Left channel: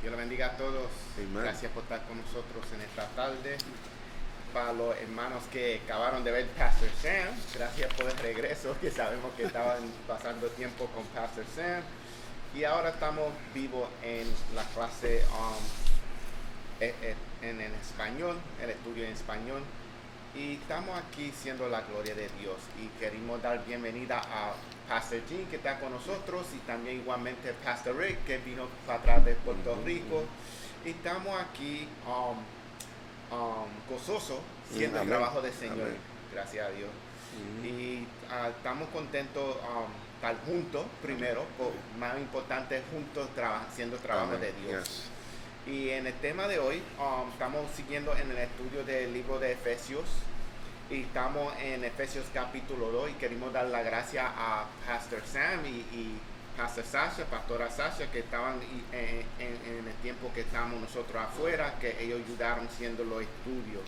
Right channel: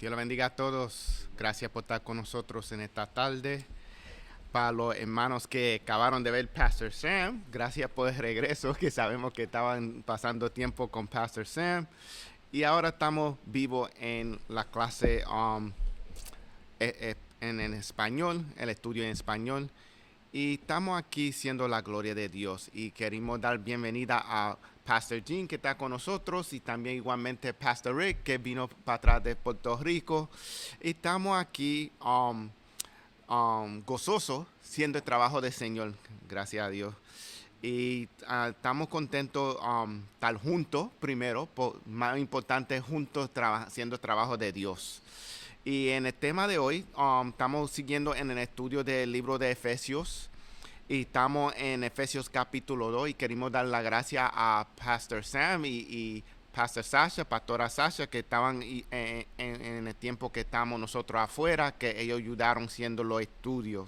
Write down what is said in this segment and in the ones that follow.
Dios lo bendiga a todos. Amen. Gracias por estar con nosotros en esta tarde. Para los hermanos que acabaron de ver Pastor Sam, gracias por el regreso, que sabemos que estaban pasando tiempo con Pastor Sam. Y ahora estamos vivos en la clase en español, el estudio en español. Y estamos aquí siendo la gloria de Dios. Y queremos dar bienvenida a Pastor Jean, que está con nosotros, y también igualmente Pastor Rick, que vino para atrás de Puerto Rico. Y estamos aquí gozosos siendo el Amén. trabajo del Señor. Amén. Gracias a Dios. Y estamos contentos estar juntos primero, más importante juntos haciendo el trabajo Amén. de Dios. Yes. Y en el tema de hoy estamos siguiendo en el estudio del libro de Efesios. Y estamos en Efesios capítulo 2 y queremos dar la gracia a Pastor Sam y Pastor Sasha, Pastora Sasha, que estaban en el tiempo que estamos nosotros afuera, que ellos ayudaron haciendo los estudios.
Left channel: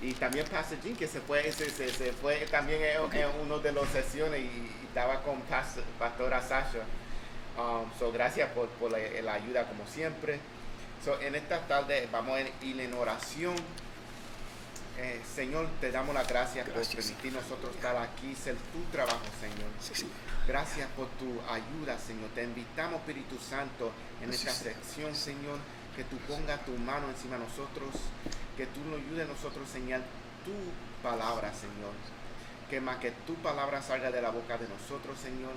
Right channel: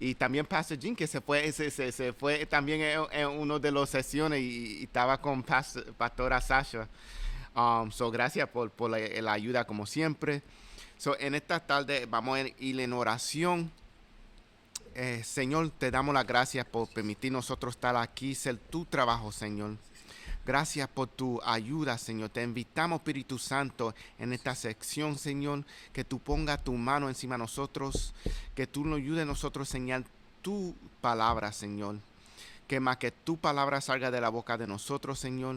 Y también Pastor Jean, que se fue también en una de las sesiones y estaba con Pastora Sasha. So gracias por la ayuda como siempre. So en esta tarde vamos a ir en oración. Señor, te damos las gracias por permitir nosotros estar aquí, ser tu trabajo, Señor. Sí. Gracias por tu ayuda, Señor. Te invitamos, Espíritu Santo, en esta sección, Señor, que tú pongas tu mano encima de nosotros, que tú nos ayudes a nosotros a enseñar tu palabra, Señor. Que más que tu palabra salga de la boca de nosotros, Señor.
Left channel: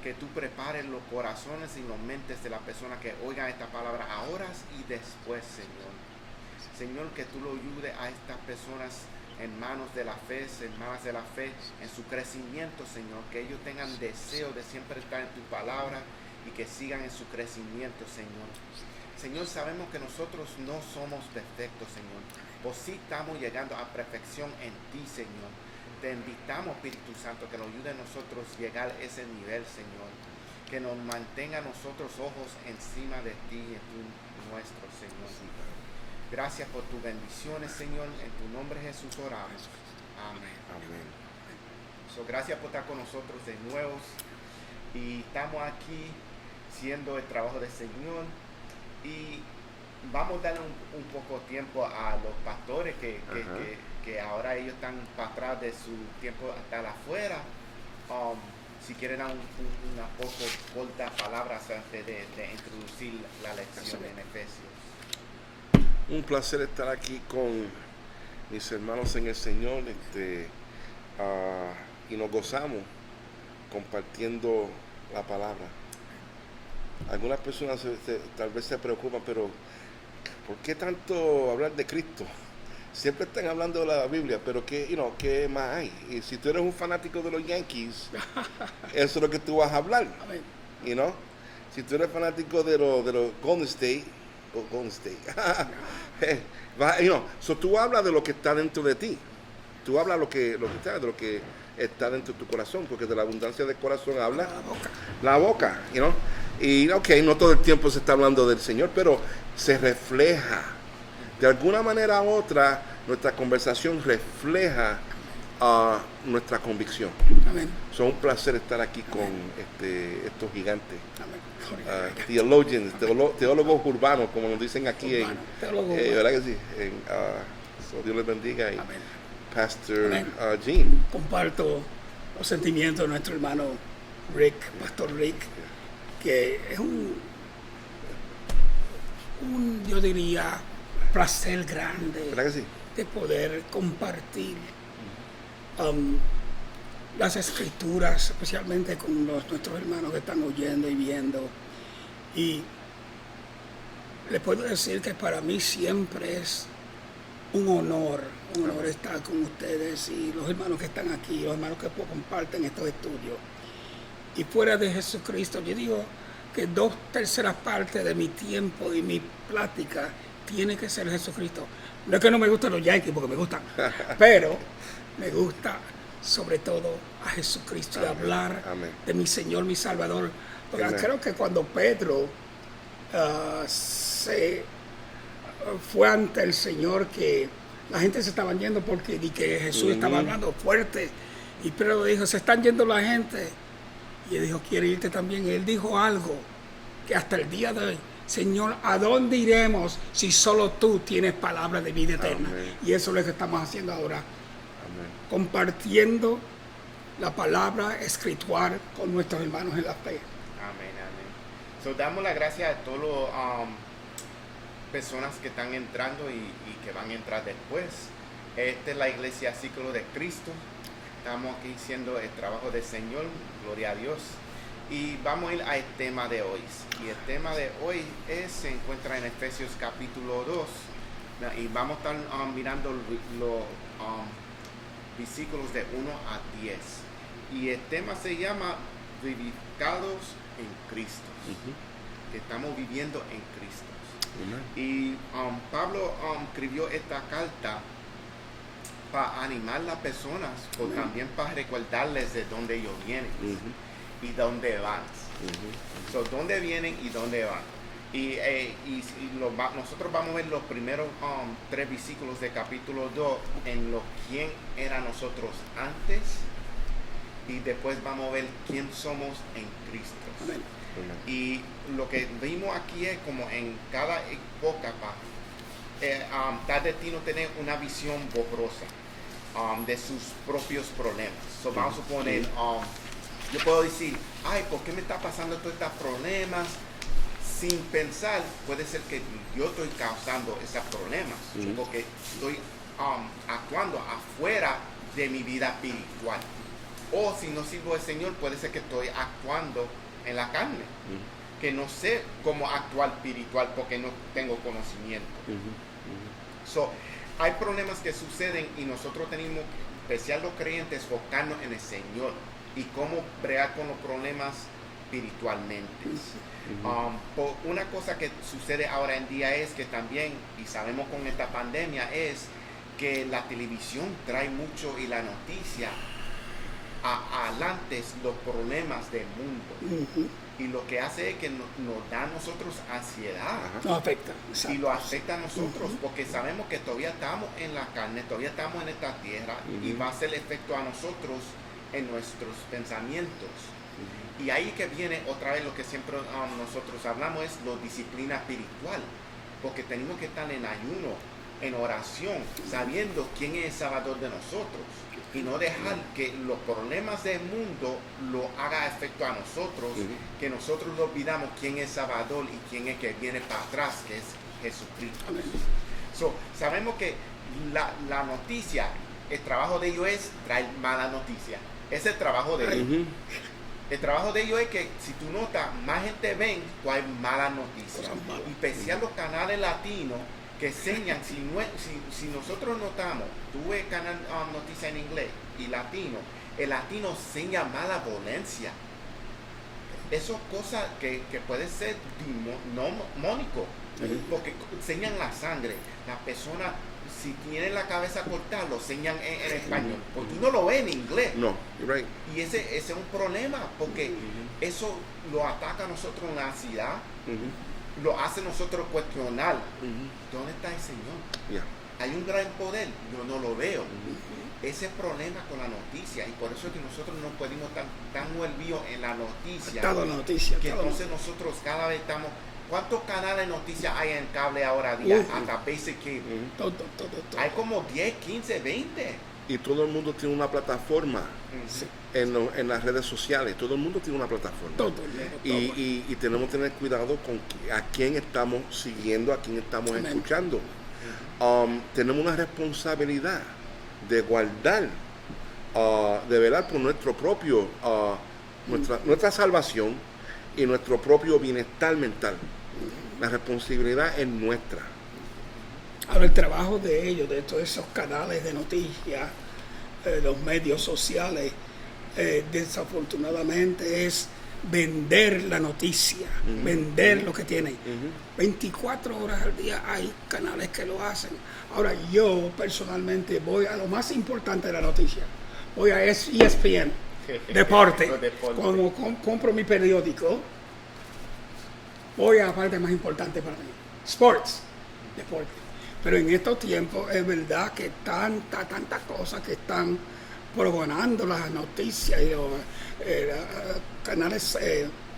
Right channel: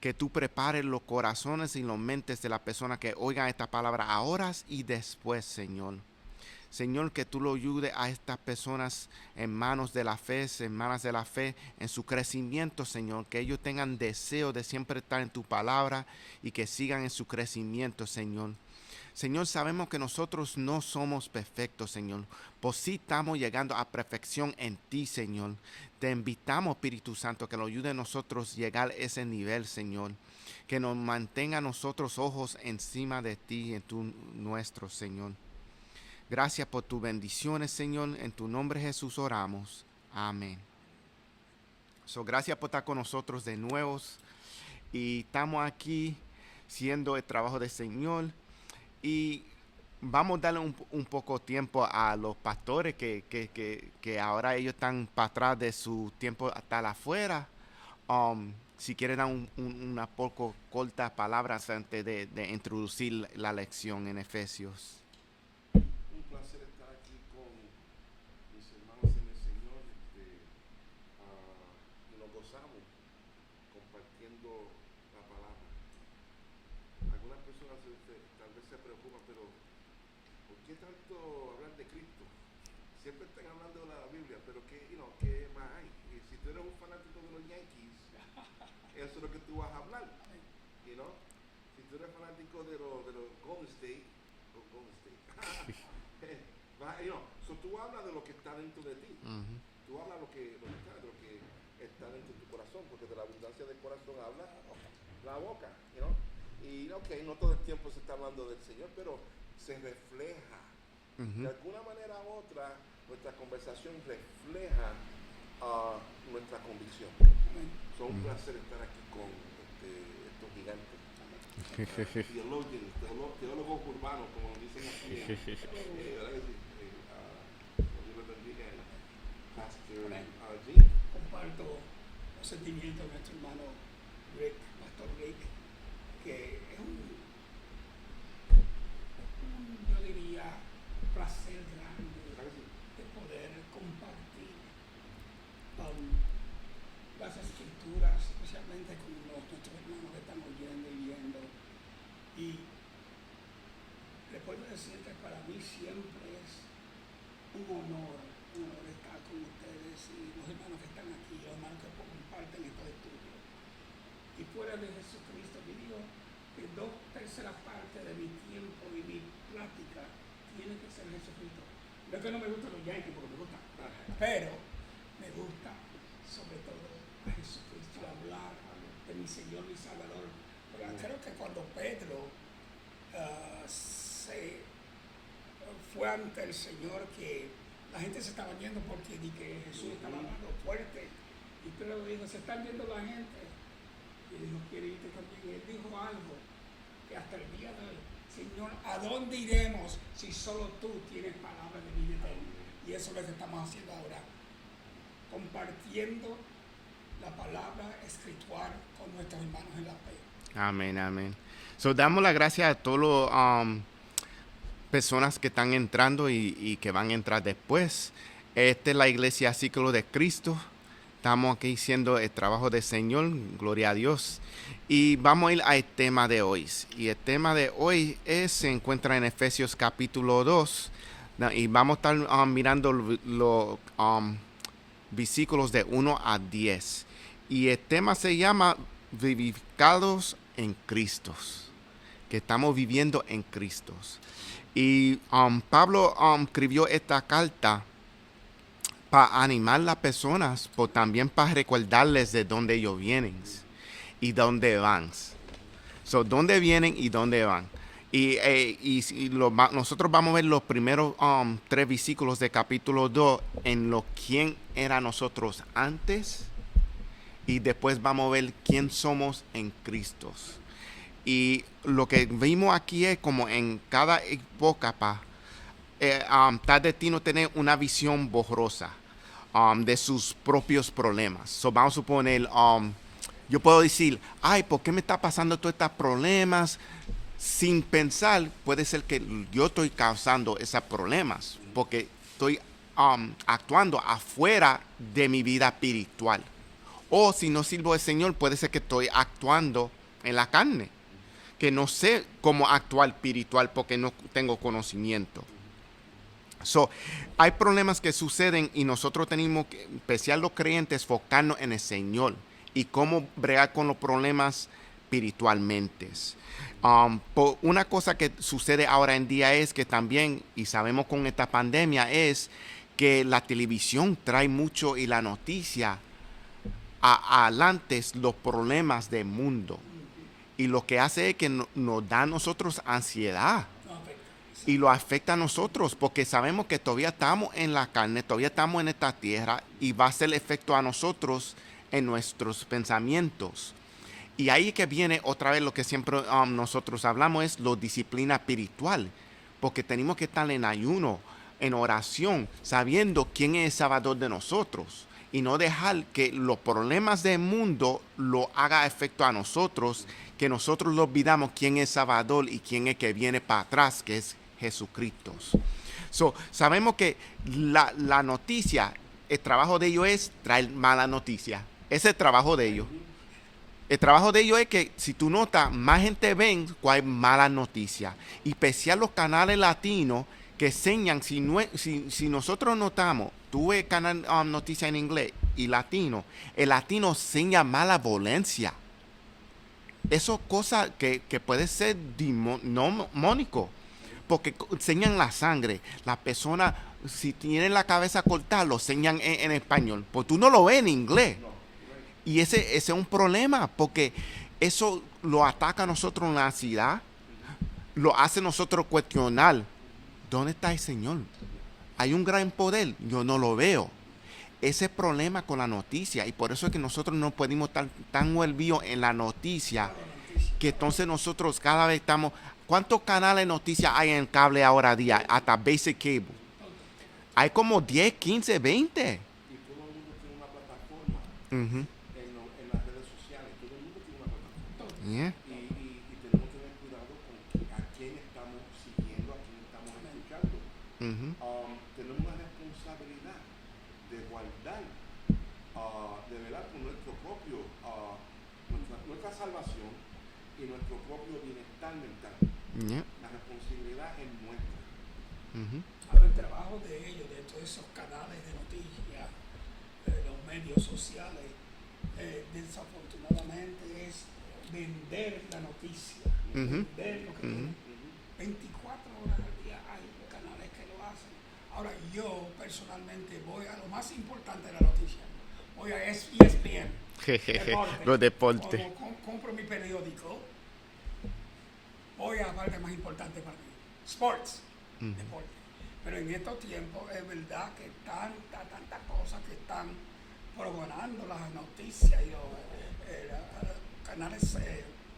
Que tú prepares los corazones y las mentes de las personas que oigan esta palabra ahora y después, Señor. Señor, que tú lo ayudes a estas personas hermanos de la fe, hermanas de la fe, en su crecimiento, Señor. Que ellos tengan deseo de siempre estar en tu palabra y que sigan en su crecimiento, Señor. Señor, sabemos que nosotros no somos perfectos, Señor. Pues sí estamos llegando a perfección en ti, Señor. Te invitamos, Espíritu Santo, que nos ayude a nosotros a llegar a ese nivel, Señor. Que nos mantenga a nosotros ojos encima de ti y en nuestro, Señor. Gracias por tus bendiciones, Señor. En tu nombre, Jesús, oramos. Amén. Amén. So, gracias por estar con nosotros de nuevo. Y estamos aquí siendo el trabajo del Señor. Y vamos a darle un poco de tiempo a los pastores que ahora ellos están para atrás de su tiempo estar afuera. Si quieren dar una poco corta palabras antes de introducir la lección en Efesios. Un placer estar aquí con mis hermanos en el Señor, y nos gozamos compartiendo la palabra. Algunas personas tal vez se preocupan, pero ¿por qué tanto hablar de Cristo? Siempre están hablando de la Biblia, pero ¿qué más hay? Y si tú eres un fanático de los Yankees, eso es lo que tú vas a hablar. Amén. Si tú eres fanático de los Golden State, so tú hablas de lo que está dentro de ti. Tú hablas de lo que está dentro de tu corazón, porque de la abundancia del corazón habla la boca. Y no todo el tiempo se está hablando del Señor, pero se refleja. De alguna manera u otra, nuestra conversación refleja nuestra convicción. Amén. Es un placer estar aquí con estos gigantes. Amén. Theologians, teólogos urbanos, como nos dicen aquí en Teólogo. ¿verdad que sí? So Dios les bendiga. Y Amén. Pastor Amén. Jean. Comparto los sentimientos de nuestro hermano Rick, Pastor Rick, que es yo diría, placer grande ¿Verdad que sí? de poder compartir las escrituras, especialmente con nuestros hermanos que están oyendo y viendo. Y les puedo decir que para mí siempre es un honor estar con ustedes y los hermanos que están aquí, los hermanos que comparten estos estudios. Y fuera de Jesucristo, yo digo que 2/3 partes de mi tiempo y mi plática tiene que ser Jesucristo. No es que no me gustan los Yankees, porque me gustan, pero me gusta sobre todo a Jesucristo y hablar de mi Señor, mi Salvador. Porque creo que cuando Pedro se fue ante el Señor, que la gente se estaba yendo porque que Jesús estaba hablando fuerte, y Pedro dijo, se están yendo la gente, y él dijo, ¿quiere irte también? Y él dijo algo que hasta el día de hoy Señor, ¿a dónde iremos si solo tú tienes palabra de vida eterna? Amén. Y eso es lo que estamos haciendo ahora, Amén. compartiendo la palabra espiritual con nuestros hermanos en la fe. Amén, amén. So, damos las gracias a todas las personas que están entrando y que van a entrar después. Esta es la iglesia Ciclo de Cristo. Estamos aquí haciendo el trabajo del Señor, gloria a Dios. Y vamos a ir al tema de hoy. Y el tema de hoy se encuentra en Efesios capítulo 2. Y vamos a estar mirando los versículos de 1 a 10. Y el tema se llama Vivificados en Cristo. Que estamos viviendo en Cristo. Y Pablo escribió esta carta para animar a las personas, pero también para recordarles de dónde ellos vienen y dónde van. So, dónde vienen y dónde van. Nosotros vamos a ver los primeros 3 versículos de capítulo 2 en lo quién era nosotros antes, y después vamos a ver quién somos en Cristo. Y lo que vimos aquí es como en cada época está destino a tener una visión borrosa de sus propios problemas. So, vamos a suponer, yo puedo decir, ay, ¿por qué me está pasando todos estos problemas? Sin pensar, puede ser que yo estoy causando esos problemas, porque estoy actuando afuera de mi vida espiritual. O si no sirvo al Señor, puede ser que estoy actuando en la carne, que no sé cómo actuar espiritual porque no tengo conocimiento. So, hay problemas que suceden y nosotros tenemos que, especial los creyentes, enfocarnos en el Señor y cómo bregar con los problemas espiritualmente. Una cosa que sucede ahora en día es que también, y sabemos con esta pandemia, es que la televisión trae mucho y la noticia adelante los problemas del mundo. Y lo que hace es que nos da a nosotros ansiedad. Nos afecta. Y lo afecta a nosotros porque sabemos que todavía estamos en la carne, todavía estamos en esta tierra y va a hacer efecto a nosotros en nuestros pensamientos. Y ahí que viene otra vez lo que siempre nosotros hablamos, es la disciplina espiritual, porque tenemos que estar en ayuno, en oración, sabiendo quién es el Salvador de nosotros y no dejar que los problemas del mundo lo haga efecto a nosotros, que nosotros lo olvidamos quién es Salvador y quién es que viene para atrás, que es Jesucristo. So, sabemos que la noticia, el trabajo de ellos es traer mala noticia. Ese es el trabajo de ellos. El trabajo de ellos es que, si tú notas, más gente ven cuál es mala noticia. Y especial los canales latinos que enseñan, si nosotros notamos, tú ves canal noticia en inglés y latino, el latino enseña mala violencia. Eso es cosa que puede ser demónico, porque enseñan la sangre. La persona, si tienen la cabeza cortada, lo enseñan en español. Pues tú no lo ves en inglés. No, you're right. Y ese es un problema, porque eso lo ataca a nosotros en la ansiedad, lo hace a nosotros cuestionar, ¿dónde está el Señor? Yeah. Hay un gran poder, yo no lo veo. Ese problema con la noticia, y por eso es que nosotros no podemos estar tan envueltos en la noticia, que entonces nosotros cada vez estamos... ¿Cuántos canales de noticias hay en cable ahora día? Hasta Basic Cable. Todo. Hay como 10, 15, 20. Y todo el mundo tiene una plataforma en las redes sociales. Todo el mundo tiene una plataforma. Todo. Y tenemos que tener cuidado con a quién estamos siguiendo, a quién estamos escuchando. Tenemos una responsabilidad de guardar, de velar por nuestro propio, nuestra salvación y nuestro propio bienestar mental. La responsabilidad es nuestra. Ahora, el trabajo de ellos, de todos esos canales de noticias, los medios sociales, desafortunadamente es vender la noticia, vender lo que tienen. 24 horas al día hay canales que lo hacen. Ahora, yo personalmente voy a lo más importante de la noticia. Voy a ESPN, deporte. Como compro mi periódico, voy a la parte más importante para mí, sports, deporte. Pero en estos tiempos es verdad que tantas cosas que están progonando las noticias y los canales,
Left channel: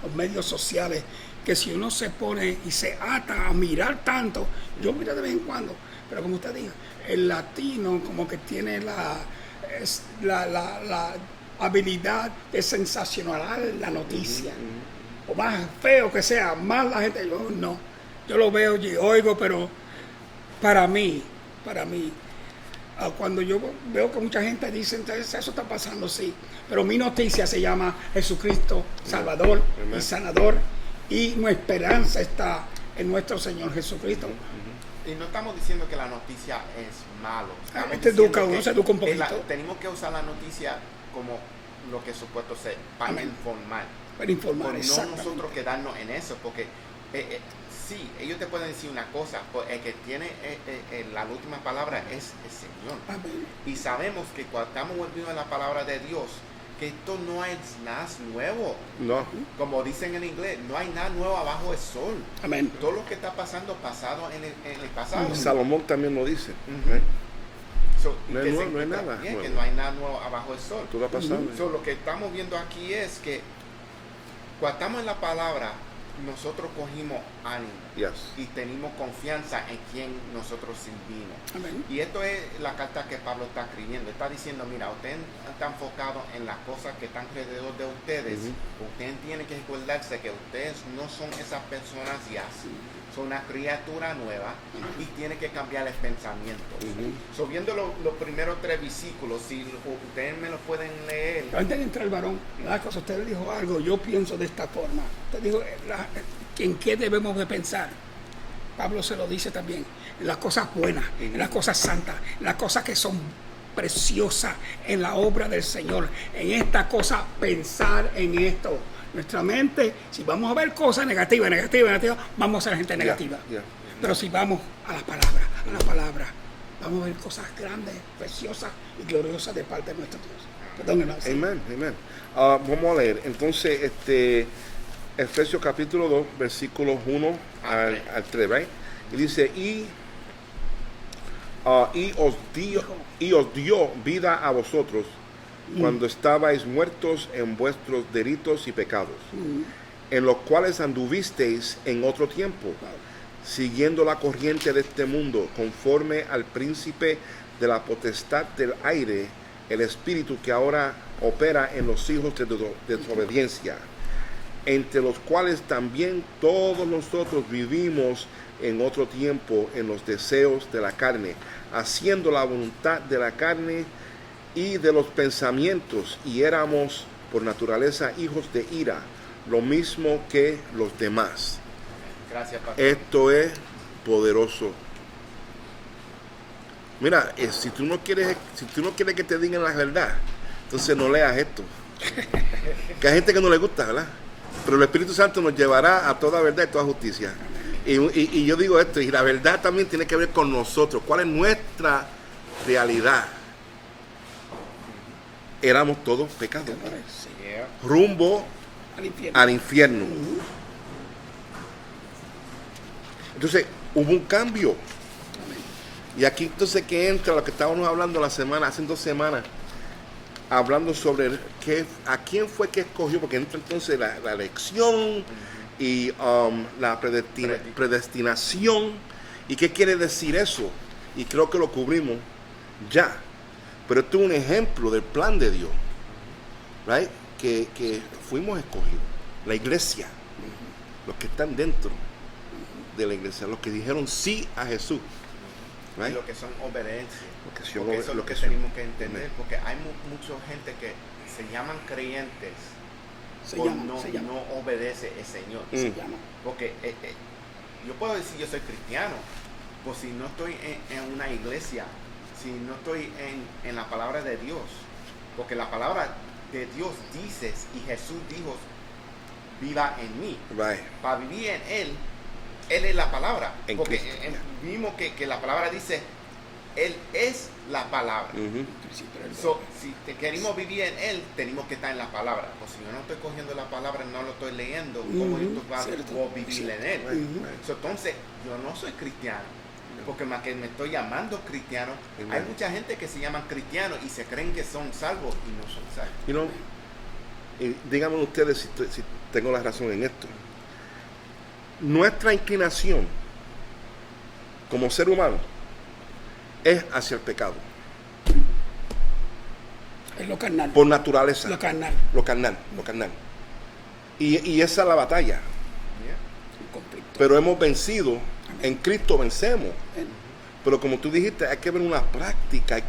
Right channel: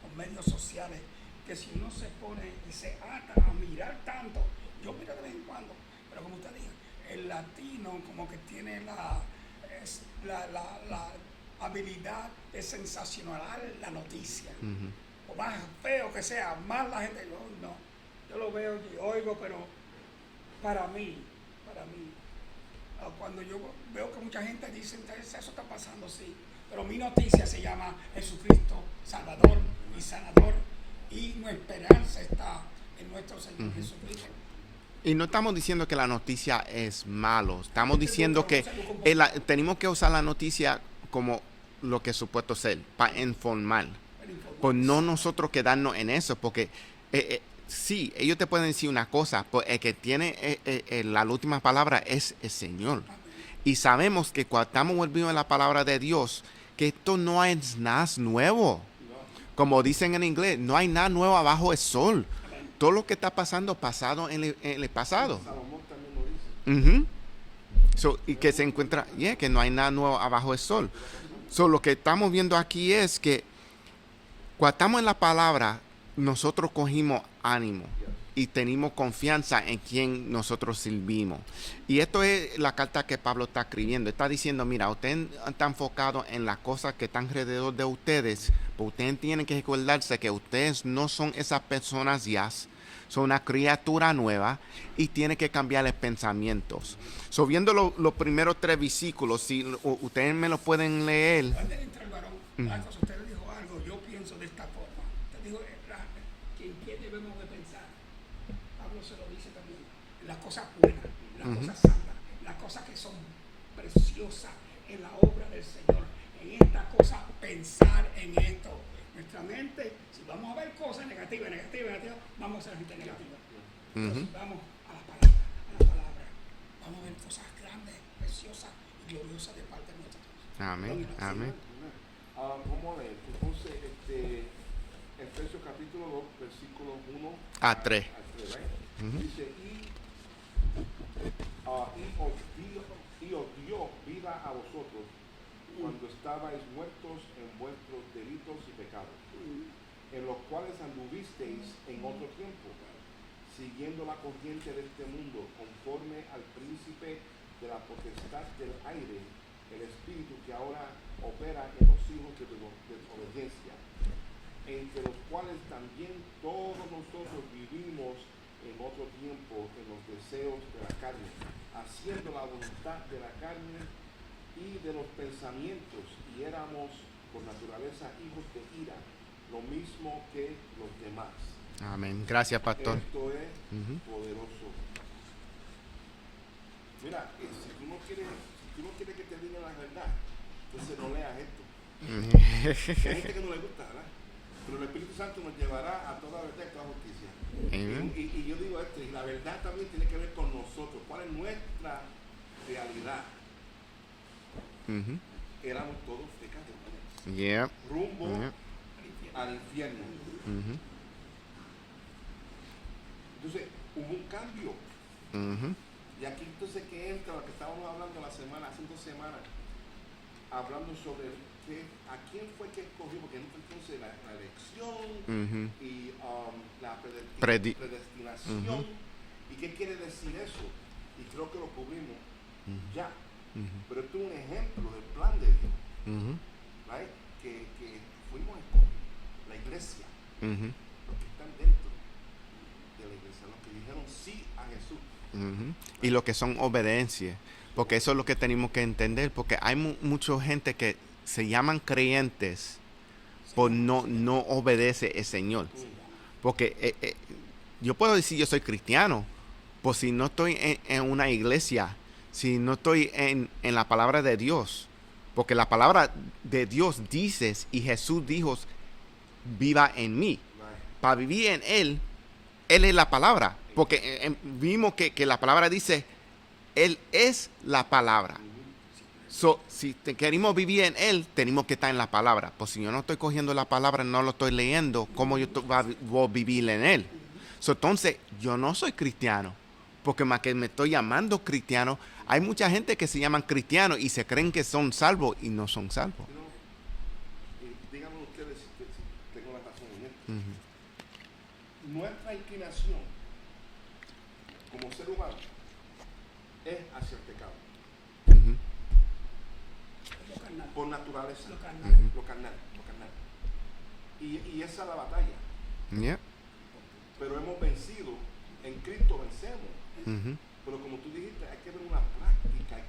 los medios sociales, que si uno se pone y se ata a mirar tanto, yo miro de vez en cuando, pero como usted diga, el latino como que tiene la habilidad de sensacionalizar la noticia. O más feo que sea, más la gente, yo lo veo y oigo, pero para mí, cuando yo veo que mucha gente dice, entonces eso está pasando, sí, pero mi noticia se llama Jesucristo, Salvador y Sanador, y nuestra esperanza está en nuestro Señor Jesucristo. Y no estamos diciendo que la noticia es malo, estamos Este diciendo educa, que usa educa un poquito. tenemos que usar la noticia como lo que es supuesto ser, para informar. Para informar, Pues no exactamente. nosotros quedarnos en eso, porque sí, ellos te pueden decir una cosa, pues el que tiene la última palabra es el Señor. Amén. Y sabemos que cuando estamos volviendo a la palabra de Dios, que esto no es nada nuevo. No. Como dicen en inglés, no hay nada nuevo abajo del sol. Amén. Todo lo que está pasado en el pasado. Salomón también lo dice. Ujú. So, y No que hay se nuevo, no hay encuentra nada bien, nuevo. que no hay nada nuevo abajo del sol. Todo ha pasado. So, lo que estamos viendo aquí es que cuando estamos en la palabra, nosotros cogimos ánimo Yes. y tenemos confianza en quien nosotros servimos. Amén. Y esto es la carta que Pablo está escribiendo. Está diciendo, mira, ustedes están enfocados en las cosas que están alrededor de ustedes. Ustedes tienen que recordarse que ustedes no son esas personas ya. Son una criatura nueva y tienen que cambiar los pensamientos. So, viendo los primeros 3 versículos, si ustedes me los pueden leer. Pero antes de entrar el varón, la cosa, usted le dijo algo, yo pienso de esta forma. Usted dijo, ¿en qué debemos de pensar? Pablo se lo dice también, en las cosas buenas, en las cosas santas, en las cosas que son preciosas en la obra del Señor. En esta cosa, pensar en esto. Nuestra mente, si vamos a ver cosas negativas, vamos a ser gente negativa. Yeah. Pero si vamos a la palabra, vamos a ver cosas grandes, preciosas y gloriosas de parte de nuestro Dios. Amén. Perdón, hermano. Amén, amén. Vamos a leer. Entonces, Efesios capítulo 2, versículos 1 Al al 3, right? Y dice, y os dio vida a vosotros cuando estabais muertos en vuestros delitos y pecados, en los cuales anduvisteis en otro tiempo, siguiendo la corriente de este mundo, conforme al príncipe de la potestad del aire, el espíritu que ahora opera en los hijos de desobediencia, entre los cuales también todos nosotros vivimos en otro tiempo en los deseos de la carne, haciendo la voluntad de la carne y de los pensamientos, y éramos por naturaleza hijos de ira, lo mismo que los demás. Amén. Gracias, pastor. Esto es poderoso. Mira, si tú no quieres que te digan la verdad, entonces no leas esto. Que hay gente que no le gusta, ¿verdad? Pero el Espíritu Santo nos llevará a toda verdad y toda justicia. Y yo digo esto, y la verdad también tiene que ver con nosotros. ¿Cuál es nuestra realidad? Éramos todos pecadores, Yeah. rumbo Al infierno. al infierno. Entonces, hubo un cambio. Y aquí entonces que entra lo que estábamos hablando hace 2 semanas, hablando sobre a quién fue que escogió, porque entra entonces la elección y la predestinación. ¿Y qué quiere decir eso? Y creo que lo cubrimos ya. Pero esto es un ejemplo del plan de Dios, right? Que fuimos escogidos. La iglesia, los que están dentro de la iglesia, los que dijeron sí a Jesús. Y lo que son obediencia. que son Porque eso es lo que obediencia. tenemos que entender. Porque hay mucha gente que se llaman creyentes Se por llama, se llama. no obedece al Señor. Se llama. Porque yo puedo decir yo soy cristiano, pues si no estoy en una iglesia, si no estoy en la palabra de Dios, porque la palabra de Dios dice, y Jesús dijo, viva en mí. Right. Para vivir en Él es la palabra. En Porque Cristo. vimos que la palabra dice, Él es la palabra. So, si queremos vivir en Él, tenemos que estar en la palabra. Pues si yo no estoy cogiendo la palabra, no lo estoy leyendo, ¿cómo yo voy a vivir en Él? So, entonces, yo no soy cristiano. Porque más que me estoy llamando cristiano, hay mucha gente que se llaman cristianos y se creen que son salvos y no son salvos. Y díganme ustedes si tengo la razón en esto. nuestra inclinación como ser humano es hacia el pecado. Es lo carnal. Por naturaleza. Lo carnal. Lo carnal. Y esa es la batalla. Yeah. Un conflicto. Pero hemos vencido. En Cristo vencemos. Ujú. Pero como tú dijiste, hay que ver una práctica. Hay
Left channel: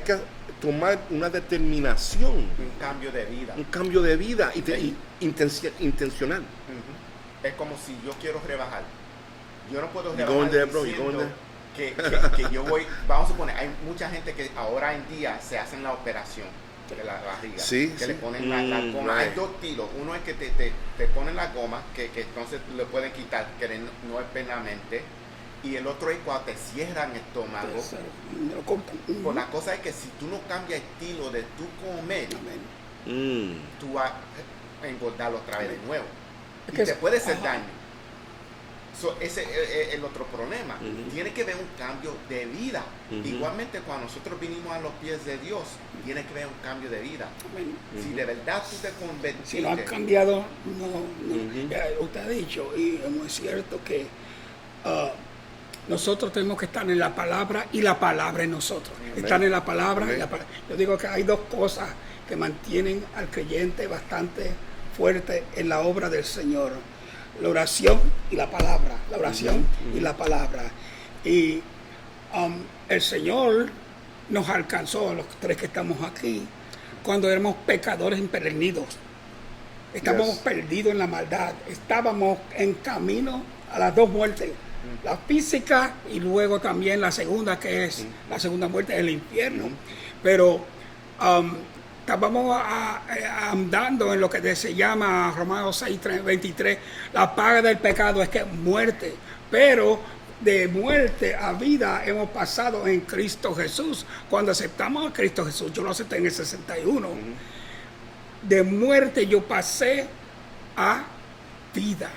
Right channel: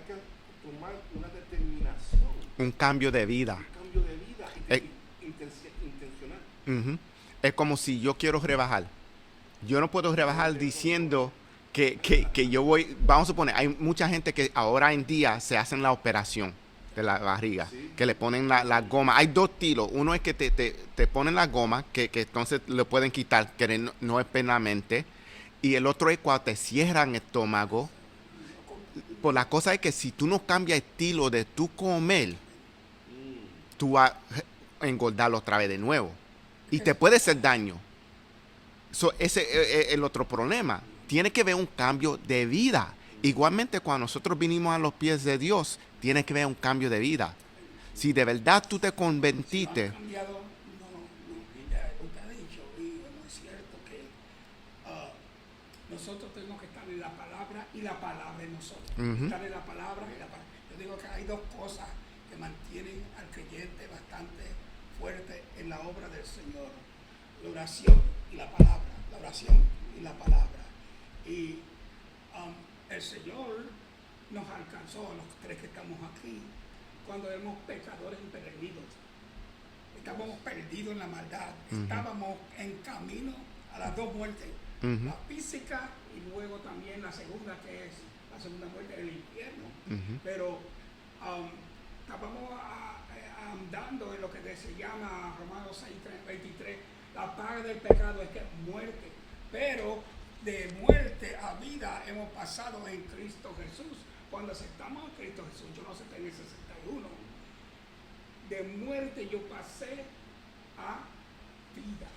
que tomar una determinación. Un cambio de vida. Un cambio de vida intencional. Ujú. Es como si yo quiero rebajar. Yo no puedo rebajar ¿Dónde, bro? diciendo ¿Dónde? que yo voy. Vamos a suponer, hay mucha gente que ahora en día se hacen la operación de la barriga, Sí, que sí. le ponen la goma. Right. Hay dos tiros. Uno es que te ponen la goma, que entonces lo pueden quitar, que no es penalmente. Y el otro es cuando te cierran el estómago. Eso, lo compran. Pues la cosa es que si tú no cambias el estilo de tu comer, Amén. tú vas a engordarlo otra vez de nuevo. Es Y que te es- puede hacer daño. Ese es el otro problema. Ujú. Tiene que haber un cambio de vida. Ujú. Igualmente, cuando nosotros vinimos a los pies de Dios, tiene que haber un cambio de vida. Amén. Si de verdad tú te Si lo convertiste, han cambiado, no. Ujú. Ya, usted ha dicho, y es muy cierto que nosotros tenemos que estar en la palabra y la palabra en nosotros. Estar en la palabra y la palabra. Yo digo que hay dos cosas que mantienen al creyente bastante fuerte en la obra del Señor. La oración y la palabra. La oración y la palabra. Y el Señor nos alcanzó, los tres que estamos aquí, cuando éramos pecadores empedernidos. Estábamos Yes. perdidos en la maldad. Estábamos en camino a las dos muertes. La física y luego también la segunda, que es la segunda muerte, el infierno. Pero estábamos andando en lo que se llama Romanos 6:23. La paga del pecado es que es muerte. Pero de muerte a vida hemos pasado en Cristo Jesús. Cuando aceptamos a Cristo Jesús, yo lo acepté en el 61. De muerte yo pasé a vida.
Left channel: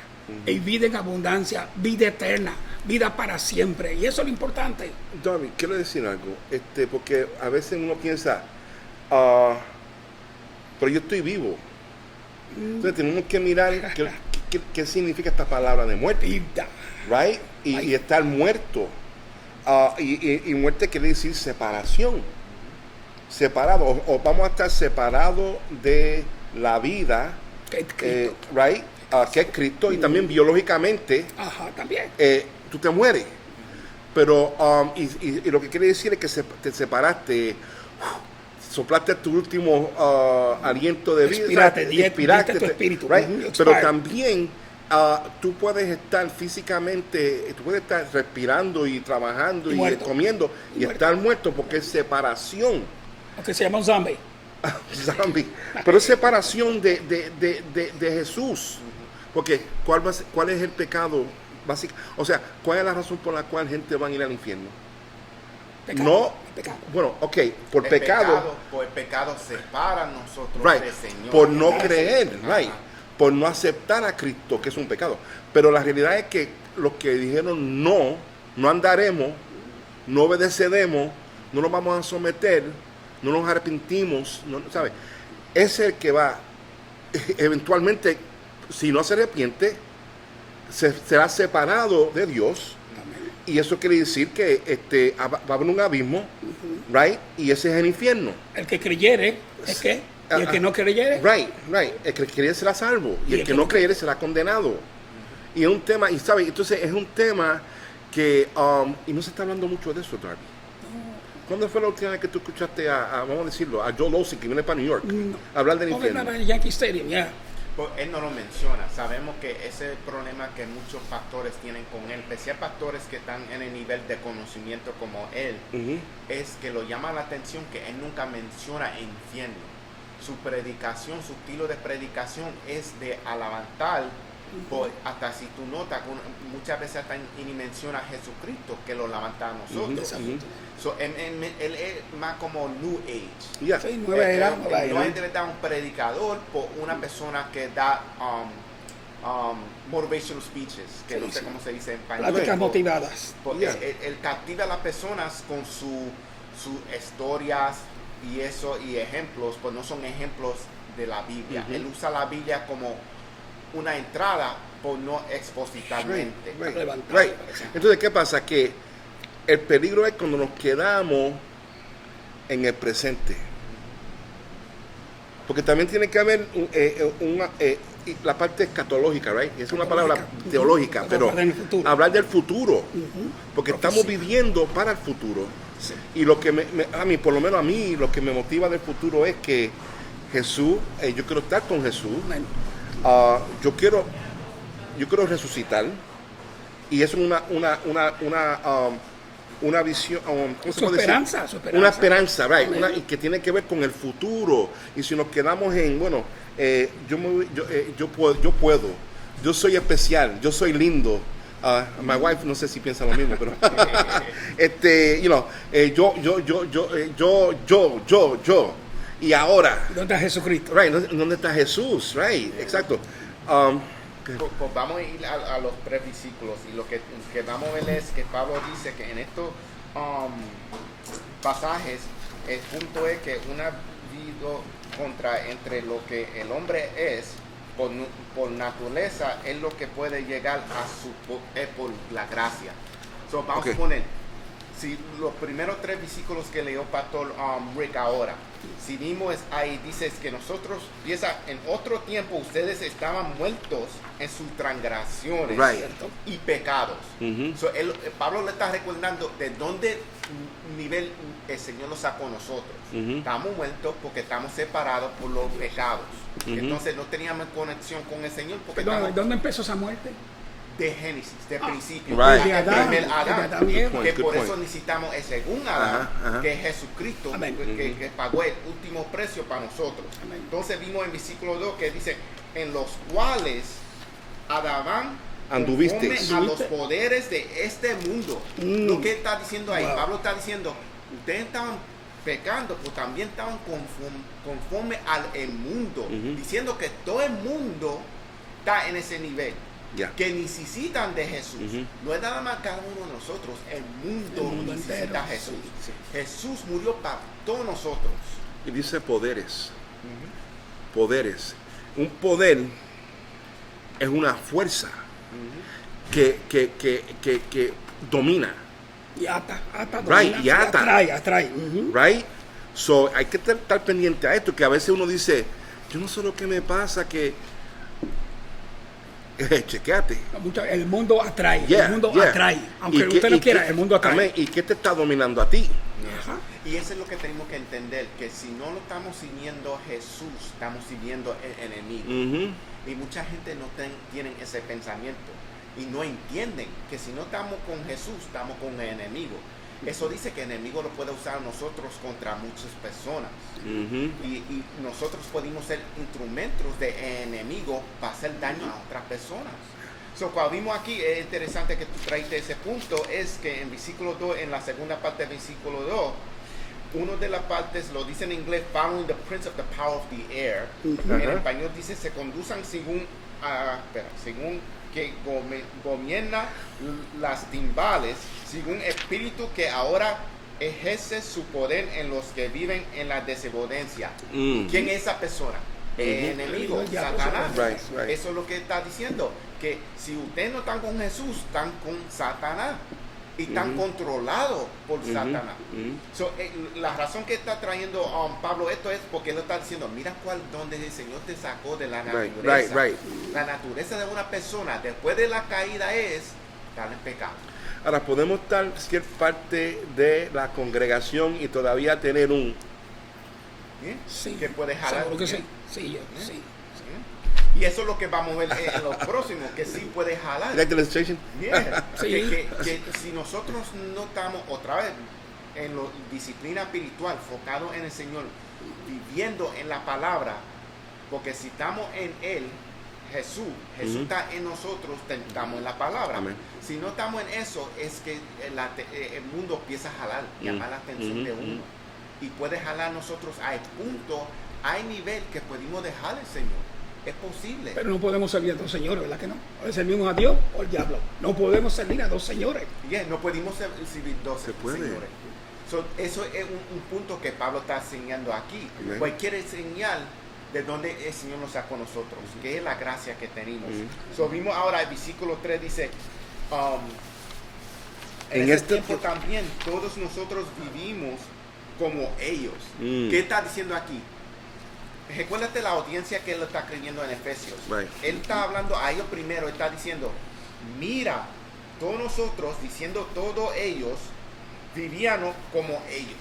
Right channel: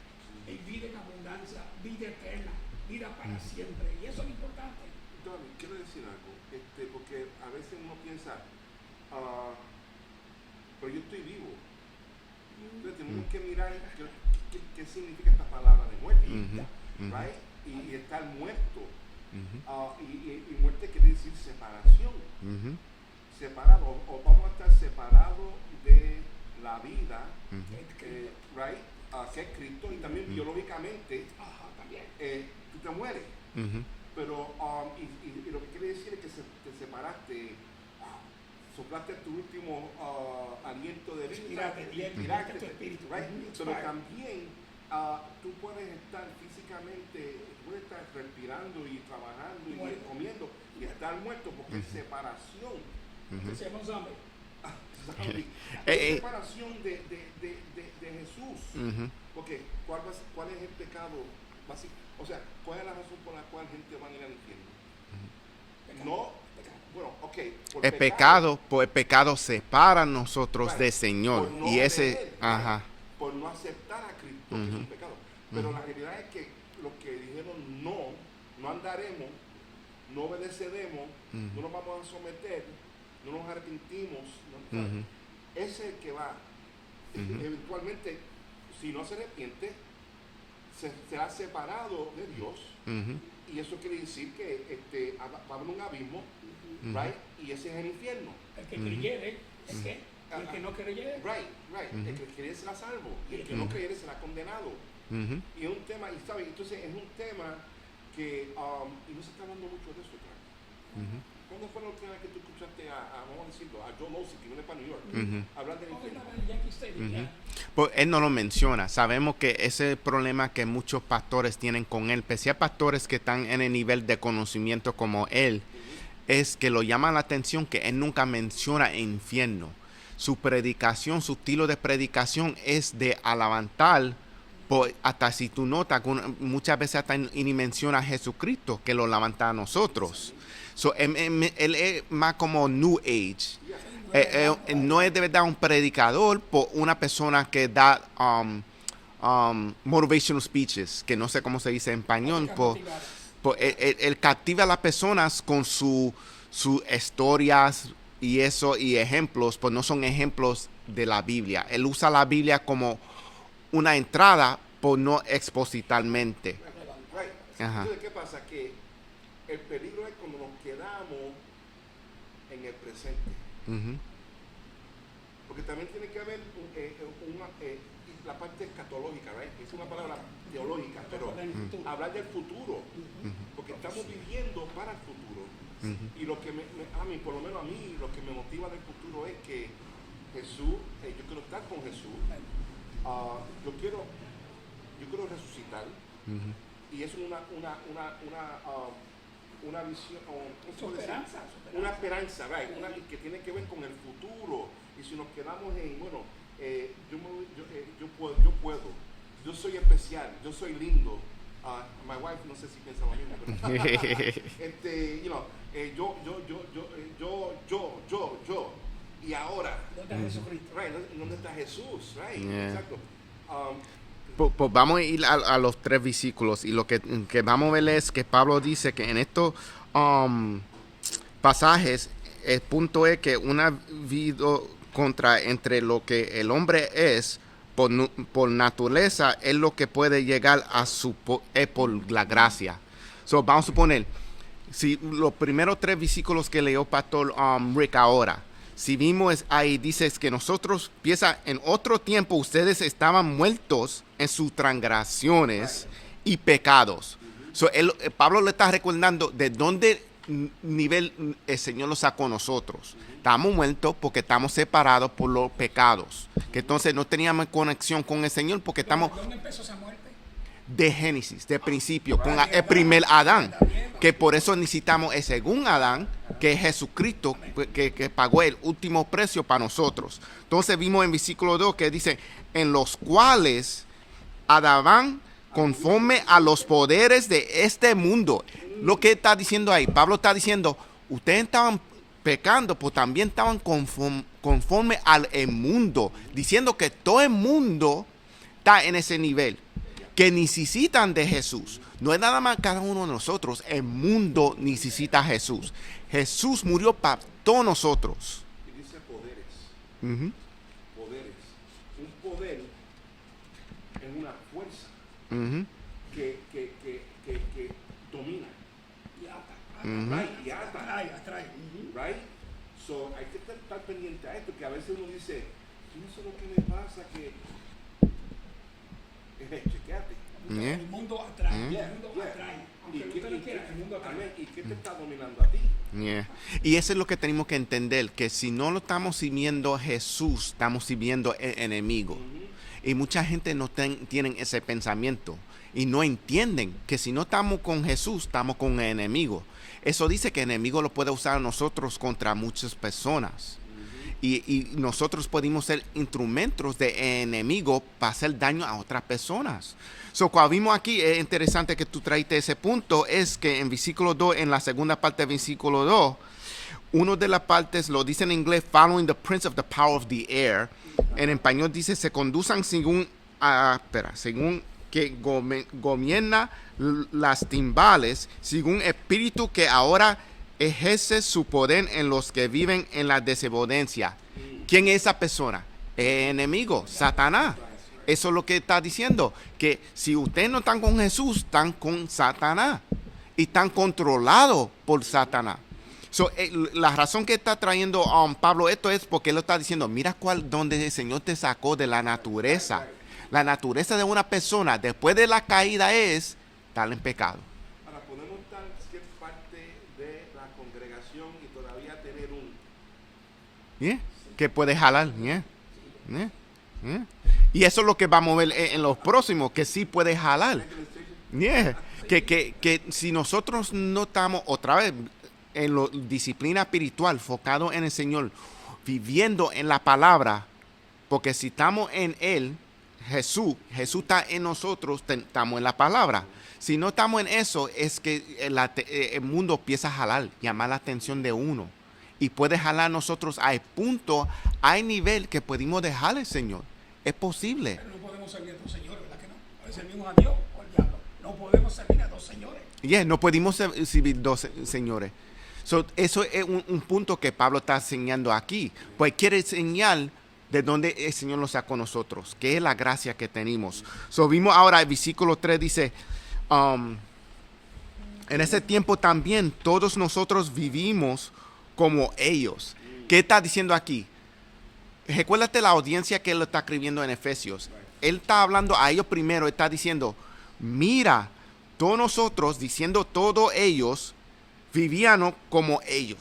Y vida en abundancia, vida eterna, vida para siempre. Y eso es lo importante. David, quiero decir algo, porque a veces uno piensa, pero yo estoy vivo. Entonces tenemos que mirar qué significa esta palabra de muerte, Vida. right? Y estar muerto. Y muerte quiere decir separación. Separado, o vamos a estar separados de la vida, Que es Cristo. right? Que es Cristo, y también biológicamente Ajá, también. tú te mueres. Pero, y lo que quiere decir es que te separaste, soplaste tu último aliento de vida. Expiraste, expiraste, diste tu espíritu. right? Ujú, Pero expired. también tú puedes estar físicamente, tú puedes estar respirando y trabajando Y y muerto. comiendo y Y muerto. estar muerto porque es separación. Lo que se llama un zombie. Zombie. Pero es separación de Jesús. Porque ¿cuál es el pecado básico? O sea, ¿cuál es la razón por la cual gente va a ir al infierno? Pecado. No, Pecado. bueno, ok, por el pecado, pues el pecado separa a nosotros right, del Señor. por no Y ese- creer, right, ajá. por no aceptar a Cristo, que es un pecado. Pero la realidad es que los que dijeron no andaremos, no obedeceremos, no nos vamos a someter, no nos arrepentimos, no, ¿sabes? Es el que va, eventualmente, si no se arrepiente, será separado de Dios. Y eso quiere decir que va a haber un abismo, right? Y ese es el infierno. El que creyere, ¿es qué? Y el que no creyere, Right. El que creyere será salvo. Y el que no creyere será condenado. Y es un tema, y sabes, entonces es un tema que, y no se está hablando mucho de eso, Darby. ¿Cuándo fue la última vez que tú escuchaste vamos a decirlo, a Joel Osteen, que viene para New York, hablar del ¿cómo infierno? en el Yankee Stadium? Ya. Pues él no lo menciona. Sabemos que ese es el problema que muchos pastores tienen con él, especialmente pastores que están en el nivel de conocimiento como él, Ujú. es que lo llama la atención que él nunca menciona infierno. Su predicación, su estilo de predicación es de alabantar, hasta si tú notas, muchas veces hasta ni menciona a Jesucristo, que lo levanta a nosotros. Ujú. So, él es más como New Age. Yeah. Sí, nueva era, No es de verdad un predicador, por una persona que da motivational speeches, que no sé cómo se dice en español. Pláticas motivadas. Él captiva a las personas con sus historias y eso y ejemplos, pues no son ejemplos de la Biblia. Él usa la Biblia como una entrada por no expositalmente. Right. Levantado. Right. Entonces, ¿qué pasa? Que el peligro es cuando nos quedamos en el presente. Porque también tiene que haber la parte escatológica, right? Es una palabra teológica, pero hablar del futuro. Porque estamos viviendo para el futuro. Y lo que a mí, por lo menos a mí, lo que me motiva del futuro es que Jesús, yo quiero estar con Jesús. Yo quiero resucitar. Y es una visión, ¿cómo se puede decir? Su esperanza. Una esperanza, right? Y que tiene que ver con el futuro. Y si nos quedamos en, yo puedo, yo soy especial, yo soy lindo. My wife no sé si piensa lo mismo, pero yo. Y ahora, ¿Dónde está Jesucristo? right? ¿Dónde está Jesús? Right, exacto. Pues vamos a ir a los 3 versículos y lo que vamos a ver es que Pablo dice que en estos pasajes el punto es que una vida contra entre lo que el hombre es por naturaleza es lo que puede llegar a por la gracia. So, vamos a poner, si los primeros 3 versículos que leyó Pastor Rick ahora, si vimos ahí, dice que nosotros, piensa, en otro tiempo ustedes estaban muertos en sus transgresiones y pecados. So, Pablo le está recordando de dónde nivel el Señor nos sacó a nosotros. Estamos muertos porque estamos separados por los pecados. Entonces no teníamos conexión con el Señor porque ¿Dónde empezó esa muerte? de Génesis, de principio, Right. el primer Adán, que Good por point. eso necesitamos el segundo Adán, Ajá. que es Jesucristo, Amén. que pagó el último precio para nosotros. Entonces vimos en versículo 2 que dice, en los cuales Adán conforme a los poderes de este mundo. Lo que está diciendo ahí, Pablo está diciendo, ustedes estaban pecando, pues también estaban conforme al mundo, diciendo que todo el mundo está en ese nivel. Yeah. Que necesitan de Jesús. No es nada más cada uno de nosotros. El mundo necesita a Jesús. Jesús murió para todos nosotros. Y dice poderes. Poderes. Un poder es una fuerza que domina. Y ata, Right, y ata. atrae. Right? So, hay que estar pendiente a esto, que a veces uno dice, yo no sé lo que me pasa, que chequeate. El mundo atrae, Yeah, el mundo yeah. atrae. Aunque ¿Y usted qué- no y quiera, qué- el mundo atrae. amén, ¿y qué te está dominando a ti? Ajá. Y eso es lo que tenemos que entender, que si no lo estamos sirviendo a Jesús, estamos sirviendo al enemigo. Y mucha gente no tienen ese pensamiento y no entienden que si no estamos con Jesús, estamos con el enemigo. Eso dice que el enemigo lo puede usar a nosotros contra muchas personas. Y nosotros podemos ser instrumentos de enemigo para hacer daño a otras personas. So, cuando vimos aquí, es interesante que tú traíste ese punto, es que en versículo 2, en la segunda parte del versículo 2, una de las partes lo dice en inglés, following the prince of the power of the air. En español dice, se conduzcan según que gobierna las timbales, según espíritu que ahora ejerce su poder en los que viven en la desobediencia. ¿Quién es esa persona? El enemigo, Satanás. Right. Eso es lo que está diciendo, que si ustedes no están con Jesús, están con Satanás. Y están controlados por Satanás. So, la razón que está trayendo Pablo esto es porque él está diciendo, mira donde el Señor te sacó de la naturaleza. Right. La naturaleza de una persona después de la caída es estar en pecado. Ahora, podemos ser parte de la congregación y todavía tener un... ¿Bien? Sí. Que puede jalar. Seguro que ¿Bien? sí. Sí. ¿Bien? Y eso es lo que vamos a ver en los próximos, que sí puede jalar. Like the illustration? Yeah. Sí. Que si nosotros no estamos otra vez en la disciplina espiritual, enfocado en el Señor, viviendo en la palabra, porque si estamos en Él, Jesús está en nosotros, estamos en la palabra. Amén. Si no estamos en eso, es que el mundo empieza a jalar, llamar la atención de uno. Y puede jalar a nosotros a punto, hay nivel que podemos dejar al Señor. Es posible. Pero no podemos servir a dos señores, ¿verdad que no? O servimos a Dios o al diablo. No podemos servir a dos señores. No podemos servir dos puede. señores. So, eso es un punto que Pablo está enseñando aquí. Amen. Pues quiere enseñar de donde el Señor nos sacó a nosotros, que es la gracia que tenemos. So, vimos ahora el versículo 3 dice, en ese tiempo también todos nosotros vivimos como ellos. ¿Qué está diciendo aquí? Recuérdate la audiencia que él está escribiendo en Efesios. Right. Él está hablando a ellos primero, está diciendo, mira, todos nosotros, diciendo todos ellos, vivían como ellos.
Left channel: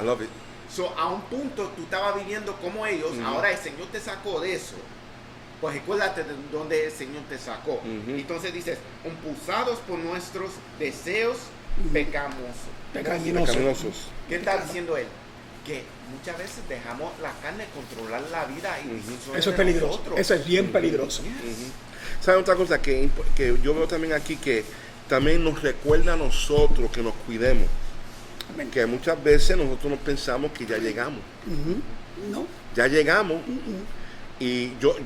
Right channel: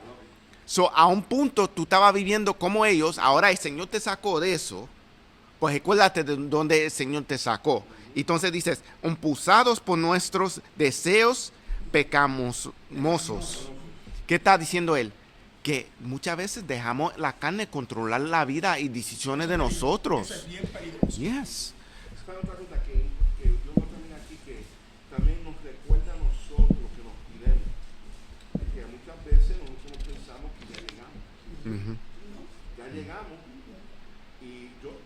I love it. So, a un punto tú estabas viviendo como ellos, ahora el Señor te sacó de eso, pues recuérdate de dónde el Señor te sacó. Entonces dices, impulsados por nuestros deseos pecaminosos. Pecaminosos. ¿Qué está diciendo él? Que muchas veces dejamos la carne controlar la vida y decisiones Eso es de peligroso. nosotros. Eso es bien peligroso. Yes. ¿Saben otra cosa que yo veo también aquí? Que también nos recuerda a nosotros que nos cuidemos. Que muchas veces nosotros nos pensamos que ya llegamos. No. Ya llegamos. Y yo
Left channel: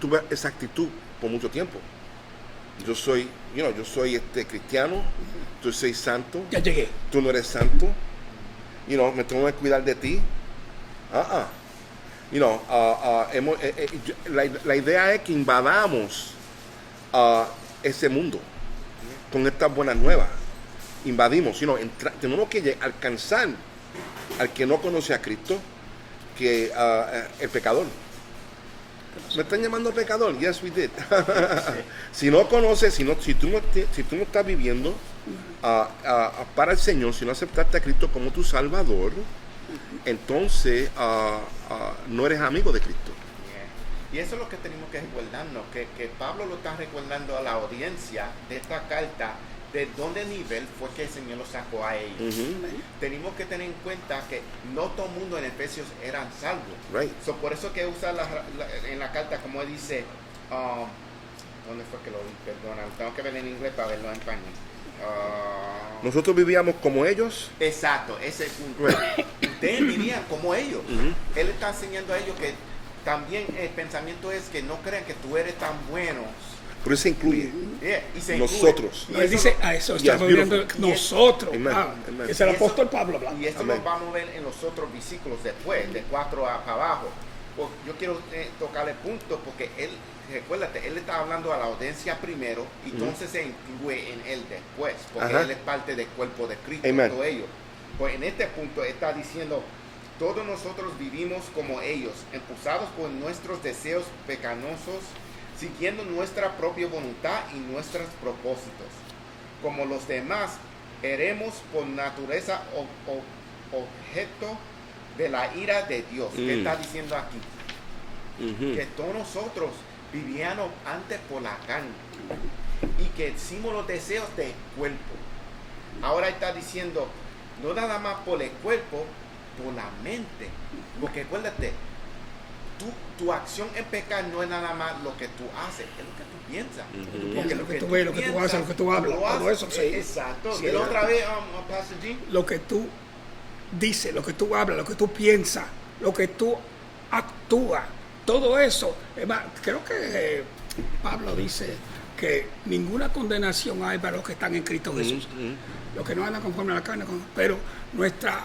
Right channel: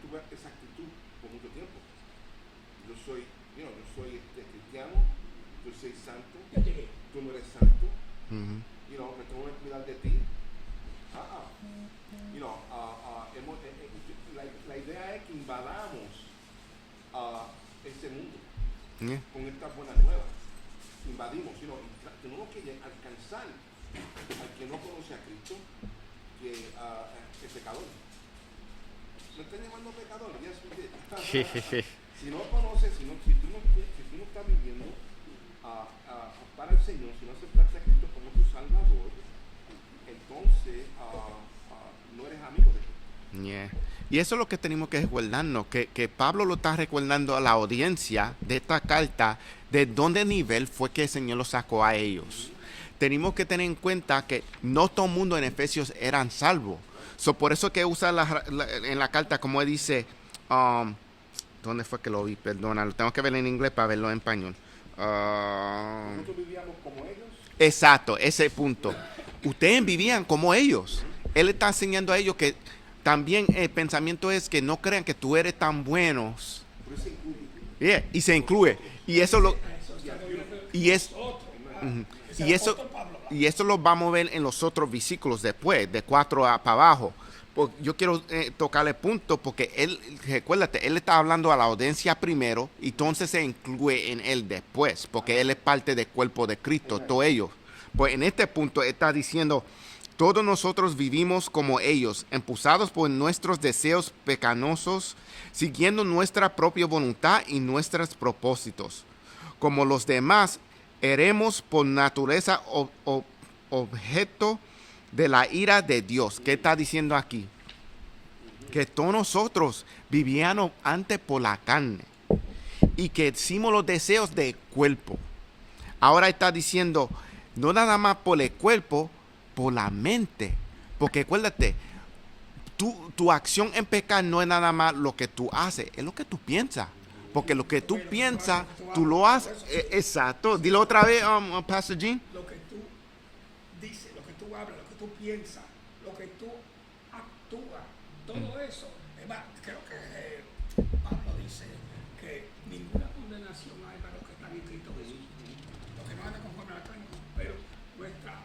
tuve esa actitud por mucho tiempo. Yo soy cristiano, yo soy santo, Ya llegué. tú no eres santo. Me tengo que cuidar de ti. La idea es que invadamos ese mundo con estas buenas nuevas. Invadimos, tenemos que alcanzar al que no conoce a Cristo, que el pecador. ¿Me están llamando pecador? Yes, we did. Si no conoces, si tú no estás viviendo para el Señor, si no aceptaste a Cristo como tu Salvador, entonces no eres amigo de Cristo. Yeah. Y eso es lo que tenemos que recordarnos, que Pablo lo está recordando a la audiencia de esta carta, de dónde nivel fue que el Señor lo sacó a ellos. Tenemos que tener en cuenta que no todo el mundo en Efesios eran salvos. Right. So, por eso que usa en la carta, como él dice, ¿dónde fue que lo vi? Perdona, lo tengo que ver en inglés para verlo en español. Nosotros vivíamos como ellos. Exacto, ese punto. Ustedes vivían como ellos. Él está enseñando a ellos que también el pensamiento es que no crean que tú eres tan buenos. Pero eso incluye. Yeah, y se incluye. Nosotros. Y eso dice, lo- a eso Yes, estamos viendo beautiful. Y nosotros. Amen. Amen. Es el Y eso- apóstol Pablo hablando. Y esto lo vamos a ver en los otros versículos después, de 4 para abajo. Pues yo quiero tocar el punto porque él, recuérdate, él está hablando a la audiencia primero y entonces se incluye en él después, porque Ajá. él es parte del cuerpo de Cristo, Amen. todo ello. Pues en este punto está diciendo, todos nosotros vivimos como ellos, impulsados por nuestros deseos pecaminosos, siguiendo nuestra propia voluntad y nuestros propósitos. Como los demás, éramos por naturaleza objeto de la ira de Dios. ¿Qué está diciendo aquí? Que todos nosotros vivíamos antes por la carne y que hicimos los deseos del cuerpo. Ahora está diciendo, no nada más por el cuerpo, por la mente. Porque acuérdate, tu acción en pecar no es nada más lo que tú haces, es lo que tú piensas. Porque lo que tú ves, lo que tú piensas, haces, lo que tú tú hablas, lo todo haces. eso, sí. Exacto. Sí, Dilo es otra vez, Pastor G. Lo que tú dices, lo que tú hablas, lo que tú piensas, lo que tú actúas, todo eso. Es más, creo que Pablo dice que ninguna condenación hay para los que están en Cristo Jesús. Los que no andan conforme a la carne, pero nuestra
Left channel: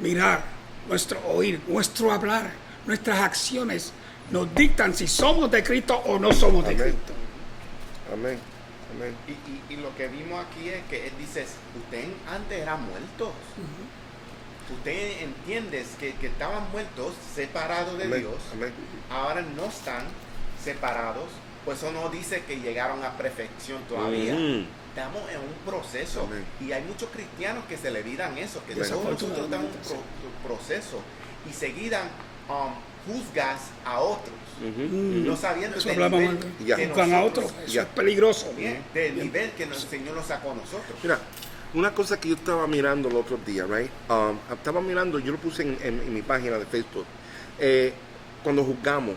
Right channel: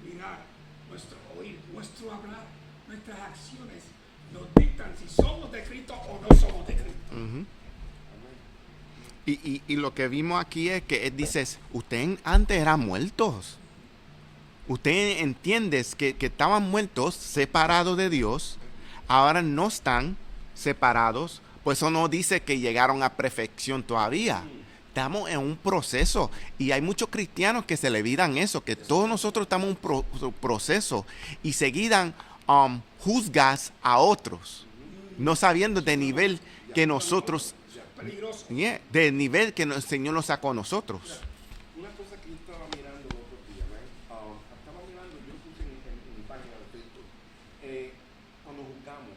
mirar, nuestro oír, nuestro hablar, nuestras acciones nos dictan si somos de Cristo o no somos de Amén. Cristo. Amén. Amén. Y lo que vimos aquí es que él dice, ustedes antes eran muertos. Ustedes entienden que estaban muertos, separados de Amén. Dios. Amén. Ahora no están separados. Por eso no dice que llegaron a perfección todavía. Estamos en un proceso. Amén. Y hay muchos cristianos que se le olvidan eso, que Amén. todos nosotros estamos en un proceso. Y seguidan juzgas a otros. No sabiendo Eso del hablamos nivel antes. que Juzgan a nosotros... otros. Eso Ya. es peligroso. Yeah, del nivel que el Señor nos sacó a nosotros. Mira, una cosa que yo estaba mirando el otro día, right? Estaba mirando, yo lo puse en mi página de Facebook, cuando juzgamos,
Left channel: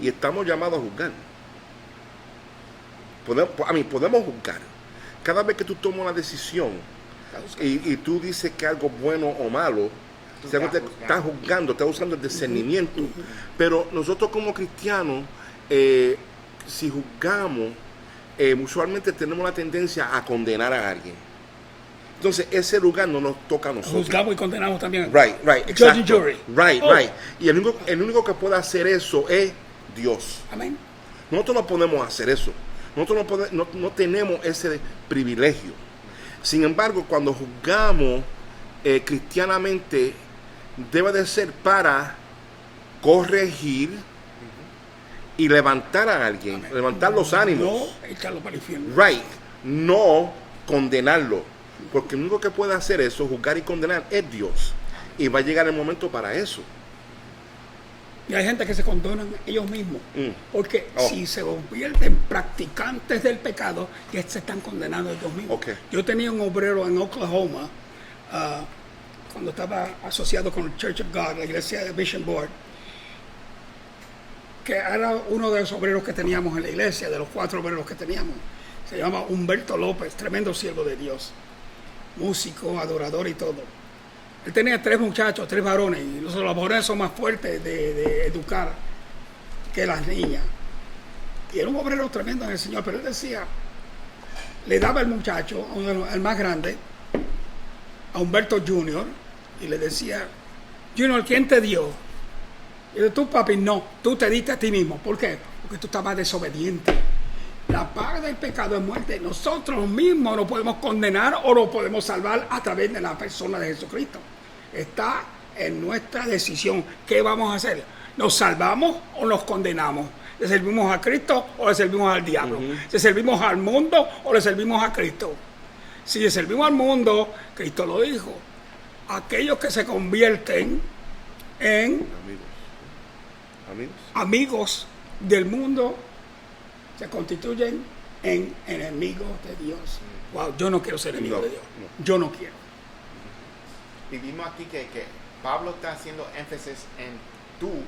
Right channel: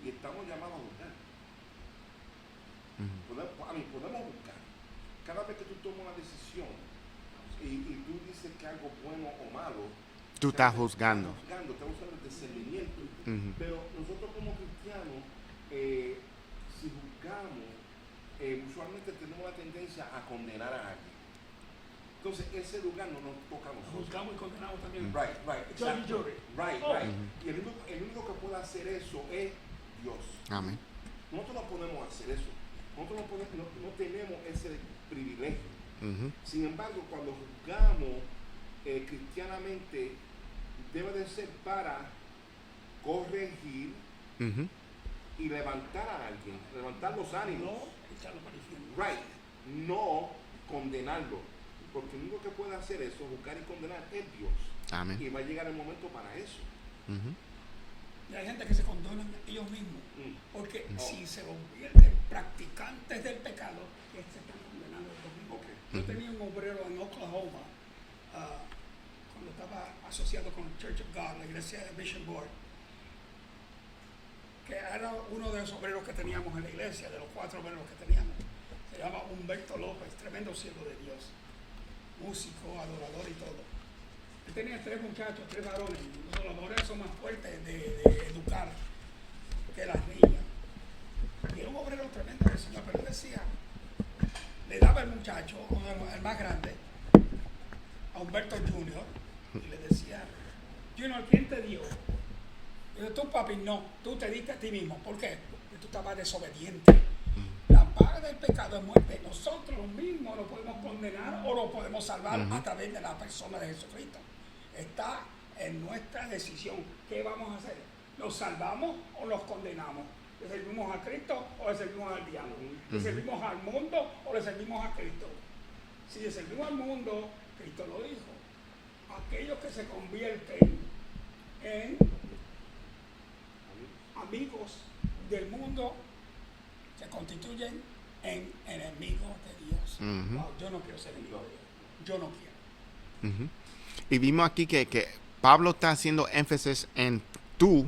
y estamos llamados a juzgar. Podemos juzgar. Cada vez que tú tomas una decisión y tú dices que algo bueno o malo, Tú estás estás juzgando, estás usando el discernimiento. Pero nosotros como cristianos, si juzgamos, usualmente tenemos la tendencia a condenar a alguien. Entonces, ese lugar no nos toca a nosotros. Juzgamos y condenamos también. Right, Judge and exacto. jury. Right, Oh. right. Y el único que puede hacer eso es Dios. Amén. Nosotros no podemos hacer eso. Nosotros no tenemos ese privilegio. Sin embargo, cuando juzgamos cristianamente, debe de ser para corregir y levantar a alguien, levantar los ánimos. No echarlo para el infierno. Right, no condenarlo. Porque el único que puede hacer eso, juzgar y condenar, es Dios. Amén. Y va a llegar el momento para eso. Y hay gente que se condonan ellos mismos. Porque Oh. si se convierten practicantes del pecado, ya se están condenando ellos mismos. Okay. Yo tenía un obrero en Oklahoma, cuando estaba asociado con el Church of God, la iglesia de Vision Board, que era uno de los obreros que teníamos en la iglesia, de los 4 obreros que teníamos. Se llama Humberto López, tremendo siervo de Dios, músico, adorador y todo. Él tenía 3 muchachos, 3 varones, y los varones son más fuertes de educar que las niñas. Y era un obrero tremendo en el Señor, pero él decía, le daba el muchacho, el más grande, a Humberto Junior, y le decía, Junior, ¿quién te dio? Y yo, tú, papi, no, tú te diste a ti mismo. ¿Por qué? Porque tú estabas desobediente. La paga del pecado es muerte. Nosotros mismos nos podemos condenar o nos podemos salvar a través de la persona de Jesucristo. Está en nuestra decisión. ¿Qué vamos a hacer? ¿Nos salvamos o nos condenamos? ¿Le servimos a Cristo o le servimos al diablo? ¿Le servimos al mundo o le servimos a Cristo? Si le servimos al mundo, Cristo lo dijo, aquellos que se convierten en amigos del mundo se constituyen en enemigos de Dios. Wow, yo no quiero ser enemigo de Dios. Yo no quiero. Y vimos aquí que Pablo está haciendo énfasis en tú,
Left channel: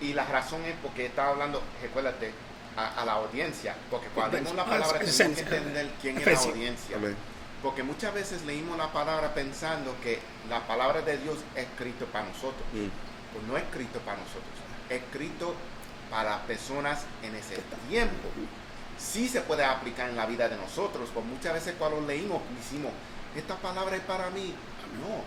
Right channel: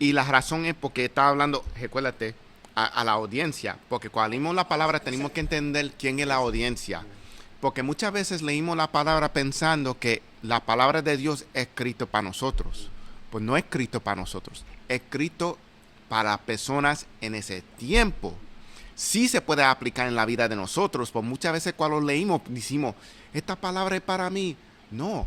y la razón es porque está hablando, recuérdate, a la audiencia, porque cuando leímos la palabra tenemos que entender quién es la audiencia. Amén. Porque muchas veces leímos la palabra pensando que la palabra de Dios es escrito para nosotros. Pues no es escrito para nosotros, es escrito para personas en ese tiempo. Sí se puede aplicar en la vida de nosotros, pues muchas veces cuando leímos decimos, esta palabra es para mí. No,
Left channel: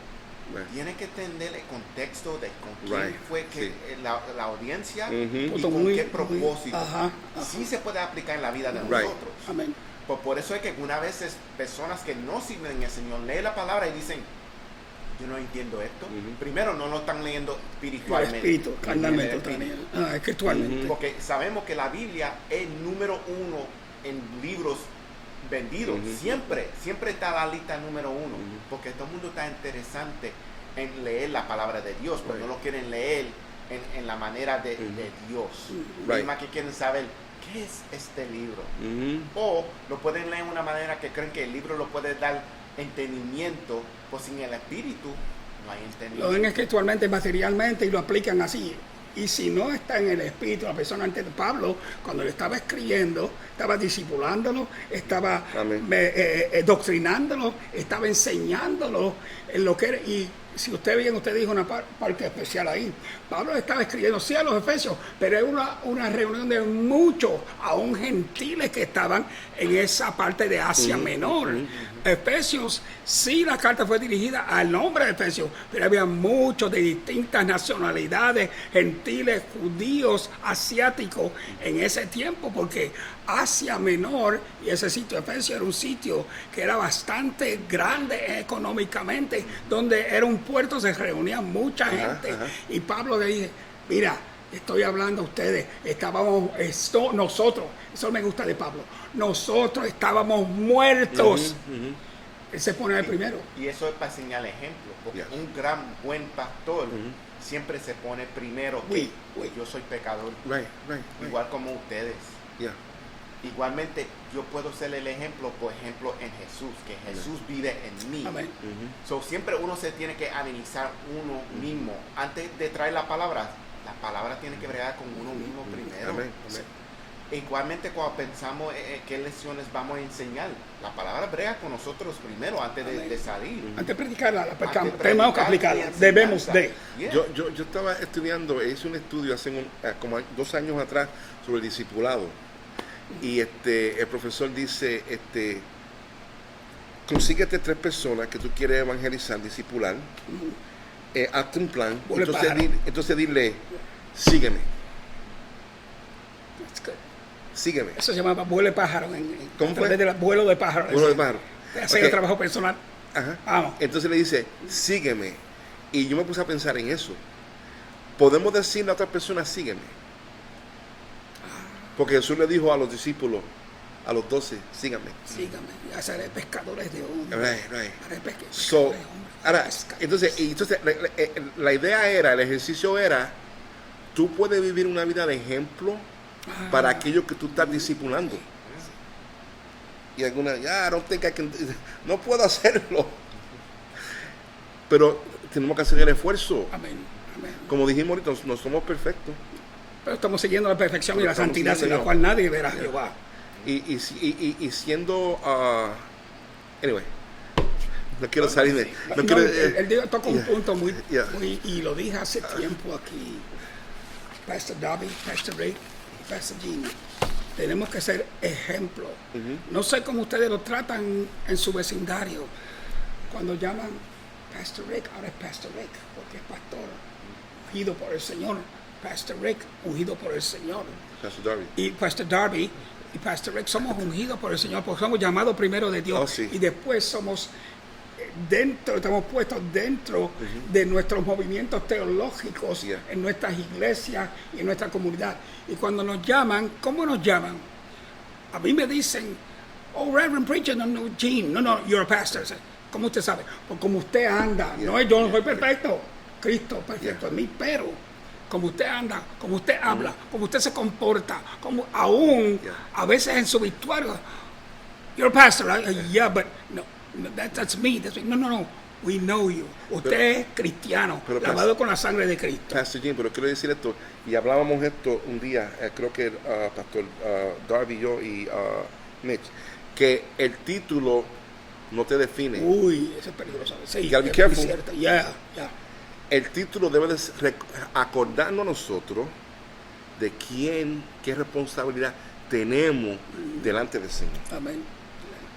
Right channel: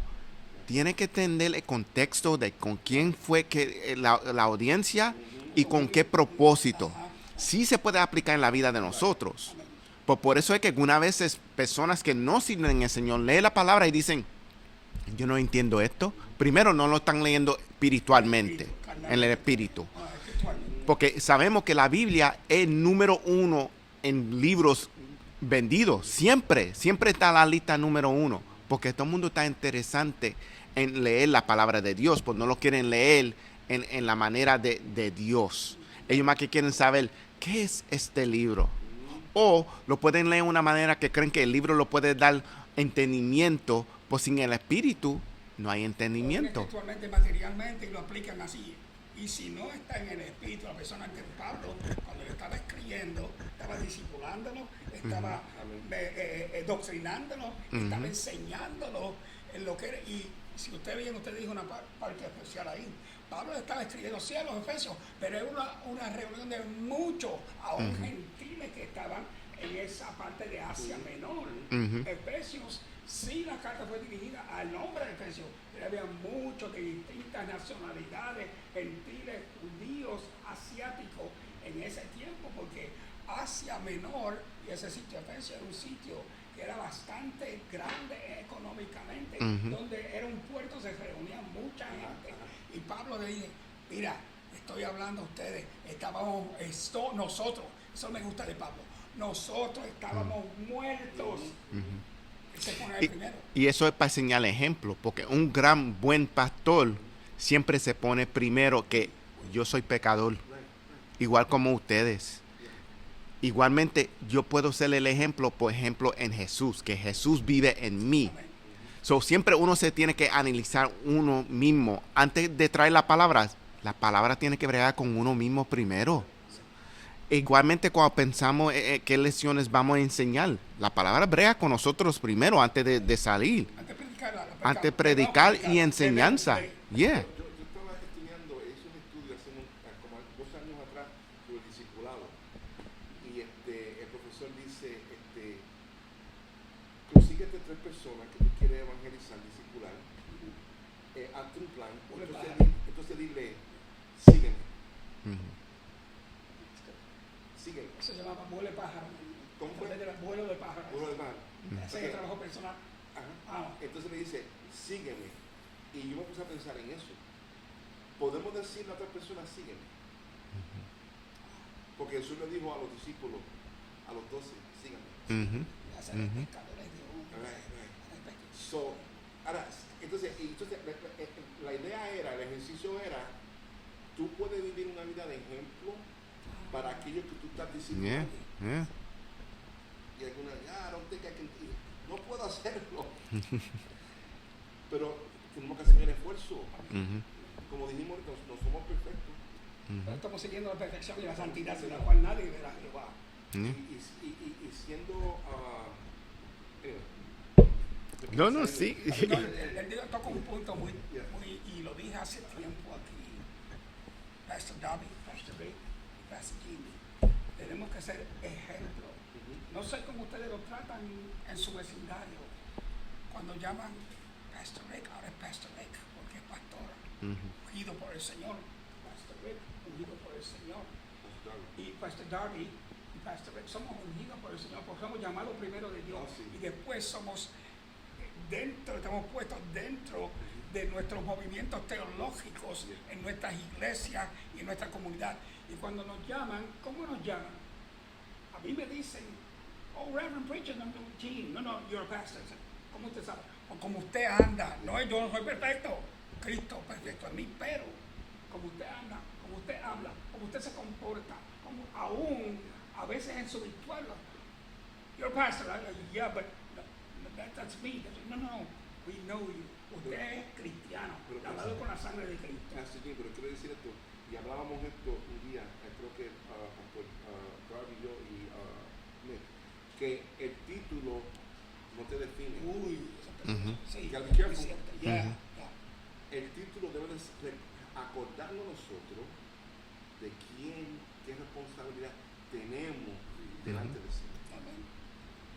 tiene que entender el contexto de con quién fue que la audiencia y con qué propósito. Ajá. Sí se puede aplicar en la vida de nosotros. Amén. Pues por eso es que algunas veces personas que no sirven al Señor leen la palabra y dicen, yo no entiendo esto. Primero no lo están leyendo espiritualmente, en el espíritu. Espiritualmente. Porque sabemos que la Biblia es número 1 en libros vendidos. Siempre está la lista número 1. Porque todo el mundo está interesante en leer la palabra de Dios, pues no lo quieren leer en la manera de Dios. Ellos más que quieren saber qué es este libro. O lo pueden leer de una manera que creen que el libro lo puede dar entendimiento, pues sin el espíritu no hay Lo ven entendimiento. espiritualmente, materialmente y lo aplican así. Y si no está en el espíritu, la persona antes de Pablo, cuando le estaba escribiendo, estaba discipulándolo, estaba doctrinándolo, estaba enseñándolo en lo que era. Y si usted bien, usted dijo una parte especial ahí. Pablo estaba escribiendo, sí, a los Efesios, pero era una reunión de muchos, aún gentiles que estaban en esa parte de Asia Menor. Efesios, sí, la carta fue dirigida al nombre de Efesios, pero había muchos de distintas nacionalidades, gentiles, judíos, asiáticos, en ese tiempo, porque Asia Menor y ese sitio Efesios era un sitio que era bastante grande económicamente, donde era un puerto, se reunía mucha gente. Y Pablo le dice, mira, estoy hablando a ustedes, nosotros, eso me gusta de Pablo, nosotros estábamos muertos. Él se pone el primero. Y eso es para enseñar ejemplo, porque un gran buen pastor siempre se pone primero que yo soy pecador, igual como ustedes. Igualmente, yo puedo ser el ejemplo, por ejemplo, en Jesús, que Jesús vive en mí. Amén. So, siempre uno se tiene que analizar uno mismo. Antes de traer la palabra tiene que bregar con uno mismo primero. Igualmente, cuando pensamos qué lecciones vamos a enseñar, la palabra brega con nosotros primero, antes de salir. Antes de predicarla, Antes de predicar y enseñanza. Yeah. Yo estaba estudiando, hice un estudio hace como 2 años atrás sobre el discipulado. Y el profesor dice, consíguete 3 personas que tú quieres evangelizar, discipular, hazte un plan, Huele entonces, pájaro. entonces dile, sígueme, That's good. sígueme. Eso se llamaba vuelo de pájaro. ¿Cómo a través fue? del vuelo de pájaro. Vuelo de pájaro. De hacer Ok. el trabajo personal. Ajá. Vamos. Entonces le dice, sígueme. Y yo me puse a pensar en eso. Podemos decirle a otra persona, sígueme. Porque Jesús le dijo a los discípulos, a los 12, síganme. Síganme. Y haceré pescadores de hombres. Right. Haré pescadores So, de hombres. ahora, Pescadores. entonces la idea era, el ejercicio era, tú puedes vivir una vida de ejemplo para aquellos que tú estás discipulando. Yeah. Y algunas, I don't think I can, no puedo hacerlo. Pero tenemos que hacer el esfuerzo. Amén. Amén. Como dijimos ahorita, no somos perfectos. Pero estamos siguiendo la perfección y la Estamos santidad sin siguiendo la yo. cual nadie verá a Jehová. Y siendo, anyway, no quiero No, salir de... sí. no No, quiero, él toca un yeah. punto Yeah. y lo dije hace tiempo aquí, Pastor Darby, Pastor Ray, Pastor Gene. Tenemos que ser ejemplo. No sé cómo ustedes lo tratan en su vecindario. Cuando llaman Pastor Rick, ahora es Pastor Rick, porque es pastor, ungido por el Señor. Pastor Rick, ungido por el Señor. Pastor Darby. Y Pastor Darby y Pastor Rick somos ungidos por el Señor, porque somos llamados primero de Dios. Oh, sí. Y después somos estamos puestos dentro de nuestros movimientos teológicos, Yeah. en nuestras iglesias y en nuestra comunidad. Y cuando nos llaman, ¿cómo nos llaman? A mí me dicen, oh, Reverend Preacher, no, Gene, no, you're a pastor. ¿Cómo usted sabe? Porque como usted anda, Yeah. no, yo no soy perfecto, Cristo perfecto en mí, pero como usted anda, como usted habla, como usted se comporta, como aún Yeah. a veces en su vestuario, you're a pastor, right? Yeah, but no, that's me. No, we know you. Usted es cristiano, pero lavado con la sangre de Cristo. Pastor Jim, pero quiero decir esto, y hablábamos esto un día, creo que Pastor Darby, yo y Mitch, que el título no te define. Uy, eso es peligroso. Sí, You gotta be es careful. muy cierto. Yeah. El título debe de acordarnos a nosotros de qué responsabilidad tenemos delante del Señor. Amén.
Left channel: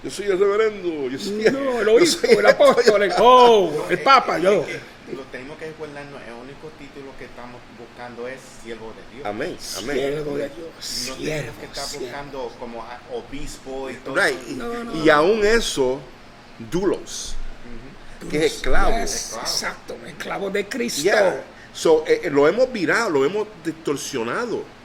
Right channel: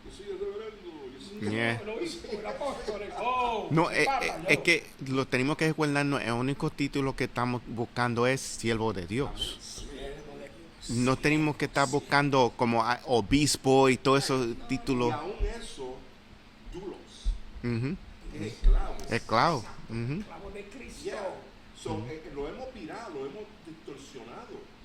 Yo soy el reverendo, yo soy No, el yo obispo, soy- el apóstol, No, el papa, yo. es que lo tenemos que recordarnos, el único título que estamos buscando es siervo de Dios. Amén, amén. Siervo de Dios. No tenemos que estar siervo. buscando como obispo y todo Right. eso. No, títulos. Y aún eso, dulos, Ujú. que es esclavo. Yes, Esclavo. Exacto, esclavo de Cristo. Yeah. So, lo hemos virado, lo hemos distorsionado.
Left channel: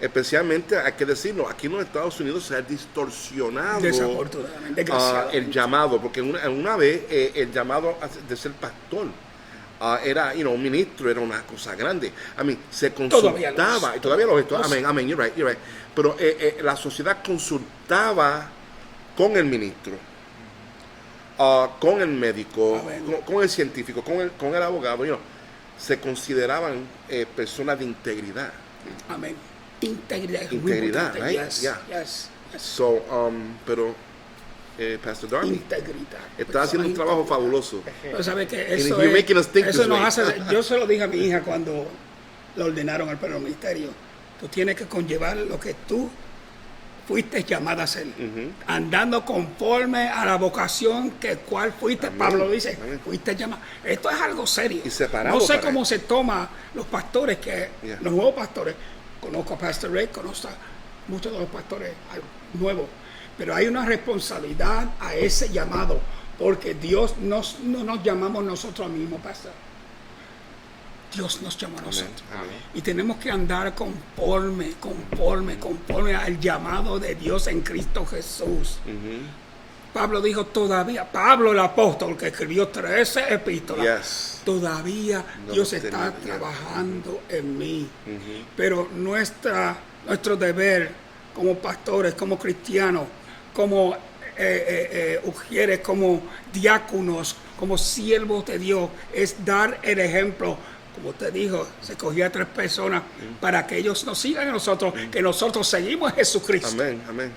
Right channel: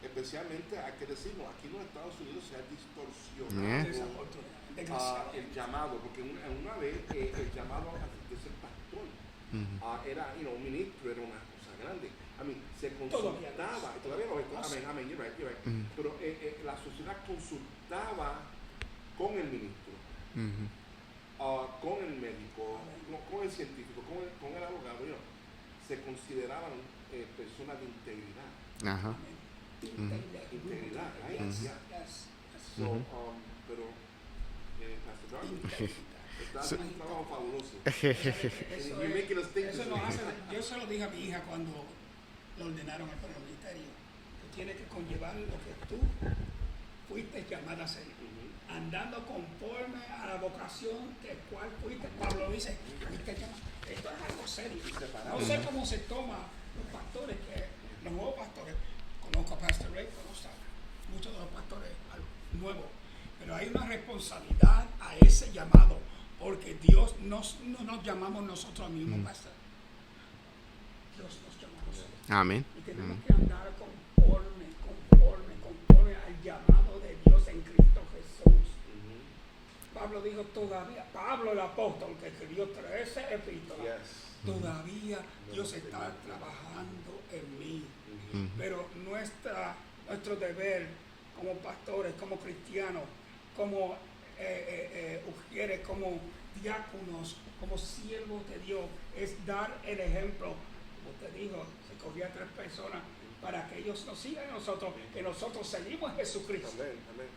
Especialmente, hay que decirlo, aquí en los Estados Unidos se ha distorsionado Desafortunadamente, desgraciadamente. el llamado, porque una vez el llamado de ser pastor era, un ministro, era una cosa grande. A mí, se Todavía lo consultaba, es. y todavía lo es, Lo es. amén, you're right. Pero la sociedad consultaba con el ministro, con el médico, Amén. con el científico, con el abogado, se consideraban personas de integridad. Ajá. Amén. Integridad. es muy Integridad, importante. right? Yes, Yeah. yes. So, pero Pastor Darby Integridad. está haciendo un trabajo fabuloso. Pero sabe que And eso you're making us think eso this nos way. hace. Yo se lo dije a mi hija cuando la ordenaron al ministerio. Tú tienes que conllevar lo que tú fuiste llamada a hacer, andando conforme a la vocación que cual fuiste. Amén. Pablo dice, Amén. fuiste llamado. Esto es algo serio. Y separado No sé para cómo él. se toma los pastores, Yeah. los nuevos pastores. Conozco a Pastor Ray, conozco a muchos de los pastores nuevos, pero hay una responsabilidad a ese llamado, porque Dios no nos llamamos nosotros mismos, pastor. Dios nos llama a nosotros. Amén. Y tenemos que andar conforme al llamado de Dios en Cristo Jesús. Pablo dijo todavía, Pablo el apóstol que escribió 13 epístolas, Yes. todavía No Dios hemos está tenido, trabajando en mí. Pero nuestro deber como pastores, como cristianos, como ujieres, como diáconos, como siervos de Dios, es dar el ejemplo. Como usted dijo, se cogía a 3 personas para que ellos nos sigan a nosotros, que nosotros seguimos a Jesucristo. Amén, amén.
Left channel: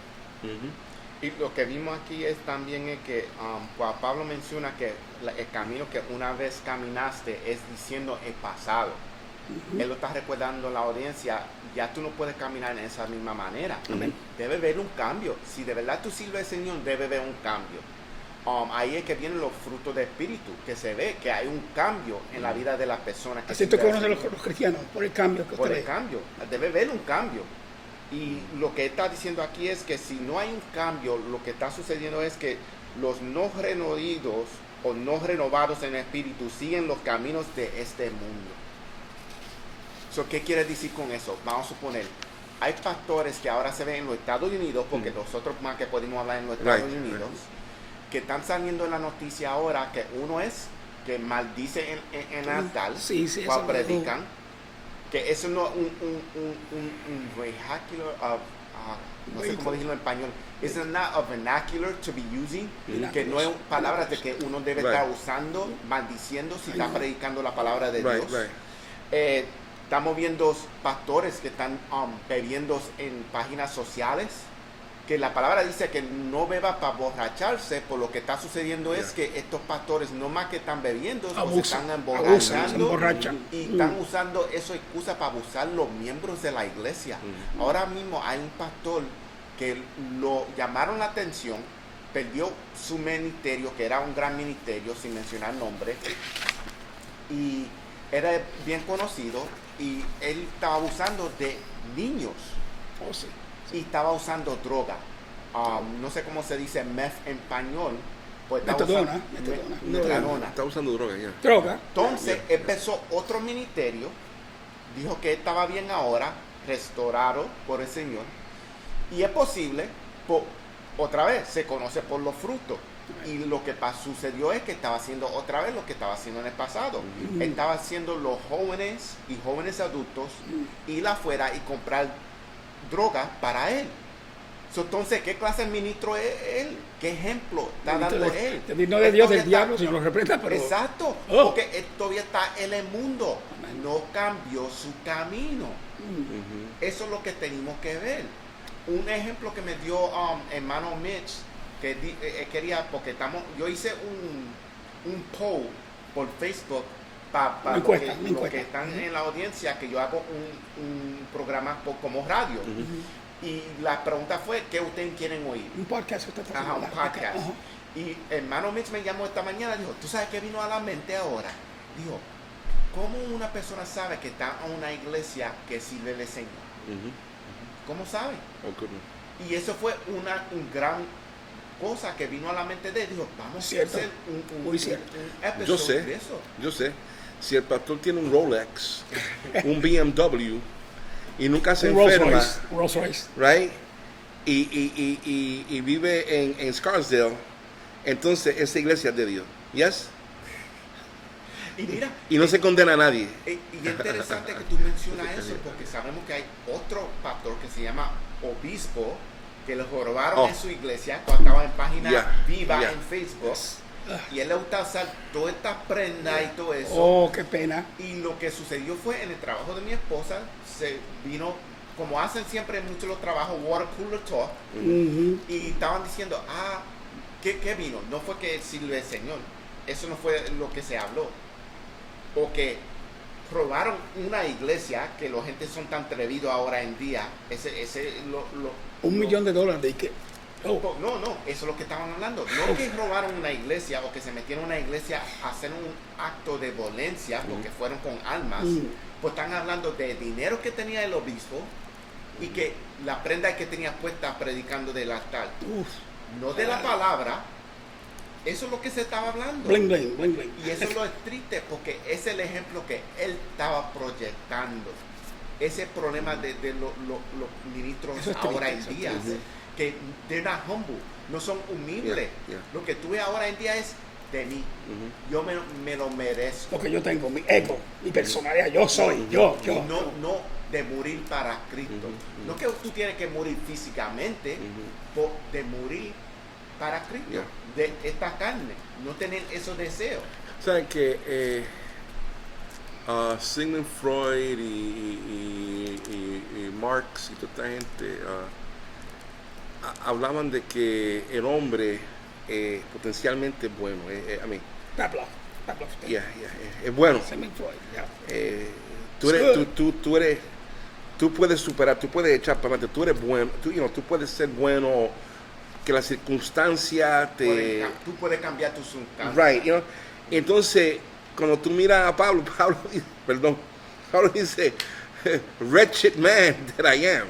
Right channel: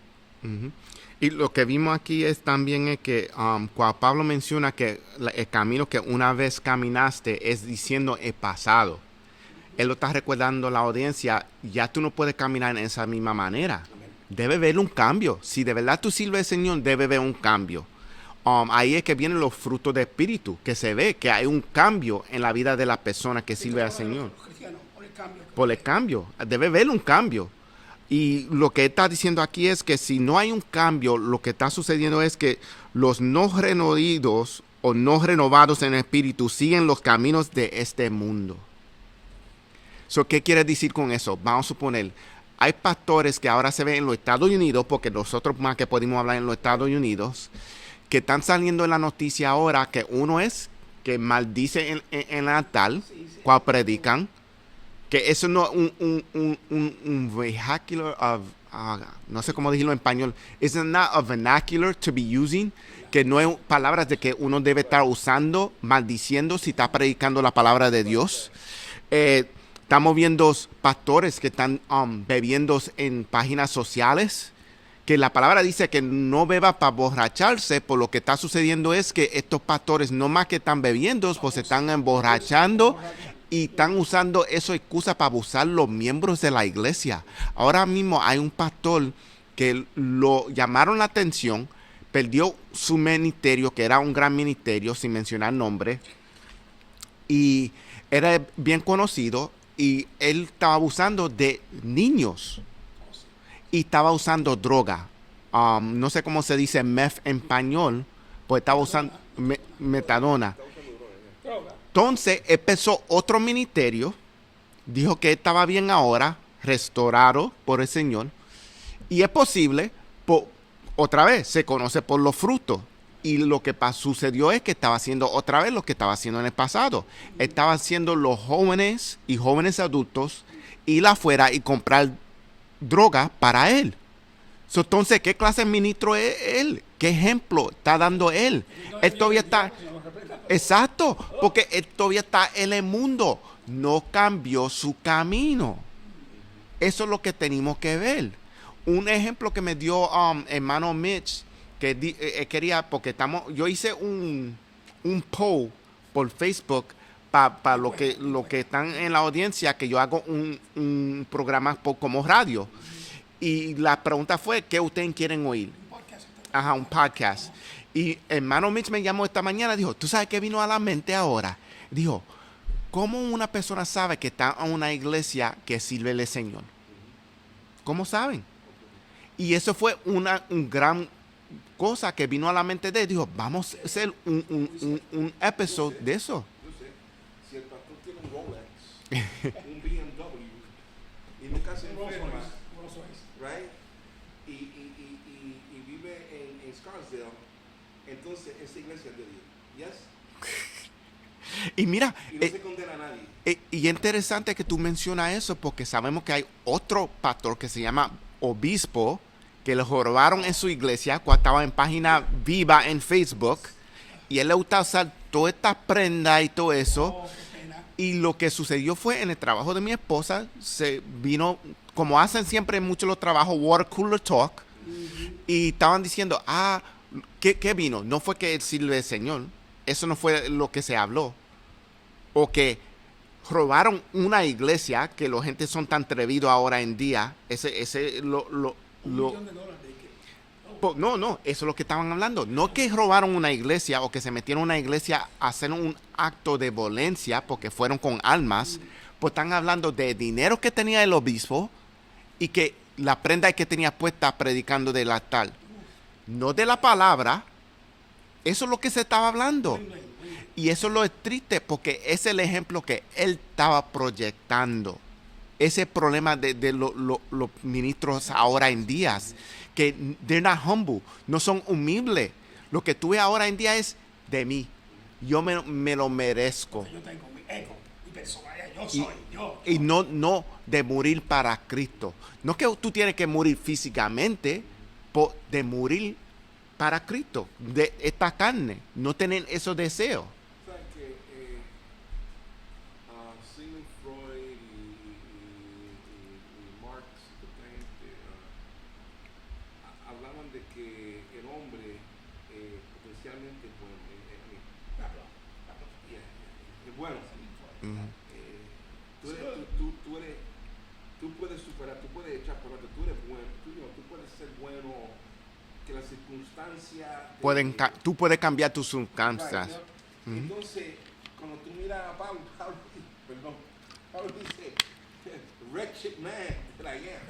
Y lo que vimos aquí es también es que cuando Pablo menciona que el camino que una vez caminaste es diciendo el pasado. Él lo está recordando a la audiencia, ya tú no puedes caminar en esa misma manera. Amén. Debe haber un cambio. Si de verdad tú sirves al Señor, debe haber un cambio. ahí es que vienen los frutos de espíritu, que se ve que hay un cambio en la vida de la persona que Así sirve tú al conoces Señor. los cristianos por el cambio que Por usted el ve. cambio, debe haber un cambio. Y lo que está diciendo aquí es que si no hay un cambio, lo que está sucediendo es que los no renovados o no renovados en el espíritu siguen los caminos de este mundo. So, ¿qué quiere decir con eso? Vamos a suponer, hay pastores que ahora se ven en los Estados Unidos, porque nosotros más que podemos hablar en los Estados Right. Unidos, que están saliendo en la noticia ahora que uno es que maldice en altar Sí, sí, cuando eso predican, que eso no es un vernacular of, no sé cómo decirlo en español, it's not a vernacular to be using, que no es palabras de que uno debe estar Right. usando, maldiciendo si está predicando la palabra de Right, Dios. right. Estamos viendo pastores que están bebiendo en páginas sociales, que la palabra dice que no beba para borracharse, por lo que está sucediendo es que estos pastores no más que están bebiendo, pues se Abusan, están abusan, emborrachando se emborrachan. y están usando eso excusa para abusar los miembros de la iglesia. Ahora mismo hay un pastor que lo llamaron la atención, perdió su ministerio, que era un gran ministerio, sin mencionar nombre, y era bien conocido, y él estaba abusando de niños Oh, sí. y estaba usando droga. No sé cómo se dice meth en español, pues estaba Metadona, usando metadona. metadona. Está usando droga ya. Droga. Entonces empezó otro ministerio, dijo que estaba bien ahora, restaurado por el Señor, y es posible, otra vez, se conoce por los frutos. Y lo que sucedió es que estaba haciendo otra vez lo que estaba haciendo en el pasado. Estaba haciendo los jóvenes y jóvenes adultos ir afuera y comprar droga para él. Entonces, ¿qué clase de ministro es él? ¿Qué ejemplo está dando él? Te vino de Él Dios todavía del está- diablo, Señor lo reprenda, pero... Exacto, Oh. porque él todavía está en el mundo. No cambió su camino. Eso es lo que tenemos que ver. Un ejemplo que me dio hermano Mitch, que quería, porque yo hice un poll por Facebook para Una lo que, encuesta, una lo que encuesta. están en la audiencia, que yo hago un programa como radio. Y la pregunta fue, ¿qué ustedes quieren oír? Un podcast. usted está Ajá, un haciendo, ¿verdad? podcast. Ajá. Y hermano Mitch me llamó esta mañana, dijo, ¿tú sabes qué vino a la mente ahora? Dijo, ¿cómo una persona sabe que está en una iglesia que sirve al Señor? ¿Cómo sabe? Oh, goodness. Y eso fue una gran cosa que vino a la mente de él. Dijo, vamos Cierto. a hacer Muy cierto. un Yo episodio sé. de eso. Yo sé. Si el pastor tiene un Rolex, un BMW, y nunca se Un Rolls enferma, Royce. Rolls Royce. right? Y vive en Scarsdale, entonces esa iglesia es de Dios. Yes? Y mira, Y no se condena a nadie. y es interesante que tú mencionas eso, porque sabemos que hay otro pastor que se llama Obispo, que lo robaron Oh. en su iglesia cuando estaba en página Yeah, viva yeah. en Facebook. Y él le gusta usar toda esta prenda y todo eso. Oh, qué pena. Y lo que sucedió fue en el trabajo de mi esposa, se vino, como hacen siempre en muchos los trabajos, water cooler talk. Y estaban diciendo, ¿qué vino? No fue que sirve el Señor. Eso no fue lo que se habló. O que robaron una iglesia, que la gente son tan atrevidos ahora en día. $1 millón de que... Oh, No, eso es lo que estaban hablando. No que robaron una iglesia o que se metieron en una iglesia a hacer un acto de violencia porque fueron con armas. Pues están hablando de dinero que tenía el obispo y que la prenda que tenía puesta predicando del altar. uf. No de la palabra. Eso es lo que se estaba hablando. Bling, bling, bling, bling. Y eso lo es triste porque es el ejemplo que él estaba proyectando. Ese problema de los ministros Eso es ahora triste, en días, que they're not humble, no son humildes. Yeah, yeah. Lo que tú ves ahora en día es de mí. Yo me lo merezco. Lo que yo tengo, mi ego, mi personalidad, yo soy, yo. Y no de morir para Cristo. No que tú tienes que morir físicamente, de morir para Cristo, de esta carne, no tener esos deseos. ¿Saben que Sigmund Freud y Marx y toda esta gente hablaban de que el hombre potencialmente es bueno? I mean, Pavlov. es bueno. Sigmund Freud, Tú puedes superar, tú puedes echar para adelante, tú eres bueno, tú puedes ser bueno que la circunstancia te... Tú puedes cambiar tu circunstancia. Right, you know? Entonces, cuando tú miras a Pablo dice, wretched man that I am.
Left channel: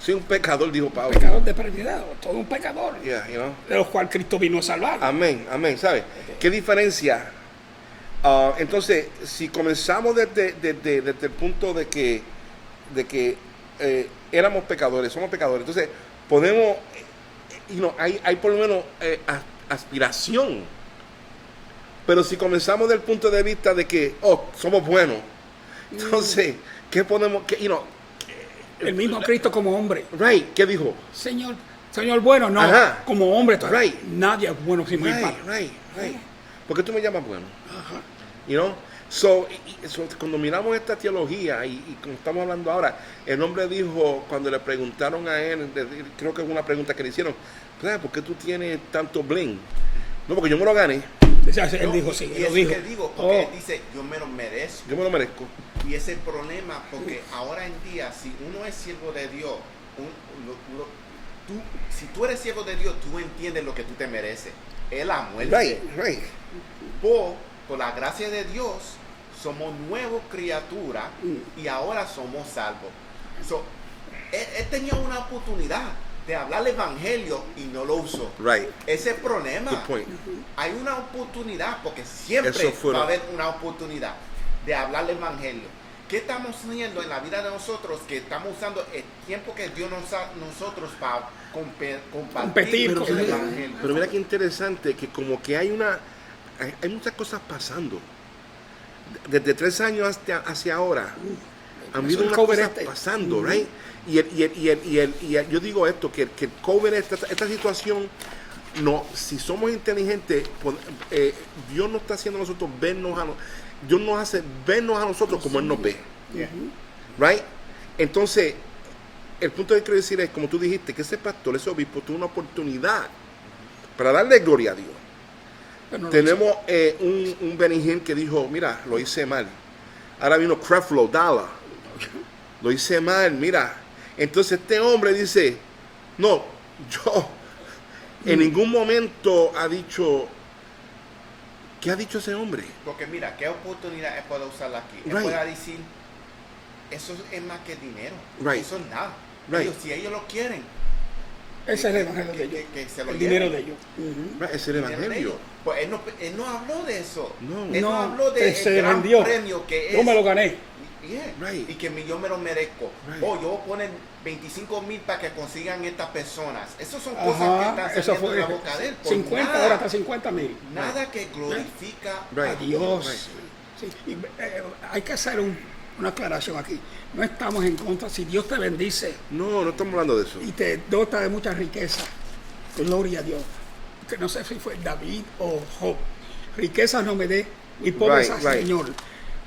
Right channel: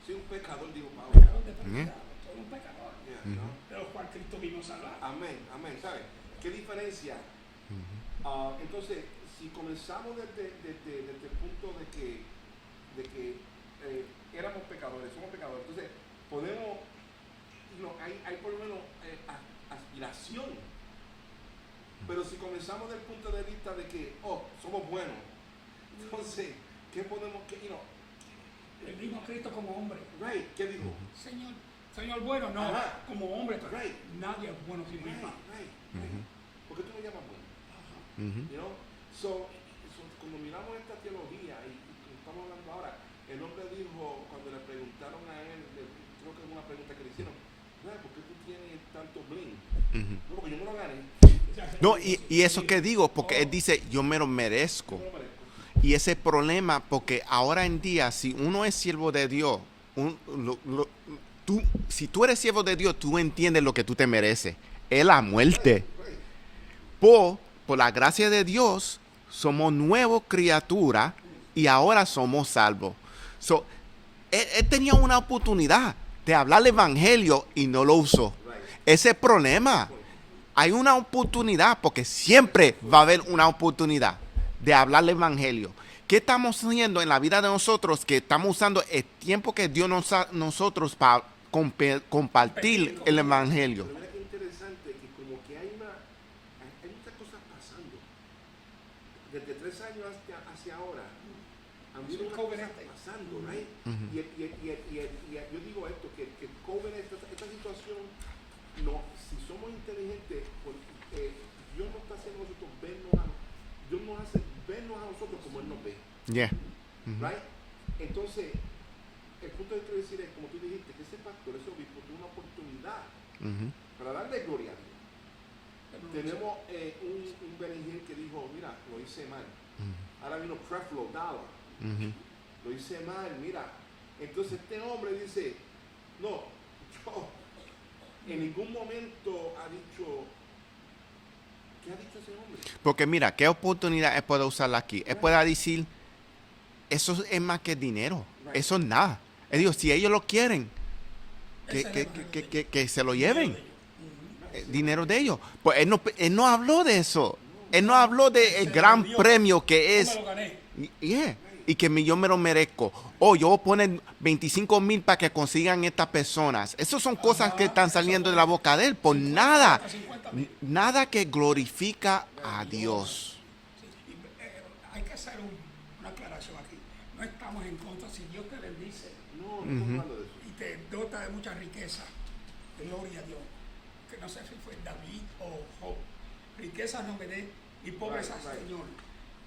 Soy un pecador, dijo Pablo. Pecador desprevenado, todo un pecador. Yeah, you know? De los cuales Cristo vino a salvar. Amén, ¿sabes? ¿Qué diferencia? Entonces, si comenzamos desde el punto de que éramos pecadores, somos pecadores, entonces podemos, hay por lo menos aspiración. Pero si comenzamos del punto de vista de que, somos buenos, entonces, ¿qué podemos, el mismo Cristo como hombre. Right, ¿qué dijo? Señor bueno, no. Ajá. Como hombre, Right. nadie es bueno sin mi padre. Right. ¿Por qué tú me llamas bueno? Ajá. You know? So, cuando miramos esta teología y como estamos hablando ahora, el hombre dijo, cuando le preguntaron a él, creo que es una pregunta que le hicieron, ¿por qué tú tienes tanto bling? No, porque yo me lo gané. Y eso que digo, porque él dice, yo me lo merezco. Yo me lo merezco. Y ese es el problema, porque ahora en día, si uno es siervo de Dios, si tú eres siervo de Dios, tú entiendes lo que tú te mereces. Es la muerte. Right. Por la gracia de Dios, somos nuevas criaturas y ahora somos salvos. Él tenía una oportunidad de hablar el evangelio y no lo usó. Right. Ese es el problema. Good point. Hay una oportunidad, porque siempre va a haber una oportunidad de hablar el evangelio. ¿Qué estamos haciendo en la vida de nosotros? Que estamos usando el tiempo que Dios nos da nosotros para compartir el evangelio. Pero mira qué interesante, que como que hay muchas cosas pasando. Desde 3 años hacia ahora. Han habido unas cosas pasando, right? Y yo digo esto, que el COVID, esta situación, si somos inteligentes, Dios no está haciendo a nosotros Dios nos hace vernos a nosotros como Él nos ve. Yeah. Right? Entonces, el punto que quiero decir es, como tú dijiste, que ese pastor, ese obispo, tuvo una oportunidad para darle gloria a Dios. No Tenemos un Benny Hinn que dijo, mira, lo hice mal. Ahora vino Creflo Dollar. Lo hice mal, mira. Entonces este hombre dice, no, yo en ningún momento ha dicho, ¿qué ha dicho ese hombre? Porque mira, ¿qué oportunidad él puede usarla aquí? Él puede decir, eso es más que dinero. Right. Eso es nada. Right. Ellos, si ellos lo quieren, ese es el evangelio de ellos. que se lo El lleven. dinero de ellos. Right, es el Dinero de evangelio. ellos. Pues él no habló de eso. No. Él no habló que del se gran vendió. premio que Yo es. me lo gané. Yeah. Right. Y que yo me lo merezco. Right. Yo voy a poner 25,000 para que consigan estas personas. Esas son cosas Ajá, que están eso saliendo fue de la boca de él. Por 50, nada. hasta 50,000. Nada que glorifica Right. a Dios. Dios. Sí, y, hay que hacer una aclaración aquí. No estamos en contra. Si Dios te bendice No estamos hablando de eso. y te dota de mucha riqueza, gloria a Dios. Que no sé si fue David o Job. Riquezas no me dé y pobreza, Right. Señor.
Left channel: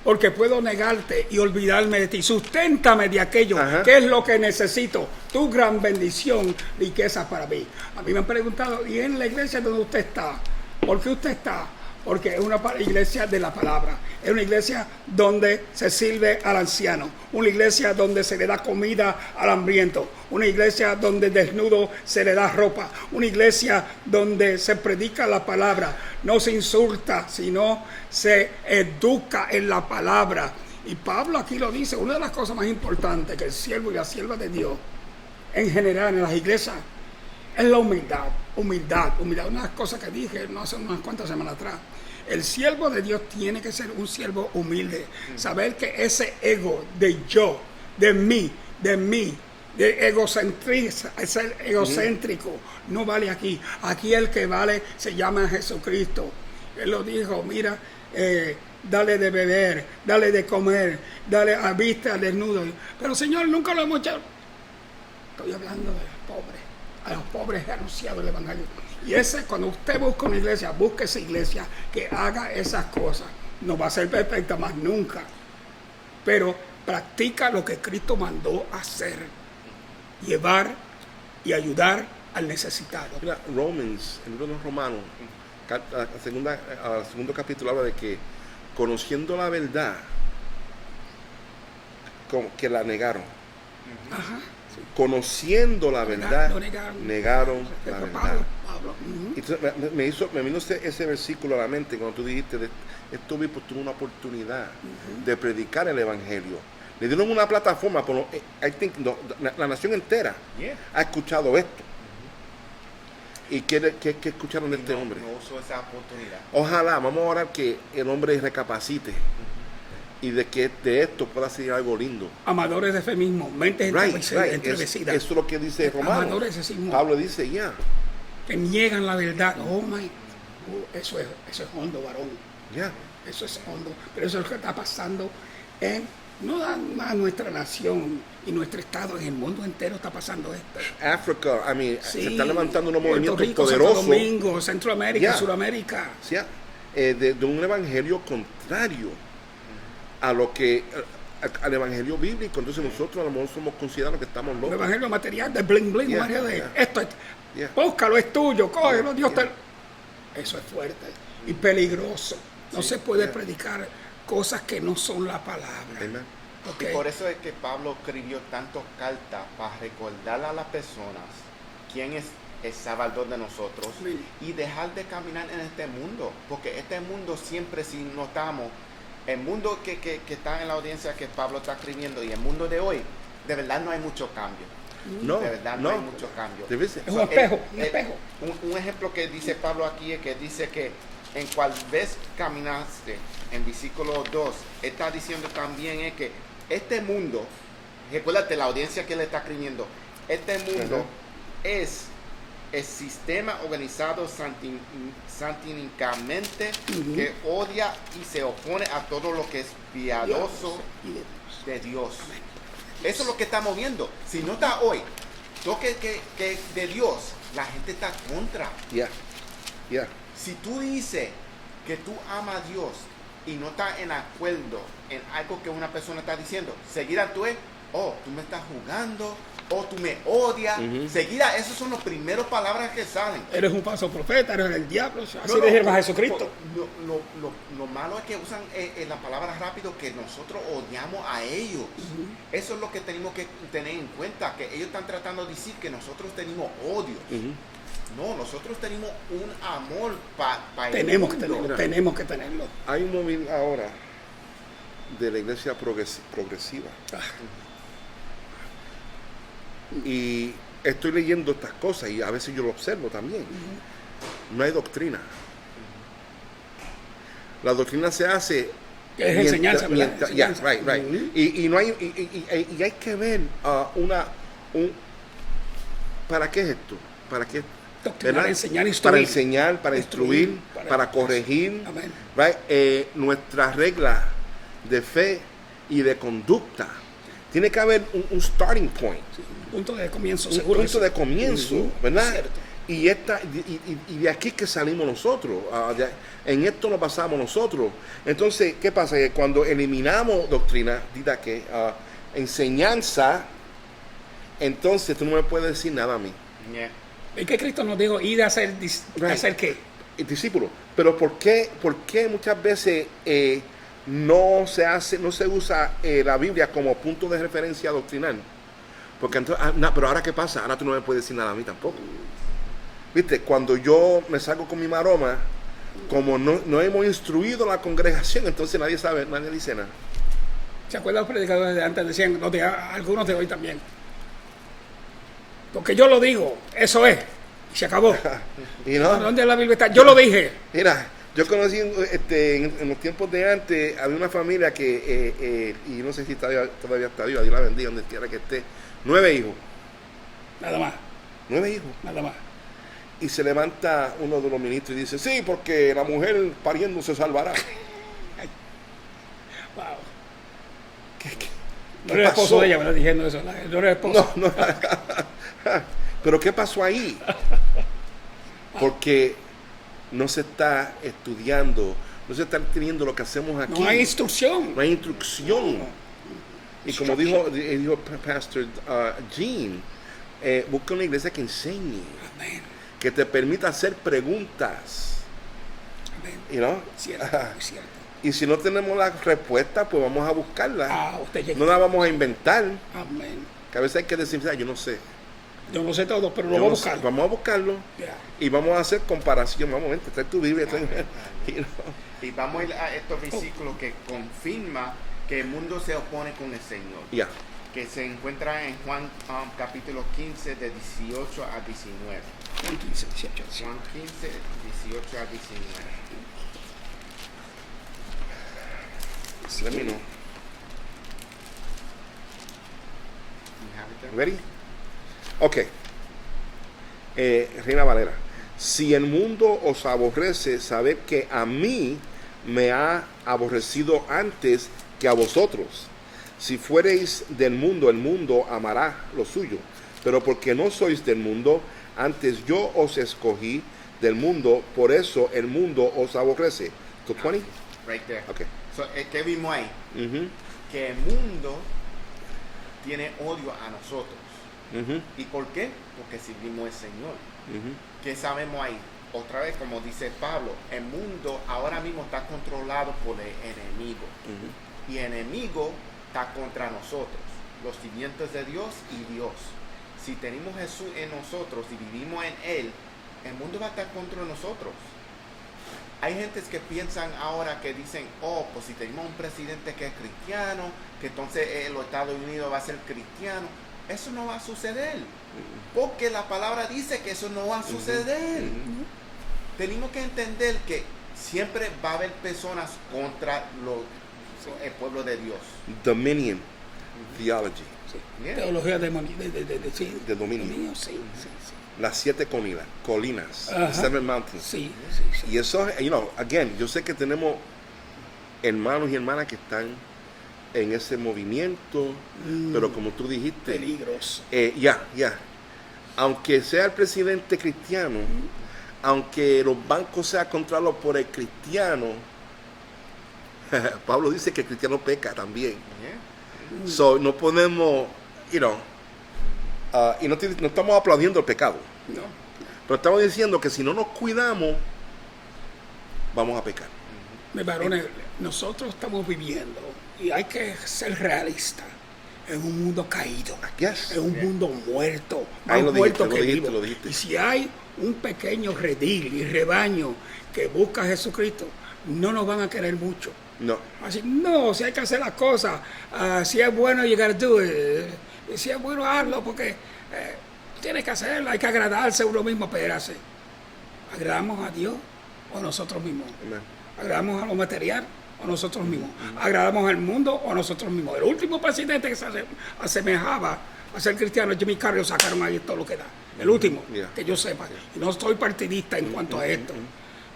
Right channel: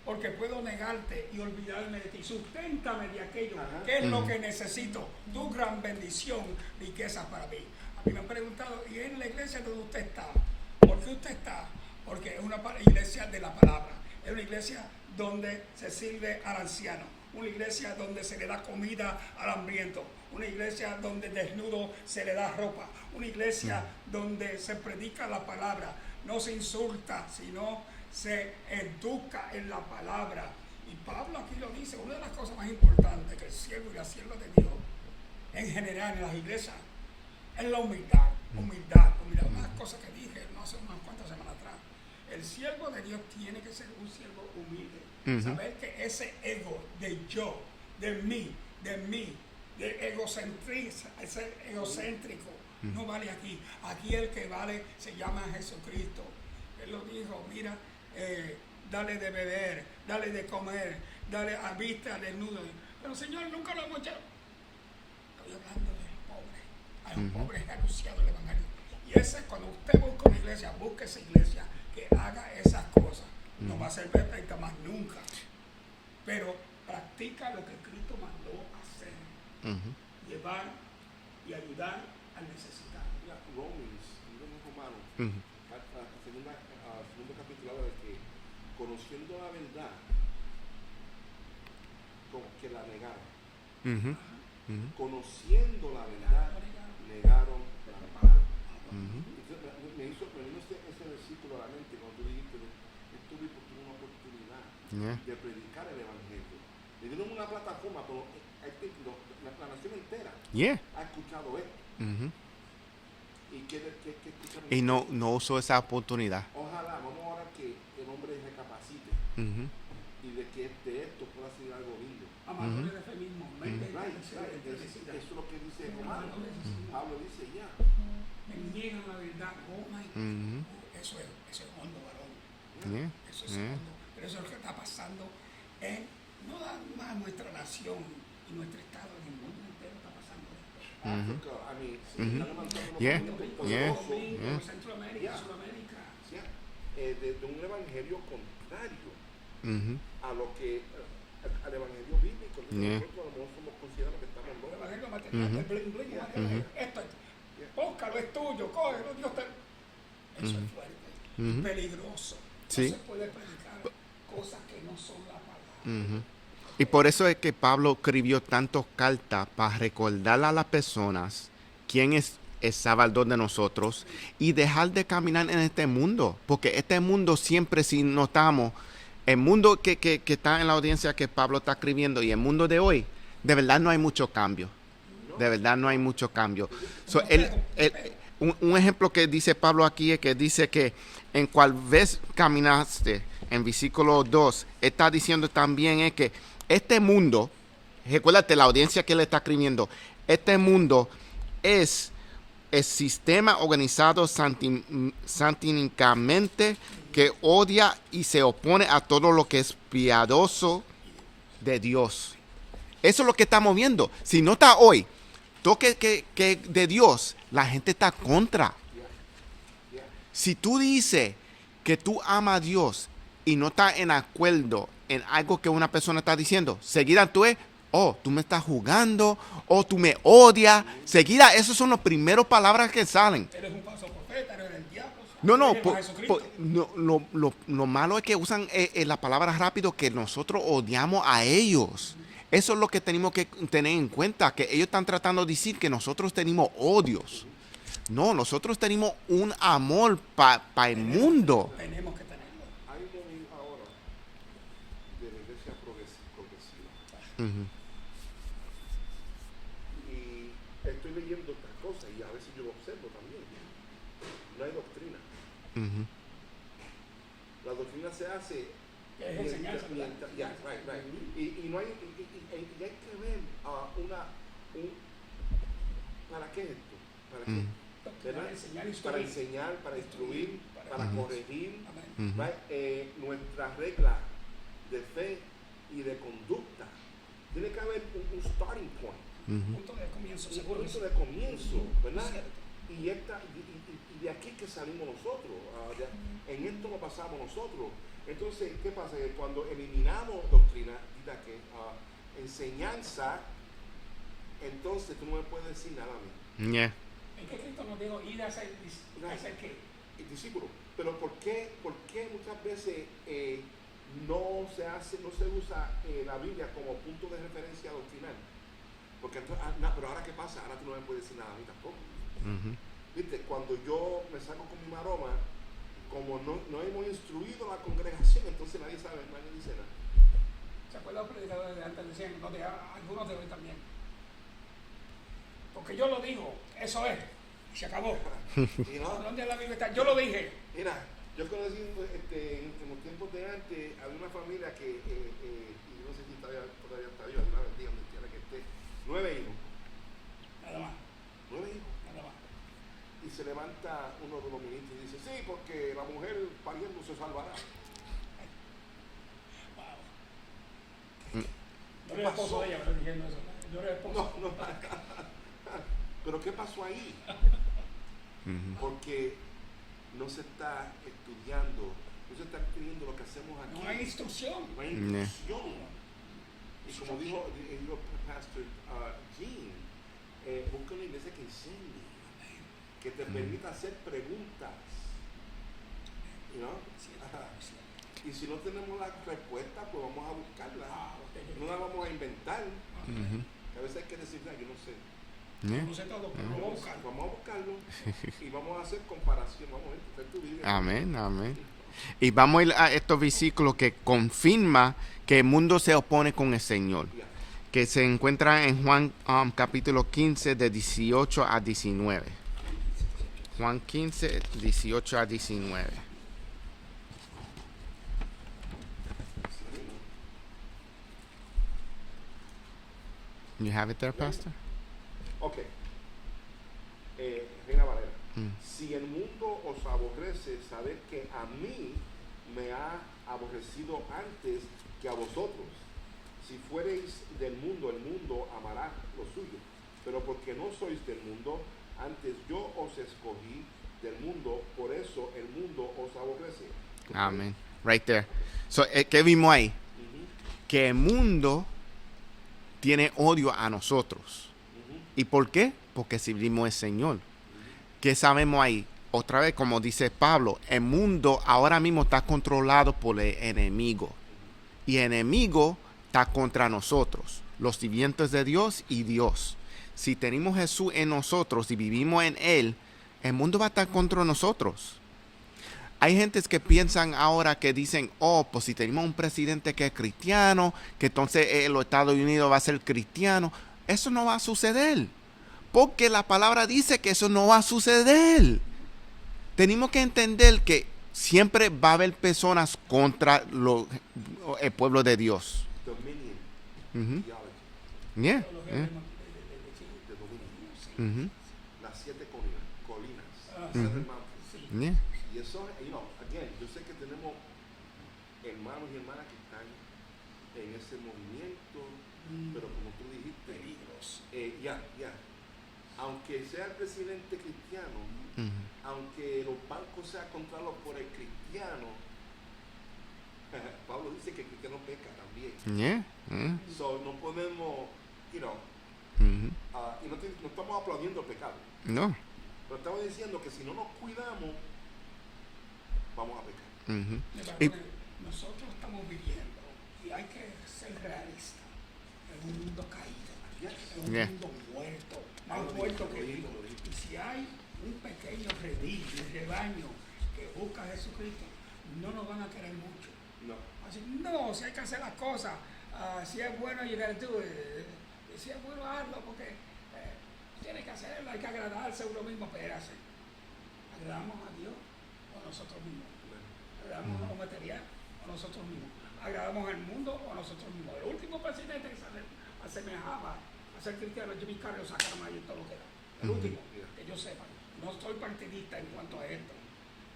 Porque puedo negarte y olvidarme de ti. Susténtame de aquello. Ajá. ¿Qué es lo que necesito? Tu gran bendición, riquezas para mí. A mí me han preguntado, ¿y en la iglesia donde usted está? ¿Por qué usted está? Porque es una iglesia de la palabra. Es una iglesia donde se sirve al anciano. Una iglesia donde se le da comida al hambriento. Una iglesia donde desnudo se le da ropa. Una iglesia donde se predica la palabra. No se insulta, sino se educa en la palabra. Y Pablo aquí lo dice. Una de las cosas más importantes que el siervo y la sierva de Dios, en general en las iglesias, es la humildad. Humildad. Una de las cosas que dije no hace unas cuantas semanas atrás. El siervo de Dios tiene que ser un siervo humilde. Saber que ese ego de yo, de mí, de ser egocéntrico, no vale aquí. Aquí el que vale se llama Jesucristo. Él lo dijo, mira, dale de beber, dale de comer, dale a vista al desnudo. Pero Señor, nunca lo hemos hecho. Estoy hablando de los pobres. A los pobres he anunciado el evangelio. Y cuando usted busca una iglesia, busque esa iglesia que haga esas cosas. No va a ser perfecta más nunca. Pero practica lo que Cristo mandó hacer. Llevar y ayudar al necesitado. Mira, Romans, el libro de los Romanos, al segundo capítulo habla de que conociendo la verdad, como que la negaron. Ajá. Conociendo la verdad, Lo negaron. negaron la Pablo, verdad. Pablo. Y entonces me vino ese versículo a la mente cuando tú dijiste, estos obispos tuvo una oportunidad de predicar el evangelio. Le dieron una plataforma, pero I think la nación entera Yeah. ha escuchado esto. ¿Y qué escucharon de Y este no, hombre? no usó esa oportunidad. Ojalá, vamos a orar que el hombre recapacite y de que de esto pueda ser algo lindo. Amadores de fe mismo, mentes Right. entrevecidas. Eso es lo que dice Romano. Amadores de sí mismo. Pablo dice, ya. Que niegan la verdad. Oh my. Eso es hondo, varón. Ya. Eso es hondo. Pero eso es lo que está pasando en no nada más nuestra nación y nuestro estado, en el mundo entero está pasando esto. África, Sí. se están levantando unos Puerto movimientos Rico, poderosos. Santo Domingo, Centroamérica, Yeah. Suramérica. ¿sí? De un evangelio contrario a lo que al evangelio bíblico. Entonces nosotros a lo mejor somos considerados que estamos Un locos. evangelio material de bling bling, Yeah. María, de Yeah. esto, Yeah. búscalo, es tuyo, cógelo, Dios te... Eso es fuerte y peligroso. No Sí. se puede predicar cosas que no son la palabra. Amen. Y Ok. por eso es que Pablo escribió tantas cartas para recordarle a las personas quién es el Salvador de nosotros Sí. y dejar de caminar en este mundo. Porque este mundo siempre, si notamos, el mundo que está en la audiencia que Pablo está escribiendo y el mundo de hoy, de verdad no hay mucho cambio. No, De verdad no hay mucho cambio. Debe ser. Es un espejo, un espejo. Un ejemplo que dice Pablo aquí es que dice que en cual vez caminaste, en versículo 2, está diciendo también es que este mundo, recuérdate la audiencia que le está escribiendo, este mundo es el sistema organizado satínicamente que odia y se opone a todo lo que es piadoso de Dios. Eso es lo que estamos viendo. Si no está hoy, todo que de Dios, la gente está contra. Ya. Ya. Si tú dices que tú amas a Dios y no estás en acuerdo en algo que una persona está diciendo, seguida tú es, oh, tú me estás jugando, oh, tú me odias. Seguida, esas son las primeras palabras que salen. Eres un falso profeta, eres el diablo. Así No, no, le dijeron a por- Jesucristo. lo malo es que usan las palabras rápido que nosotros odiamos a ellos. Eso es lo que tenemos que tener en cuenta, que ellos están tratando de decir que nosotros tenemos odios. No, nosotros tenemos un amor para el Tenemos que mundo. tenerlo, tenemos que tenerlo. Hay un movimiento ahora de la iglesia progresiva. Y estoy leyendo estas cosas y a veces yo lo observo también. No hay doctrina. La doctrina se hace Que es enseñanza, ¿verdad? yeah, Enseñanza. right. Y no hay y hay que ver ¿para qué es esto? ¿Para qué? Doctrinar, ¿verdad? enseñar, instruir. Para enseñar, para instruir, para corregir, Amén. right? Nuestra regla de fe y de conducta. Tiene que haber un starting point, Punto de comienzo, un seguro. punto de comienzo, ¿verdad? Cierto. Y de aquí que salimos nosotros, en esto nos basamos nosotros. Entonces, ¿qué pasa? Que cuando eliminamos doctrina, enseñanza, entonces tú no me puedes decir nada a mí. Yeah. ¿Y qué Cristo nos dijo? Ir a hacer, Right. ¿hacer qué? El discípulo. Pero ¿por qué muchas veces no se usa la Biblia como punto de referencia doctrinal? Porque entonces, pero ahora ¿qué pasa? Ahora tú no me puedes decir nada a mí tampoco. Viste, cuando yo me salgo con mi maroma, como no hemos instruido a la congregación, entonces nadie sabe, nadie dice nada. ¿Se acuerdan los predicadores de antes? Decían, algunos de hoy también. Porque yo lo digo, eso es. Y se acabó. Y no, ¿Dónde la Biblia está? Yo lo dije. mira, yo conocí en los tiempos de antes, había una familia que, y no sé si todavía está viva, Dios la bendiga, donde quiera que esté, 9 hijos. Nada más, 9 hijos. nada más. Y se levanta uno de los ministros y dice, sí, porque la mujer pariendo se salvará. Wow. ¿Qué No era el esposo pasó? de ella, ¿verdad? Diciendo eso. No era el esposo. No. Pero ¿qué pasó ahí? Porque no se está estudiando, no se está teniendo lo que hacemos aquí. No hay instrucción. No hay instrucción. Y como dijo Pastor Gene, busca una iglesia que enseñe, Amén. que te permita hacer preguntas. Amén. You know? Cierto, es cierto. Y si no tenemos la respuesta, pues vamos a buscarla. Usted llegó. No la vamos a inventar. Amén. Que a veces hay que decir, "Ah, yo no sé. Yo no sé todo, pero lo Yo voy a no sé". buscar. Vamos a buscarlo Ya. y vamos a hacer comparación. Vamos, vente, trae tu Biblia. trae- Amén, amén. You know. Y vamos a ir a estos versículos que confirma que el mundo se opone con el Señor. Ya. Que se encuentran en Juan capítulo 15 de 18 a 19. Juan 15, 18. Juan 15, 18 a 19. Let me know. You have it there, Ready? Pastor? Ok. Reina Valera. Si el mundo os aborrece, sabed que a mí me ha aborrecido antes que a vosotros. Si fuereis del mundo, el mundo amará lo suyo. Pero porque no sois del mundo, antes yo os escogí del mundo, por eso el mundo os aborrece. ¿Tú, Tony? Amén. Right there. Ok. So, ¿qué vimos ahí? Ujú, Que el mundo tiene odio a nosotros. ujú, ¿Y por qué? Porque servimos al Señor. ujú. ¿Qué sabemos ahí? Otra vez, como dice Pablo, el mundo ahora mismo está controlado por el enemigo. Y el enemigo está contra nosotros, los sirvientes de Dios y Dios. Si tenemos Jesús en nosotros y vivimos en Él, el mundo va a estar contra nosotros. Hay gentes que piensan ahora que dicen, oh, pues si tenemos un presidente que es cristiano, que entonces los Estados Unidos va a ser cristiano. Eso no va a suceder. Porque la palabra dice que eso no va a suceder. Tenemos que entender que siempre va a haber personas contra el pueblo de Dios. Dominion Ujú. theology. Yeah. Teología de sí, De dominio. sí, Ujú. sí, Las 7 colinas. Ajá. 7 mountains. sí, Yeah. sí, sí. Y eso, again, yo sé que tenemos hermanos y hermanas que están en ese movimiento, pero como tú dijiste, Peligroso. ya. Aunque sea el presidente cristiano, aunque los bancos sean controlados por el cristiano, Pablo dice que el cristiano peca también. Yeah. Mm. So, no podemos, Ujú. y no estamos aplaudiendo el pecado, No. pero estamos diciendo que si no nos cuidamos, vamos a pecar. Ujú. Varones, nosotros estamos viviendo, y hay que ser realistas, en un mundo caído, Yes. en un Yeah. mundo muerto, Ahí más lo dijiste, muerto lo que dijiste, vivo. lo dijiste. Y si hay un pequeño redil y rebaño que busca a Jesucristo, no nos van a querer mucho. No. Así, no, si hay que hacer las cosas, si es bueno llegar a do it, si es bueno hazlo, porque tienes que hacerlo, hay que agradarse a uno mismo, espérase. ¿Agradamos a Dios o nosotros mismos? Amen. ¿Agradamos a lo material o nosotros mismos? ¿Agradamos al mundo o nosotros mismos? El último presidente que se asemejaba a ser cristiano, Jimmy Carter, sacaron ahí todo lo que da. El último, Yeah. que yo sepa. Y no soy partidista en cuanto a esto.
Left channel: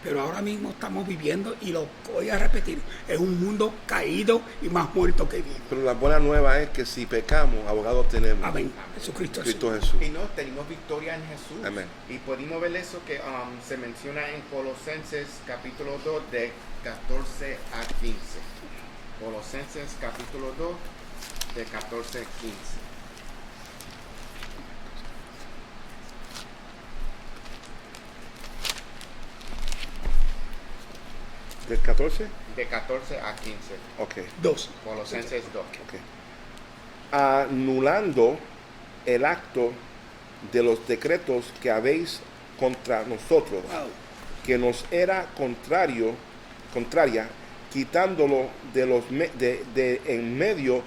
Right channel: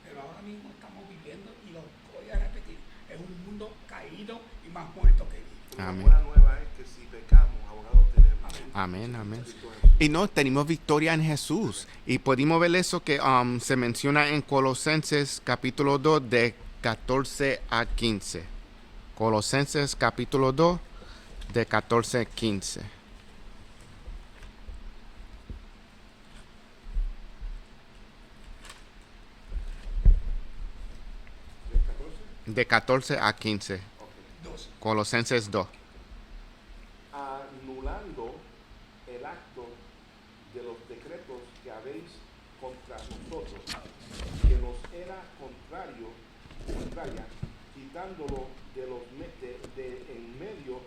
Pero ahora mismo estamos viviendo, y lo voy a repetir, es un mundo caído y más muerto que vivo. Pero la buena nueva es que si pecamos, abogados tenemos. Amén. Amén, Jesucristo. amén. Cristo Jesús. Y no, tenemos victoria en Jesús. Amén. Y pudimos ver eso que se menciona en Colosenses capítulo 2 de 14 a 15. Colosenses capítulo 2 de 14 a 15. ¿Del 14? De 14 a 15. Ok. 2. Colosenses 2. Ok. Anulando el acto de los decretos que habéis contra nosotros, que nos era contraria, quitándolo de los de en medio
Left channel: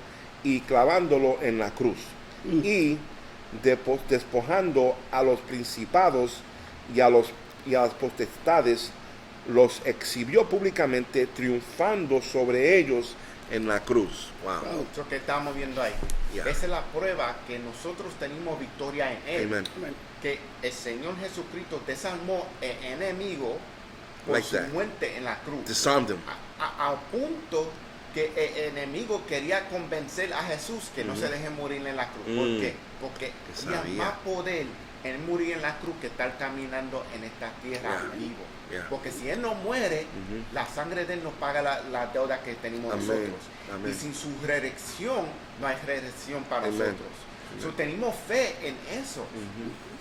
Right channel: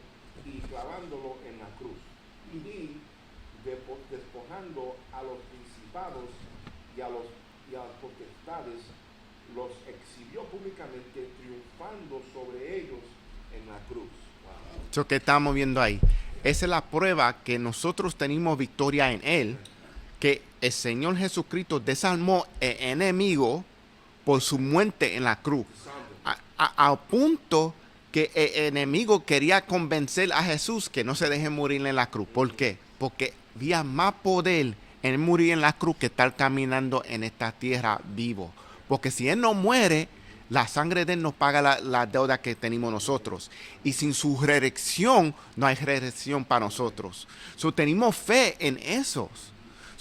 y clavándolo en la cruz, y despojando a los principados y a las potestades, los exhibió públicamente, triunfando sobre ellos en la cruz. Wow. Eso que estamos viendo ahí. Yeah. Esa es la prueba que nosotros tenemos victoria en Él. Amen. Que el Señor Jesucristo desarmó el enemigo por Like su that. muerte en la cruz. Disarmed them. A punto que el enemigo quería convencer a Jesús que no se deje morir en la cruz. ¿Por Mm. qué? Porque Que había sabía. más poder en morir en la cruz que estar caminando en esta tierra Yeah. vivo. Yeah. Porque si Él no muere, la sangre de Él nos paga la deuda que tenemos Amén. nosotros. Amén. Y sin su resurrección, no hay resurrección para Amén. nosotros. So, tenemos fe en eso.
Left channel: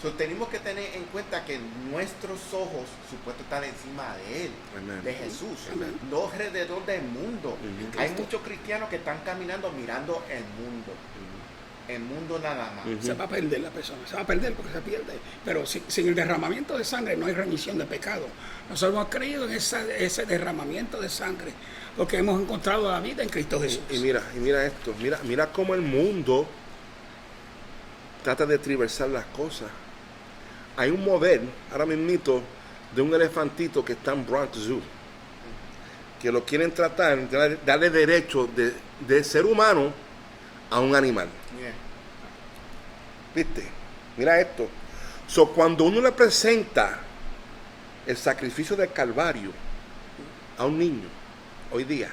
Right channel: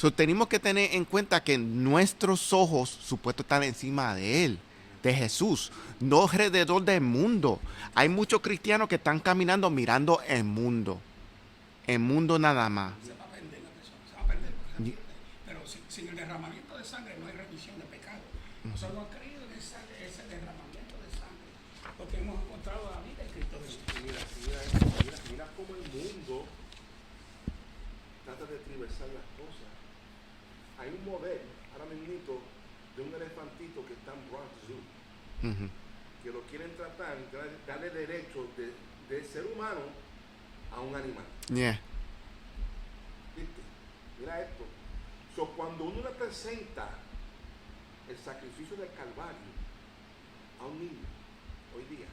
So, tenemos que tener en cuenta que nuestros ojos supuesto están encima de Él, Amén. de Jesús, Amén. no alrededor del mundo. Hay muchos cristianos que están caminando mirando el mundo. el mundo nada más. Se va a perder la persona, se va a perder porque se pierde. Pero sin el derramamiento de sangre no hay remisión de pecado. Nosotros hemos creído en ese derramamiento de sangre porque hemos encontrado la vida en Cristo Jesús. Y mira esto, mira cómo el mundo trata de triversar las cosas. Hay un modelo, ahora mismo, de un elefantito que está en Bronx Zoo, que lo quieren tratar, darle derecho de ser humano a un animal. Yeah. ¿Viste? Mira esto. So, cuando uno le presenta el sacrificio del Calvario a un niño, hoy día,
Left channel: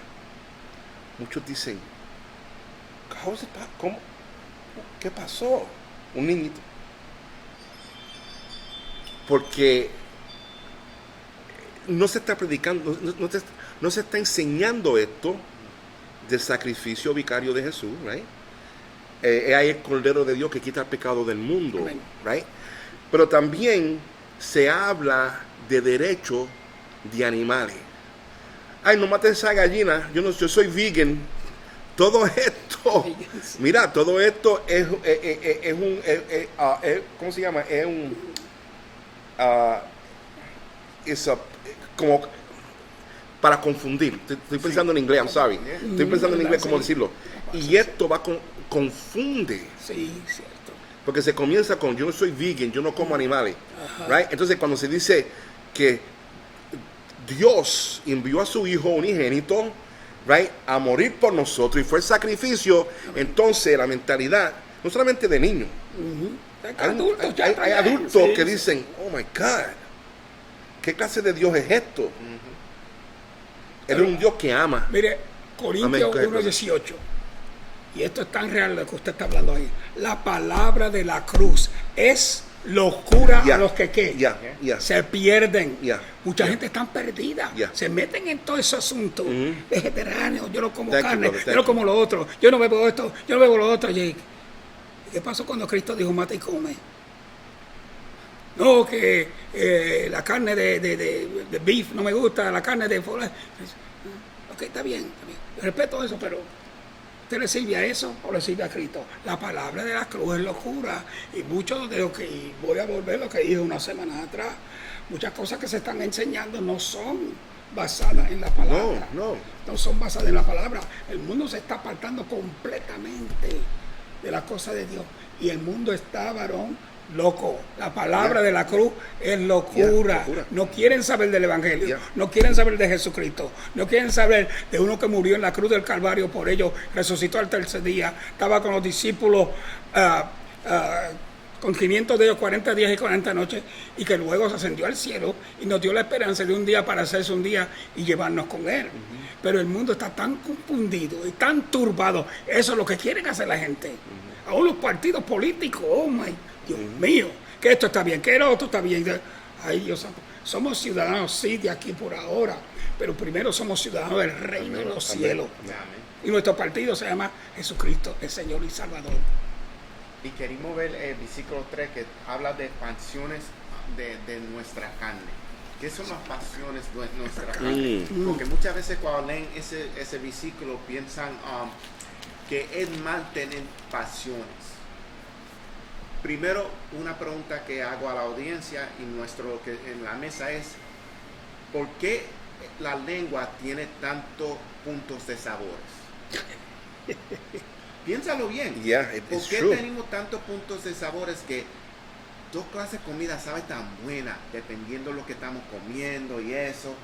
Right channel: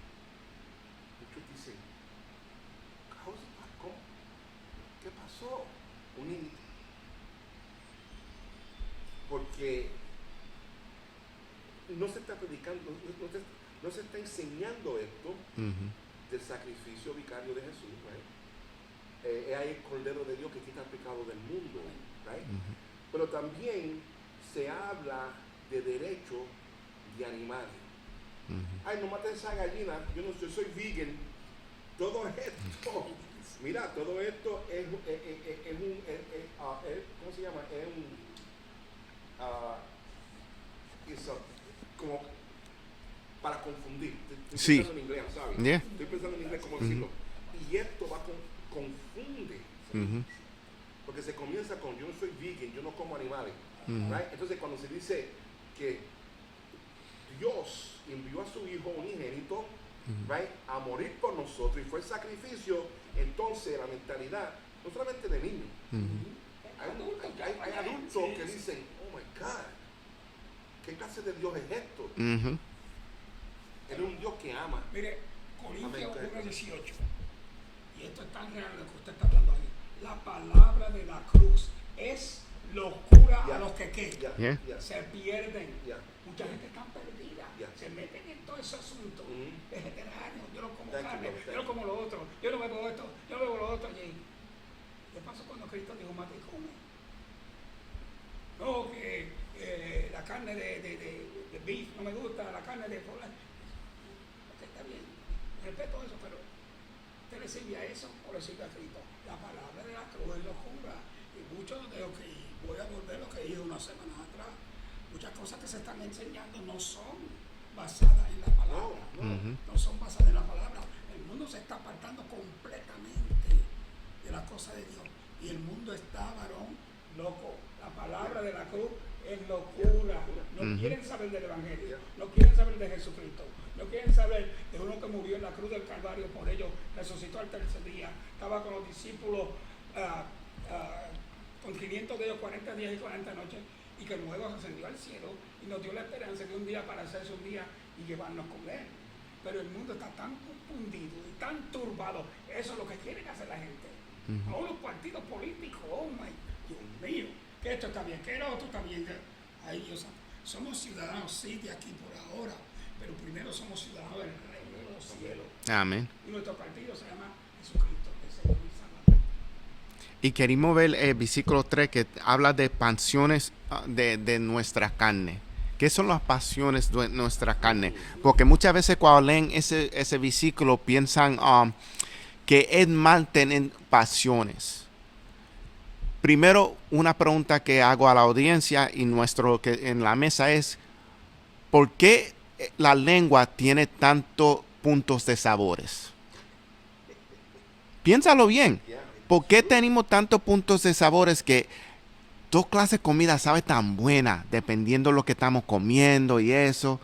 muchos dicen, ¿cómo? ¿Qué pasó? Un niñito. Porque no se está predicando, no se está enseñando esto del sacrificio vicario de Jesús, right? Hay el Cordero de Dios que quita el pecado del mundo, right? Pero también se habla de derecho de animales. Ay, no mates esa gallina, yo soy vegan. Todo esto, mira, todo esto es un, ¿cómo se llama? Es un, como para confundir. Estoy pensando en inglés, I'm sorry. Yeah. Estoy pensando en inglés, ¿cómo decirlo? Y esto confunde. Sí, cierto. Porque se comienza con, yo no soy vegan, yo no como animales. Right? Entonces, cuando se dice que Dios envió a su Hijo unigénito, right, a morir por nosotros y fue el sacrificio, entonces la mentalidad, no solamente de niños, hay adultos que dicen, oh my God, ¿qué clase de Dios es esto? Él es un Dios que ama. Mire, Corintios Amén. 1:18. Y esto es tan real lo que usted está hablando ahí. La palabra de la cruz es locura a los que se pierden. Mucha gente está perdida. Se meten en todo ese asunto vegetariano. Yo no como carne, yo no como lo otro. Yo no bebo esto, yo no bebo lo otro. ¿Qué pasó cuando Cristo dijo mata y come? No, que la carne de beef no me gusta, la carne de... Ok, está bien. Yo respeto eso, pero ¿usted le sirve a eso o le sirve a Cristo? La palabra de la cruz es locura. Y muchos de lo que, y voy a volver a lo que dije unas semanas atrás, muchas cosas que se están enseñando no son basadas en la palabra. No son basadas en la palabra. El mundo se está apartando completamente de la cosa de Dios. Y el mundo está, varón, loco. La palabra de la cruz es locura. No quieren saber del Evangelio. No quieren saber de Jesucristo. No quieren saber de uno que murió en la cruz del Calvario por ellos, resucitó al tercer día. Estaba con los discípulos con 500 de ellos 40 días y 40 noches, y que luego se ascendió al cielo y nos dio la esperanza de un día para hacerse un día y llevarnos con él. Pero el mundo está tan confundido y tan turbado. Eso es lo que quieren hacer la gente. Aún los partidos políticos, oh my Dios mío, que esto está bien, que lo otro está bien. Ay, Dios santo. Somos ciudadanos, sí, de aquí por ahora, pero primero somos ciudadanos del reino de los cielos. Amén. Y nuestro partido se llama Jesucristo, el Señor y Salvador. Y queremos ver el versículo 3 que habla de pasiones de nuestra carne. ¿Qué son las pasiones de nuestra carne? Porque muchas veces cuando leen ese versículo piensan que es mal tener pasiones. Primero, una pregunta que hago a la audiencia y que en la mesa es, ¿por qué la lengua tiene tantos puntos de sabores? Piénsalo bien. ¿Por qué tenemos tantos puntos de sabores que dos clases de comida sabe tan buena dependiendo de lo que estamos comiendo y eso?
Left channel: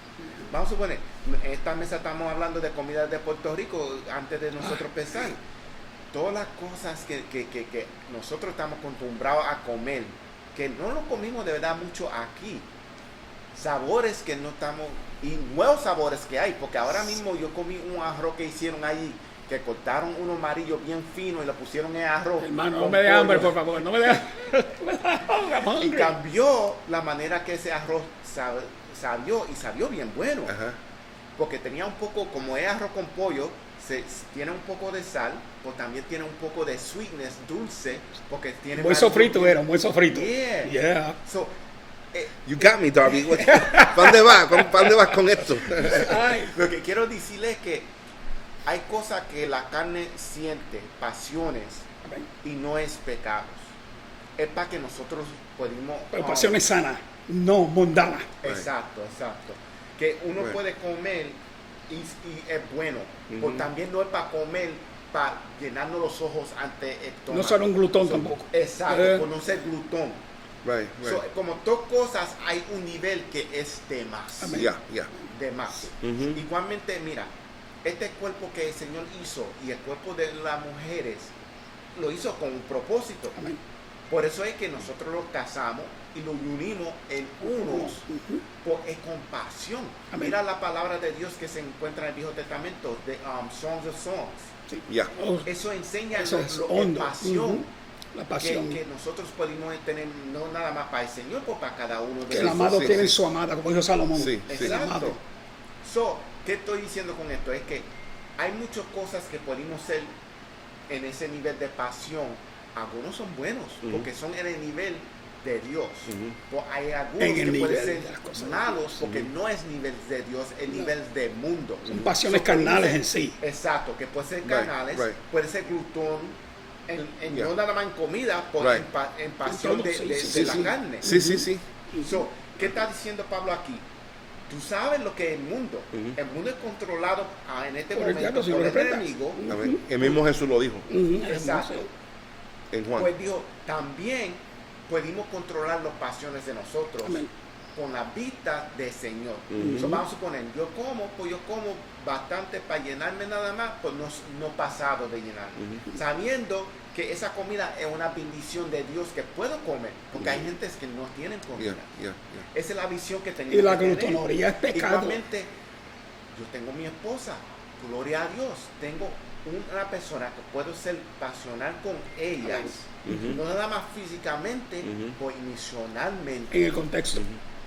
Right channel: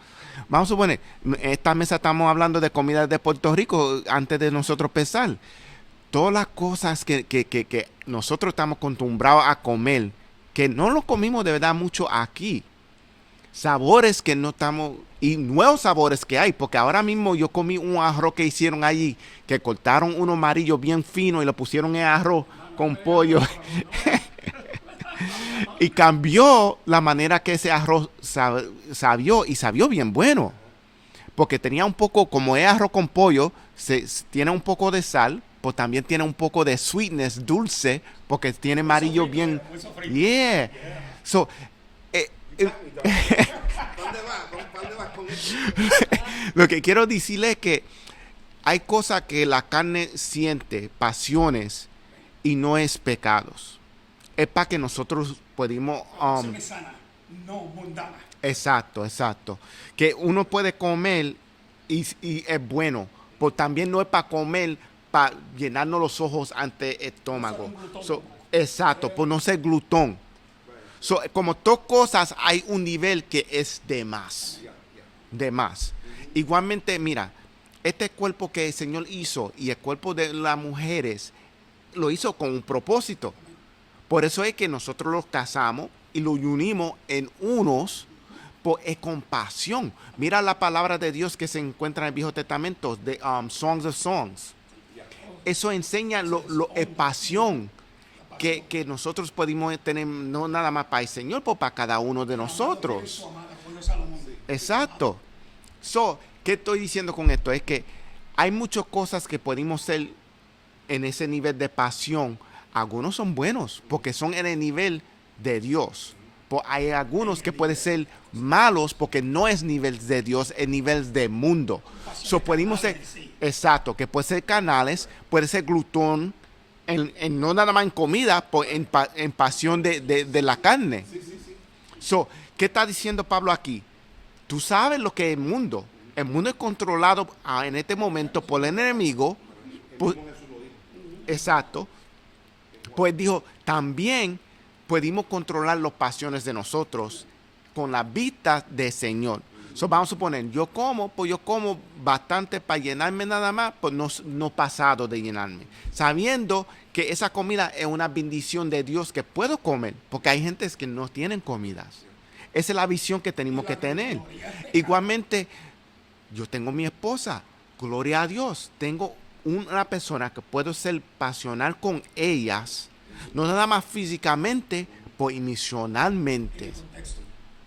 Vamos a suponer, esta mesa estamos hablando de comida de Puerto Rico antes de nosotros empezar. Todas las cosas que nosotros estamos acostumbrados a comer, que no lo comimos de verdad mucho aquí. Sabores que no estamos, y nuevos sabores que hay, porque ahora mismo yo comí un arroz que hicieron allí, que cortaron uno amarillo bien fino y lo pusieron en arroz. Hermano, con no me dé pollo. hambre, por favor, no me dé hambre. Y cambió la manera que ese arroz sabió bien bueno. Porque tenía un poco, como es arroz con pollo, tiene un poco de sal, pues también tiene un poco de sweetness, dulce, porque tiene muy amarillo sofrito, bien. era muy sofrito. Yeah. So, You got me, darling. ¿Para dónde vas con esto? lo que quiero decirle es que hay cosas que la carne siente, pasiones, y no es pecados. Es para que nosotros podamos... Pero pasiones sanas, no mundanas. Exacto. Que uno Right. puede comer y es bueno. Pero también no es para comer, para llenarnos los ojos ante el estómago. No ser un glutón tampoco. Exacto, por no ser glutón. Right. So, como todas cosas, hay un nivel que es de más. Amén. Yeah. De más. Ujú. Igualmente, mira, este cuerpo que el Señor hizo y el cuerpo de las mujeres lo hizo con un propósito. Amén. Por eso es que nosotros los casamos y los unimos en unos por compasión. Amén. Mira la palabra de Dios que se encuentra en el Viejo Testamento, de Songs of Songs. Yeah. Oh, Eso enseña eso es en hondo. pasión. Ujú. La pasión. Que nosotros podemos tener, no nada más para el Señor, pero para cada uno de Que el amado nosotros. tiene su amada, como dijo Salomón. Sí. Exacto. So, ¿qué estoy diciendo con esto? Es que hay muchas cosas que podemos ser en ese nivel de pasión. Algunos son buenos porque son en el nivel de Dios. Pues hay algunos En el que pueden nivel ser de las cosas. malos porque no es nivel de Dios, es nivel de mundo. Son pasiones podemos carnales ser- en sí. Exacto, que puede ser carnales, right. puede ser glutón, no Yeah. nada más en comida, pues Right. en pasión de, Sí, de- sí, de sí, la sí. carne. Sí. So, ¿qué está diciendo Pablo aquí? Tú sabes lo que es el mundo. El mundo es controlado en este Por el momento diablo, por si el lo recuerdas. enemigo. Amén. El mismo Jesús lo dijo Ujú. Exacto. en Juan. Pues dijo, también podemos controlar las pasiones de nosotros Amén. con la vista del Señor. So, vamos a suponer, yo como bastante para llenarme nada más, pues no pasado de llenarme. Sabiendo que esa comida es una bendición de Dios que puedo comer, porque hay gente que no tienen comida. Yeah. Esa es la visión que Y tenemos la que tener. glutonería es pecado. Igualmente, yo tengo mi esposa, gloria a Dios, tengo una persona que puedo ser pasional con ellas, no nada más físicamente, pues emocionalmente, En el contexto.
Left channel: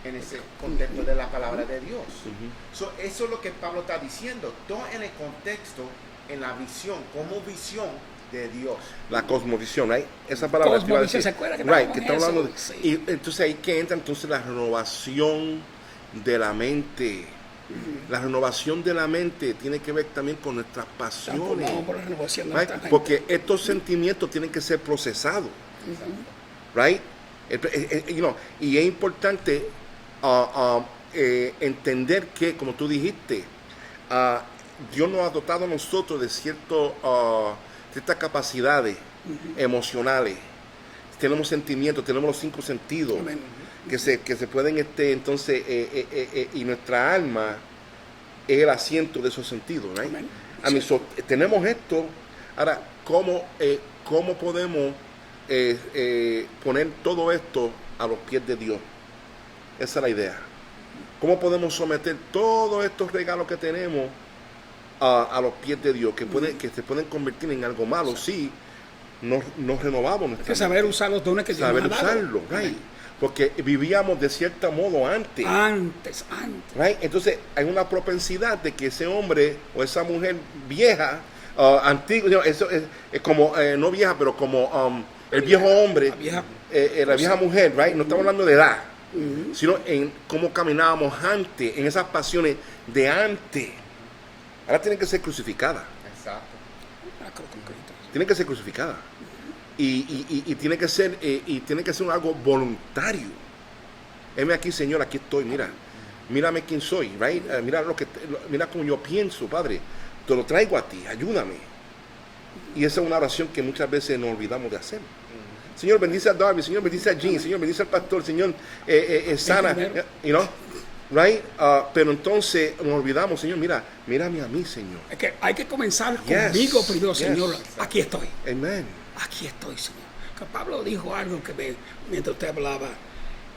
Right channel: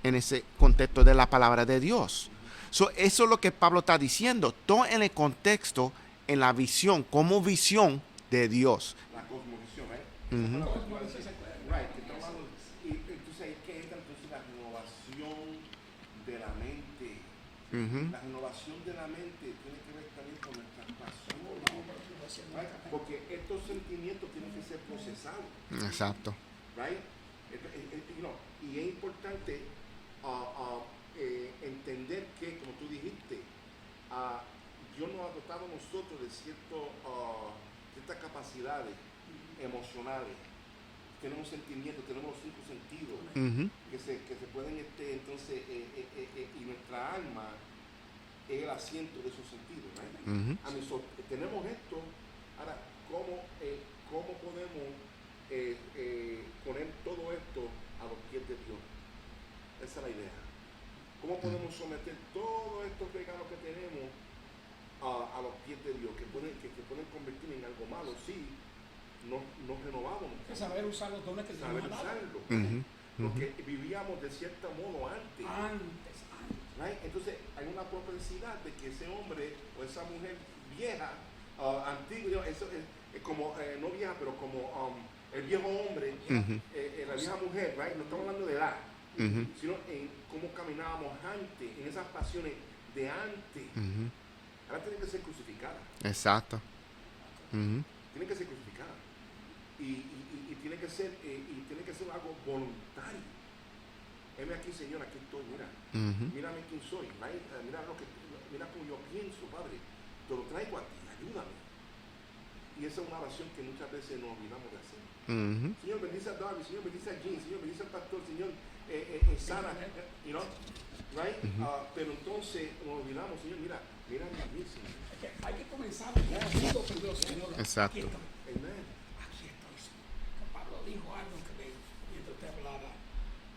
en ese contexto de la palabra de Dios. So, eso es lo que Pablo está diciendo, todo en el contexto, en la visión, como visión de Dios. La cosmovisión, right? Esa palabra que iba a Cosmovisión, decir. ¿se acuerda que Right, estábamos que en estamos eso? hablando de, Sí. y entonces ahí que entra entonces la renovación de la mente. La renovación de la mente tiene que ver también con nuestras pasiones. Vamos por la renovación de Right? nuestra mente. Porque estos sentimientos tienen que ser procesados. Exacto. Right? Y es importante entender que, como tú dijiste, Dios nos ha dotado a nosotros de ciertas capacidades emocionales. Tenemos sentimientos, tenemos los 5 sentidos Amén. que se pueden, entonces, y nuestra alma es el asiento de esos sentidos. Right? Amén. Tenemos esto. Ahora, ¿cómo podemos poner todo esto a los pies de Dios? Esa es la idea. ¿Cómo podemos someter todos estos regalos que tenemos a los pies de Dios, que se pueden convertir en algo malo si nos renovamos Hay nuestra que saber usar los dones que Dios saber nos ha dado. usarlo, right? Porque vivíamos de cierto modo antes. Antes. Right? Entonces hay una propensidad de que ese hombre o esa mujer vieja, antigua, eso es como, no vieja, pero como el viejo hombre, La vieja. la vieja mujer, right? No estamos hablando de edad, sino en cómo caminábamos antes, en esas pasiones de antes. Ahora tienen que ser crucificadas, Exacto. tienen que ser crucificadas. Y tiene que ser algo voluntario. Heme aquí, Señor, aquí estoy, mira. Mírame quién soy, right? Mira cómo yo pienso, Padre. Te lo traigo a ti, ayúdame. Y esa es una oración que muchas veces nos olvidamos de hacer. Señor, bendice a Darby, Señor, bendice a Jean, Señor, bendice al pastor, Señor, sana, you know, right? Pero entonces nos olvidamos, Señor, mírame a mí, Señor. Es que hay que comenzar Yes. conmigo primero, Yes. Señor. Exacto. Aquí estoy. Amen. Aquí estoy, Señor. Que Pablo dijo algo que mientras usted hablaba.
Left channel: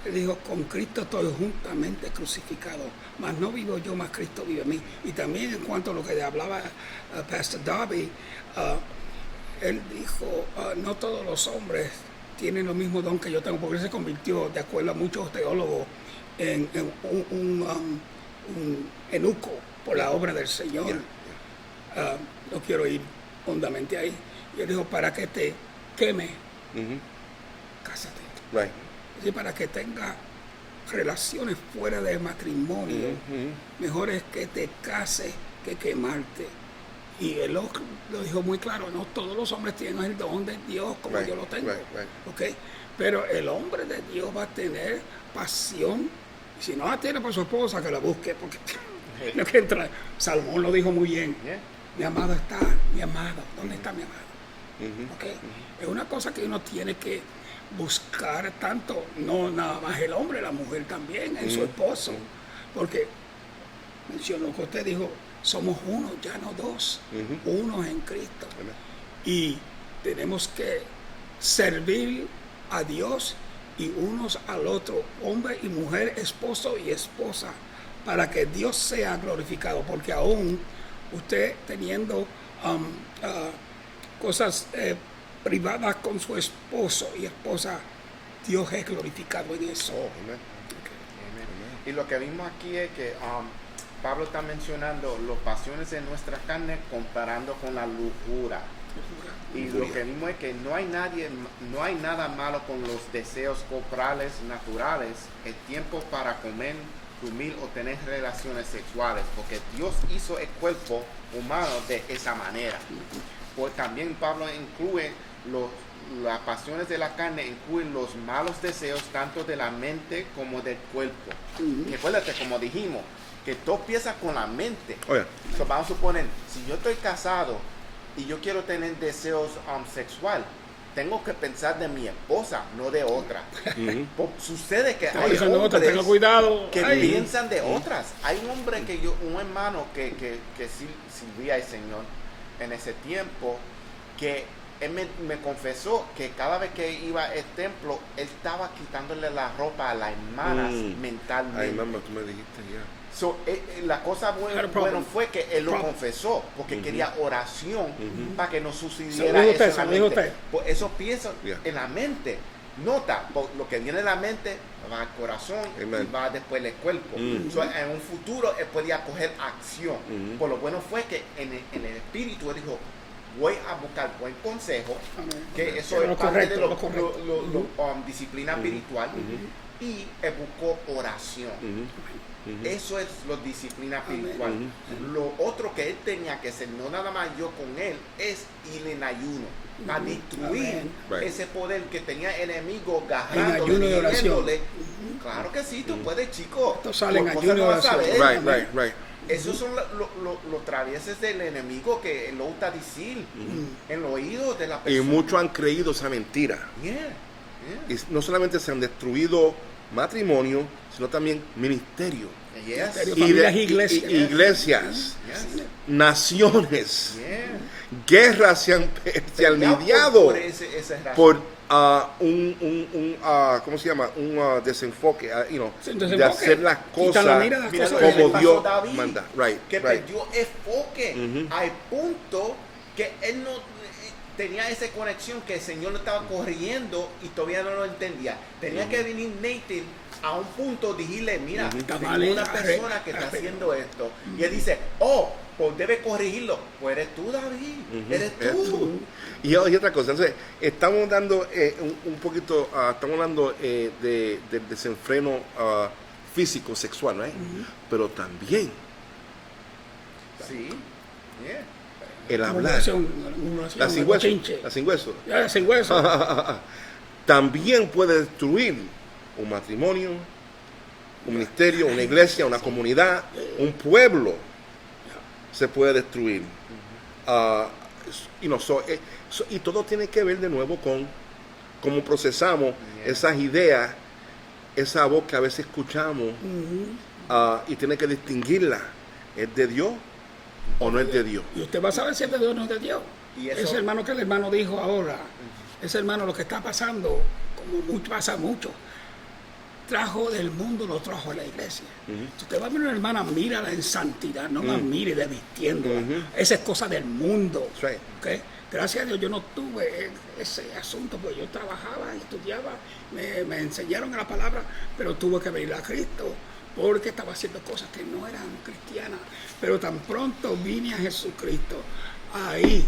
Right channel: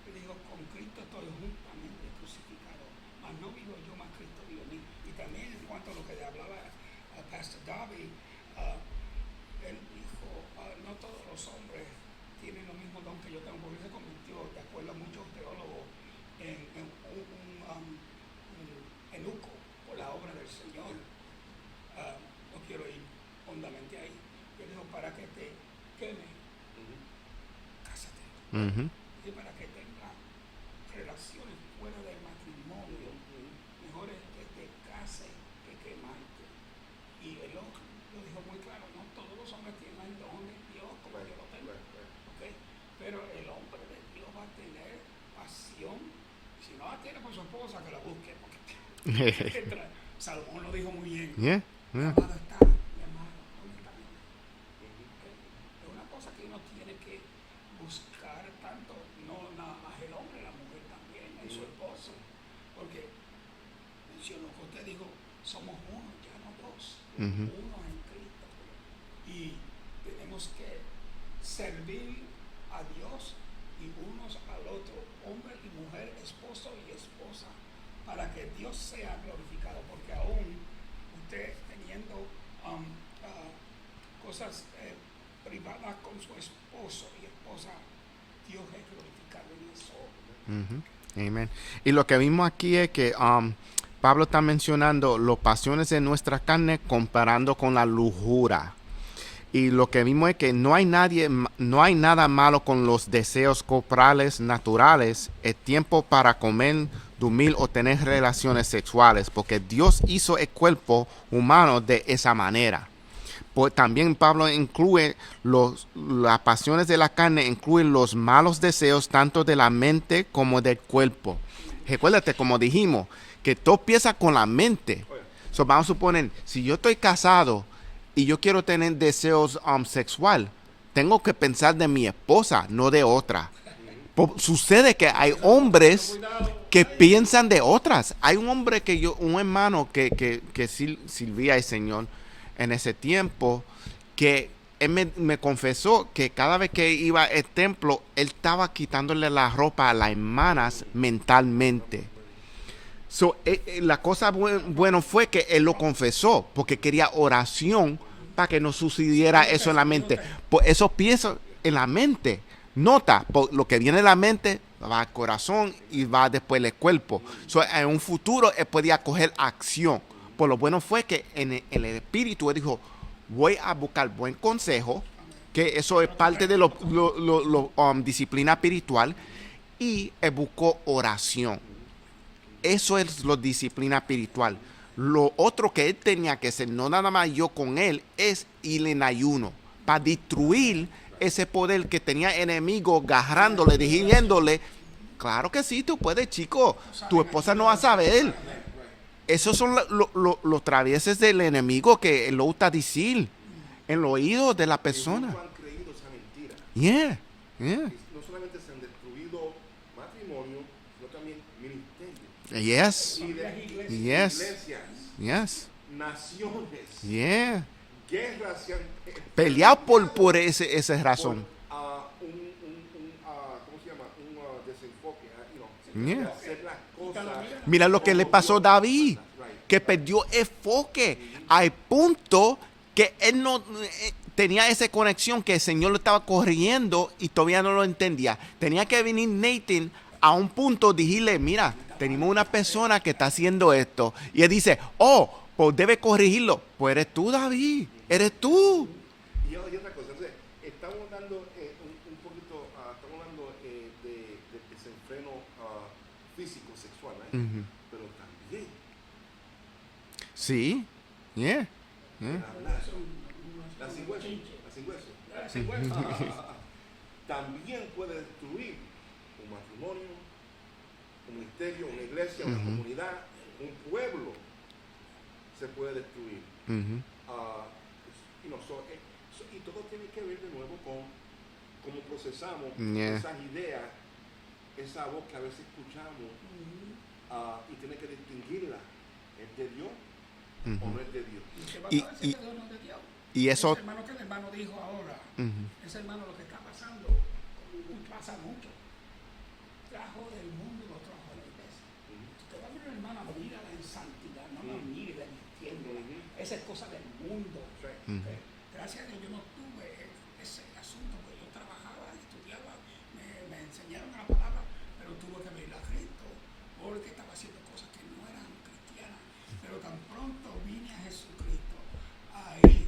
Él dijo, con Cristo estoy juntamente crucificado, mas no vivo yo, mas Cristo vive en mí. Y también en cuanto a lo que hablaba Pastor Darby, él dijo, no todos los hombres tienen el mismo don que yo tengo, porque él se convirtió, de acuerdo a muchos teólogos, en un eunuco por la obra del Señor. No quiero ir hondamente ahí. Y él dijo, para que te queme, cásate. Right. Y para que tenga relaciones fuera del matrimonio, mejor es que te cases que quemarte Y él lo dijo muy claro, no todos los hombres tienen el don de Dios como Right, yo lo tengo. right. ¿Ok? Pero el hombre de Dios va a tener pasión. Y si no la tiene por su esposa, que la busque. Porque lo que entra, Salomón lo dijo muy bien. Yeah. Mi amado está, mi amado. ¿Dónde está mi amado? ¿Ok? Es una cosa que uno tiene que buscar tanto, no nada más el hombre, la mujer también, en su esposo. Porque mencionó lo que usted dijo, somos uno, ya no dos, unos en Cristo. Y tenemos que servir a Dios y unos al otro, hombre y mujer, esposo y esposa, para que Dios sea glorificado, porque aún usted teniendo cosas privadas con su esposo y esposa, Dios es glorificado en eso. Amen. Y lo que vimos aquí es que Pablo está mencionando las pasiones de nuestra carne comparando con la lujuria. Y lo que vimos es que no hay nada malo con los deseos corporales naturales. Es tiempo para comer, dormir o tener relaciones sexuales, porque Dios hizo el cuerpo humano de esa manera. Pues también Pablo incluye las pasiones de la carne, incluyen los malos deseos tanto de la mente como del cuerpo. Recuérdate, como dijimos, que todo empieza con la mente. So, vamos a suponer, si yo estoy casado y yo quiero tener deseos sexual, tengo que pensar de mi esposa, no de otra. Sucede que hay hombres que piensan de otras. Hay un hombre un hermano que sirvía al Señor en ese tiempo, que él me confesó que cada vez que iba al templo, él estaba quitándole la ropa a las hermanas mentalmente. So, la cosa buena fue que él lo confesó, porque quería oración para que no sucediera eso en la mente. Pues eso piensa en la mente. Nota, lo que viene en la mente va al corazón y va después al cuerpo. So, en un futuro él podía coger acción. Por lo bueno fue que en el espíritu él dijo, voy a buscar buen consejo, que eso es parte de la disciplina espiritual, y él buscó oración. Eso es la disciplina espiritual. Lo otro que él tenía que hacer, no nada más yo con él, es ir en ayuno para destruir ese poder que tenía enemigo, agarrándole, dirigiéndole. Claro que sí, tú puedes, chico. Tu esposa no va a saber. Esos son los traviesos del enemigo que él lo gusta decir en el oído de la persona. Y muchos han creído esa mentira. Y no solamente se han destruido matrimonio, sino también ministerio. Iglesias. Naciones. Guerras se han lidiado por esa razón. ¿Cómo se llama? Un desenfoque, de hacer las cosas. Mira lo que le pasó a David, que perdió enfoque al punto que él no tenía esa conexión, que el Señor lo estaba corrigiendo y todavía no lo entendía. Tenía que venir Nathan a un punto, decirle, mira, tengo una persona que está haciendo esto. Y él dice, pues debe corregirlo. Pues eres tú, David, eres tú. Y otra cosa, entonces, estamos dando un poquito, estamos hablando del desenfreno físico, sexual, ¿no? Pero también el hablar, la sin hueso, también puede destruir un matrimonio, un ministerio, una iglesia, una comunidad, un pueblo. Se puede destruir. Y todo tiene que ver de nuevo con cómo procesamos esas ideas, esa voz que a veces escuchamos, y tiene que distinguirla. ¿Es de Dios o no es de Dios? Y usted va a saber si es de Dios o no es de Dios. Y eso, ese hermano que el hermano dijo ahora, ese hermano, lo que está pasando, como pasa mucho, trajo del mundo, lo trajo a la iglesia. Si usted va a ver una hermana, mírala en santidad, no la mire de vistiendo. Esa es cosa del mundo. ¿Okay? Gracias a Dios yo no tuve ese asunto, porque yo trabajaba, estudiaba, me enseñaron la palabra, pero tuve que venir a Cristo porque estaba haciendo cosas que no eran cristianas. Pero tan pronto vine a Jesucristo, ahí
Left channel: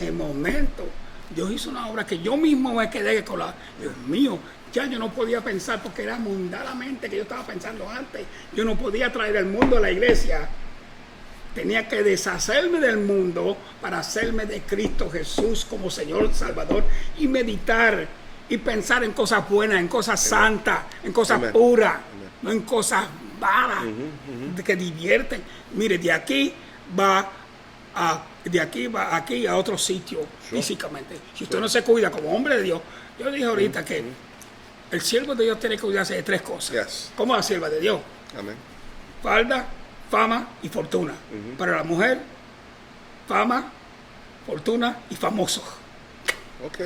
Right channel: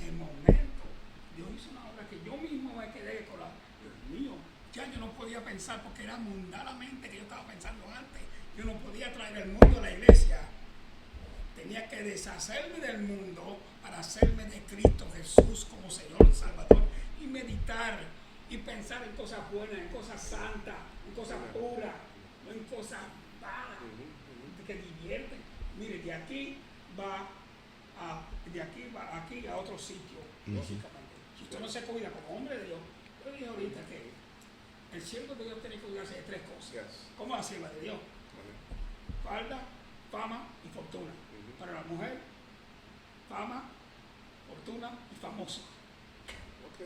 en el momento, Dios hizo una obra que yo mismo me quedé con Dios mío, ya yo no podía pensar, porque era mundanamente que yo estaba pensando antes. Yo no podía traer el mundo a la iglesia tenía que deshacerme del mundo para hacerme de Cristo Jesús como Señor Salvador y meditar y pensar en cosas buenas, en cosas santas, en cosas Amen. puras, Amen. no en cosas malas, que divierten. Mire, de aquí va aquí a otro sitio físicamente. Si usted no se cuida como hombre de Dios, yo dije ahorita que el siervo de Dios tiene que cuidarse de 3 cosas. Yes. ¿Cómo la sierva de Dios? Amén. Falda, fama y fortuna. Para la mujer, fama, fortuna y famoso. Ok.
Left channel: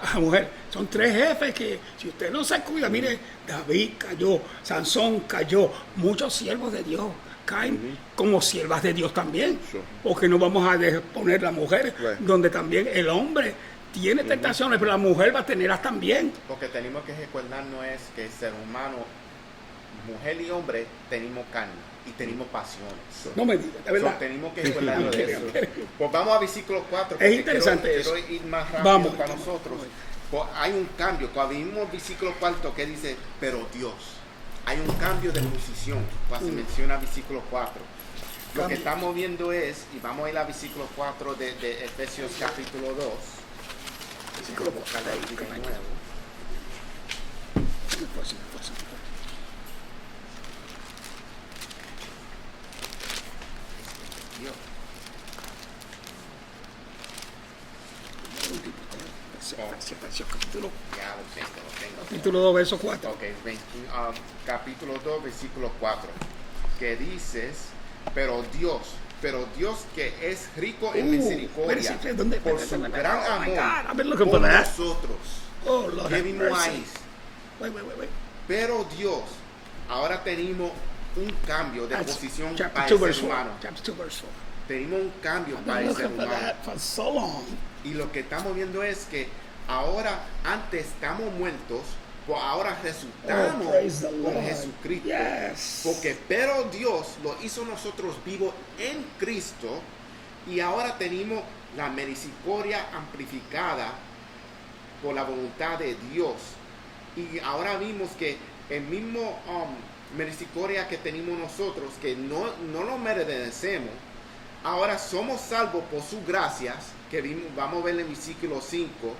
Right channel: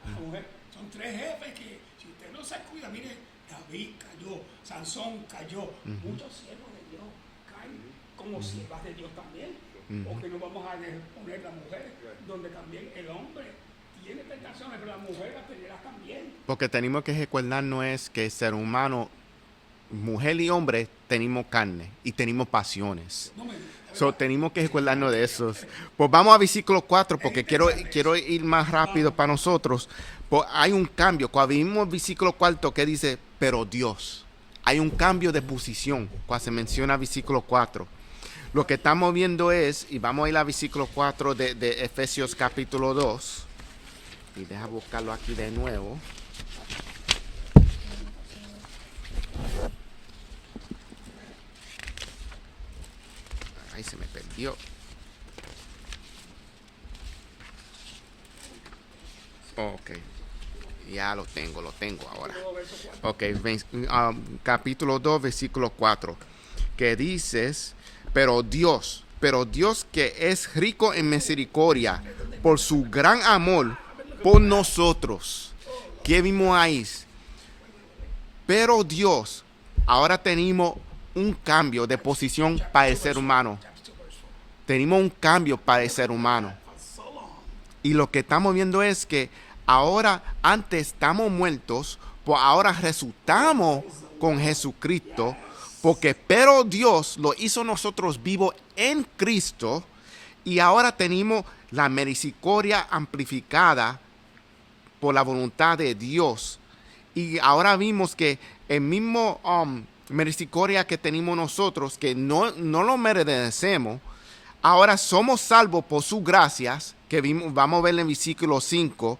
A la mujer, son 3 jefes que si usted no se cuida, mire, David cayó, Sansón cayó, muchos siervos de Dios caen como siervas de Dios también, Sure. porque no vamos a poner la mujer, Right. donde también el hombre tiene tentaciones, pero la mujer va a tenerlas también. Porque tenemos que recordar no es que el ser humano, mujer y hombre, tenemos carne y tenemos pasiones. No me diga, de So, verdad. tenemos que recordarnos de Ok, eso. ok. Pues vamos a versículo 4 porque interesante quiero eso. ir más rápido Vamos. para nosotros. Pues hay un cambio. Cuando vimos el versículo 4 que dice, pero Dios. Hay un cambio de posición cuando se menciona versículo 4. Lo que estamos viendo es, y vamos a ir al versículo 4 de Efesios capítulo 2. Y déjame buscarlo aquí de nuevo. Ahí se me perdió. Ya lo tengo ahora. Capítulo 2, verso 4. Ok, capítulo 2, versículo 4, que dices, pero Dios que es rico en misericordia, espérese, ¿dónde? por su gran amor A ver lo que por pone. nosotros. Oh, Lord ¿Qué have vimos mercy. ahí? Wait. Pero Dios, ahora tenemos un cambio de posición Chapter para el 2, ser verse humano. 4. Chapter 2, verse 4. Tenemos un cambio para el Looking ser for humano. that for so long. Y lo que estamos viendo es que ahora, antes estamos muertos, pues ahora resultamos Oh, praise the con Lord. Jesucristo. Yes. Porque, pero Dios lo hizo nosotros vivos en Cristo. Y ahora tenemos la misericordia amplificada por la voluntad de Dios. Y ahora vimos que el mismo misericordia que tenemos nosotros, que no lo merecemos, ahora somos salvos por sus gracias, que vamos a ver en el versículo 5.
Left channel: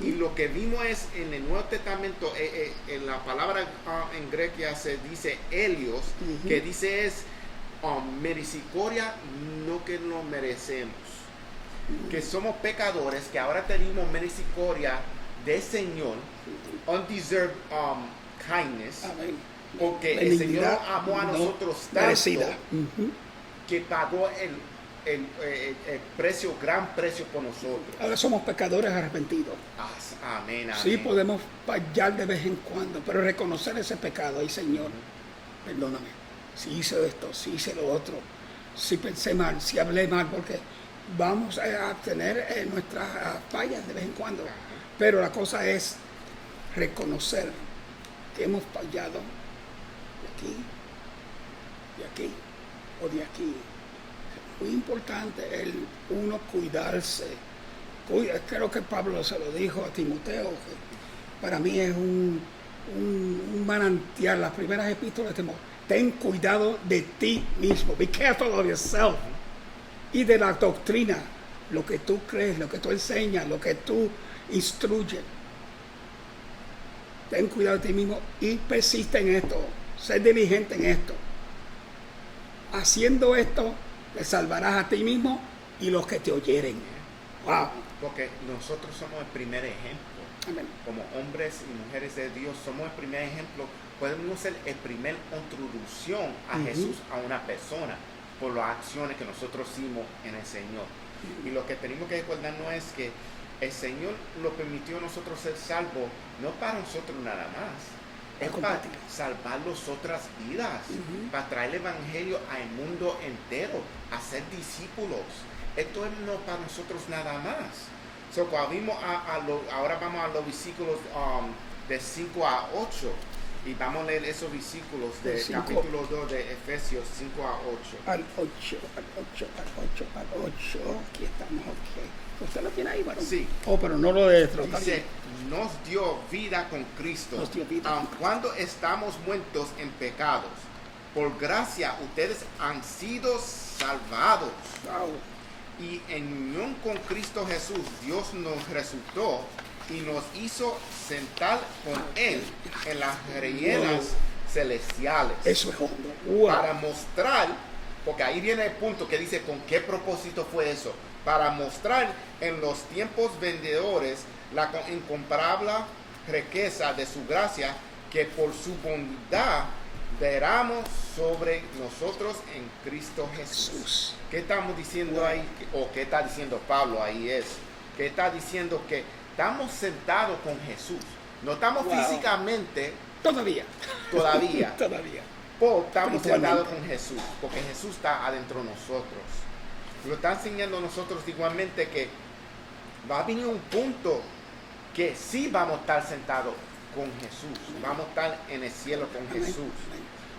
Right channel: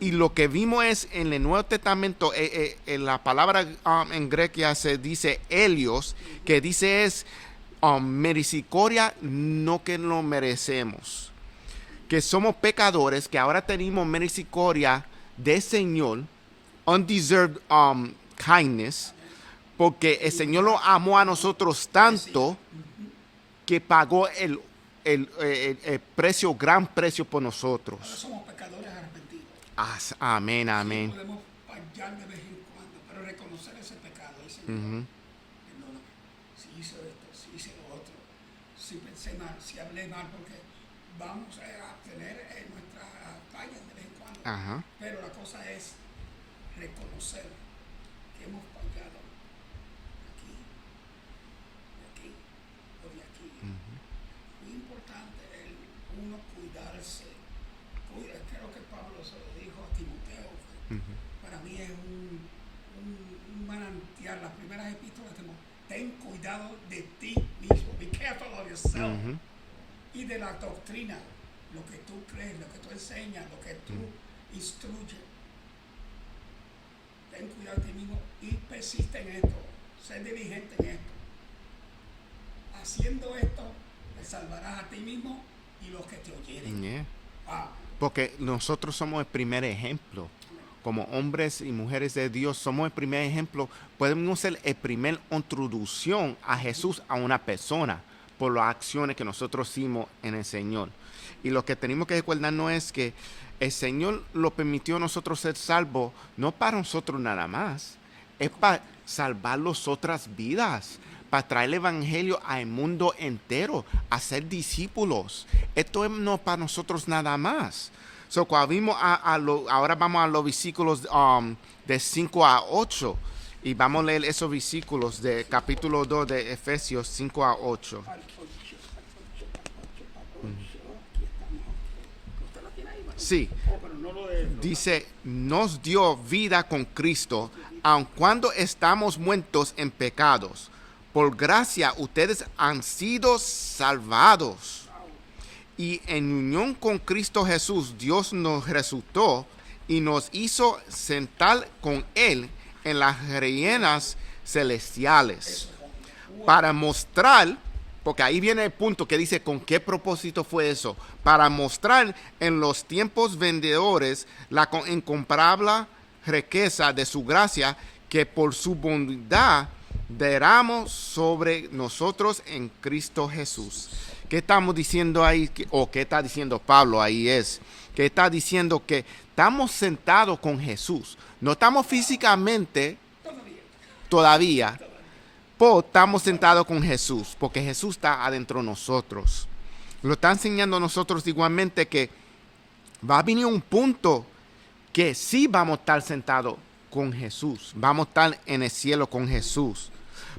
Y lo que vimos es en el Nuevo Testamento, en la palabra en grecia se dice helios, que dice es misericordia, no que lo merecemos. Que somos pecadores, que ahora tenemos misericordia del Señor, undeserved kindness, Amén. porque el Señor lo amó a nosotros tanto que pagó el precio, gran precio por nosotros. Ahora somos pecadores arrepentidos. Amén, Sí, amén. podemos fallar de vez en cuando, pero reconocer ese pecado. Ay, Señor, perdóname. Si hice esto, si hice lo otro, si pensé mal, si hablé mal, porque vamos a tener nuestras fallas de vez en cuando. Ajá. Pero la cosa es reconocer que hemos fallado de aquí o de aquí. Muy importante el uno cuidarse. Creo que Pablo se lo dijo a Timoteo, que para mí es un manantial. Las primeras epístolas de Timoteo. Ten cuidado de ti mismo. Be careful of yourself. Y de la doctrina, lo que tú crees, lo que tú enseñas, lo que tú instruyes. Ten cuidado de ti mismo y persiste en esto. Sé diligente en esto. Haciendo esto, te salvarás a ti mismo y los que te oyeren. Wow. Porque nosotros somos el primer ejemplo. Amén. Como hombres y mujeres de Dios, somos el primer ejemplo. Podemos ser el primer introducción a Jesús a una persona por las acciones que nosotros hicimos en el Señor. Y lo que tenemos que recordarnos es que el Señor lo permitió a nosotros ser salvos, no para nosotros nada más, es para salvar las otras vidas, para traer el evangelio al mundo entero, a ser discípulos. Esto es no para nosotros nada más. So, cuando vimos ahora vamos a los versículos de 5 a 8 y vamos a leer esos versículos de capítulo 2 de Efesios 5 a 8. Al 8. Aquí estamos, ok. ¿Usted lo tiene ahí, varón? Sí. Oh, pero no lo de Dice, nos dio vida con Cristo, Nos dio vida. aun cuando estamos muertos en pecados. por gracia ustedes han sido salvados. Wow. Y en unión con Cristo Jesús, Dios nos resucitó y nos hizo sentar con Él en las reinas celestiales. Eso es hondo. Wow. Para mostrar, porque ahí viene el punto que dice con qué propósito fue eso. Para mostrar en los tiempos vendedores la incomparable riqueza de su gracia que por su bondad derramos sobre nosotros en Cristo Jesús. ¿Qué estamos diciendo ahí? O qué está diciendo Pablo ahí es que está diciendo que estamos sentados con Jesús. No estamos físicamente Todavía. todavía, Todavía. pero estamos Igualmente. sentados con Jesús, porque Jesús está adentro de nosotros. Lo está enseñando a nosotros igualmente que va a venir un punto que sí vamos a estar sentados con Jesús. Vamos a estar en el cielo con Jesús.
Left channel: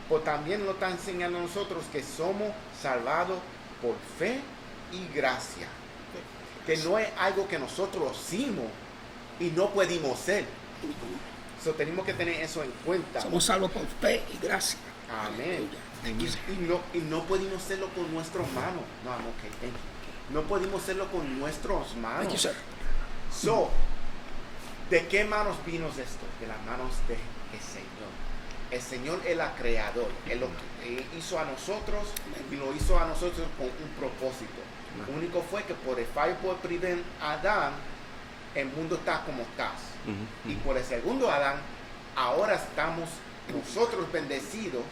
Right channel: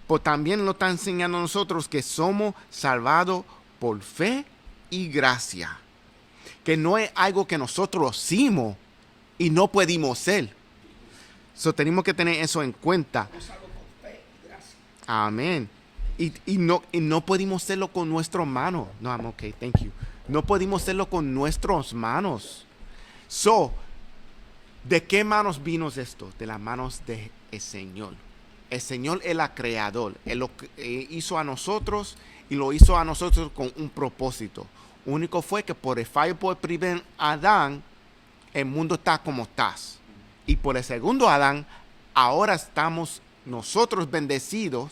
Pero también lo está enseñando a nosotros que somos salvados por fe y gracia. Que no es algo que nosotros hicimos y no pudimos ser. So, tenemos que tener eso en cuenta. Somos salvos por fe y gracia. Amén. Y no pudimos hacerlo con nuestras manos. No, I'm okay, thank you. No pudimos hacerlo con nuestras manos. Thank you, sir. So, ¿de qué manos vino esto? De las manos del Señor. El Señor es el creador. Él lo hizo a nosotros y lo hizo a nosotros con un propósito. Lo único fue que por el fallo por el primer Adán, el mundo está como está. Y por el segundo Adán, ahora estamos nosotros bendecidos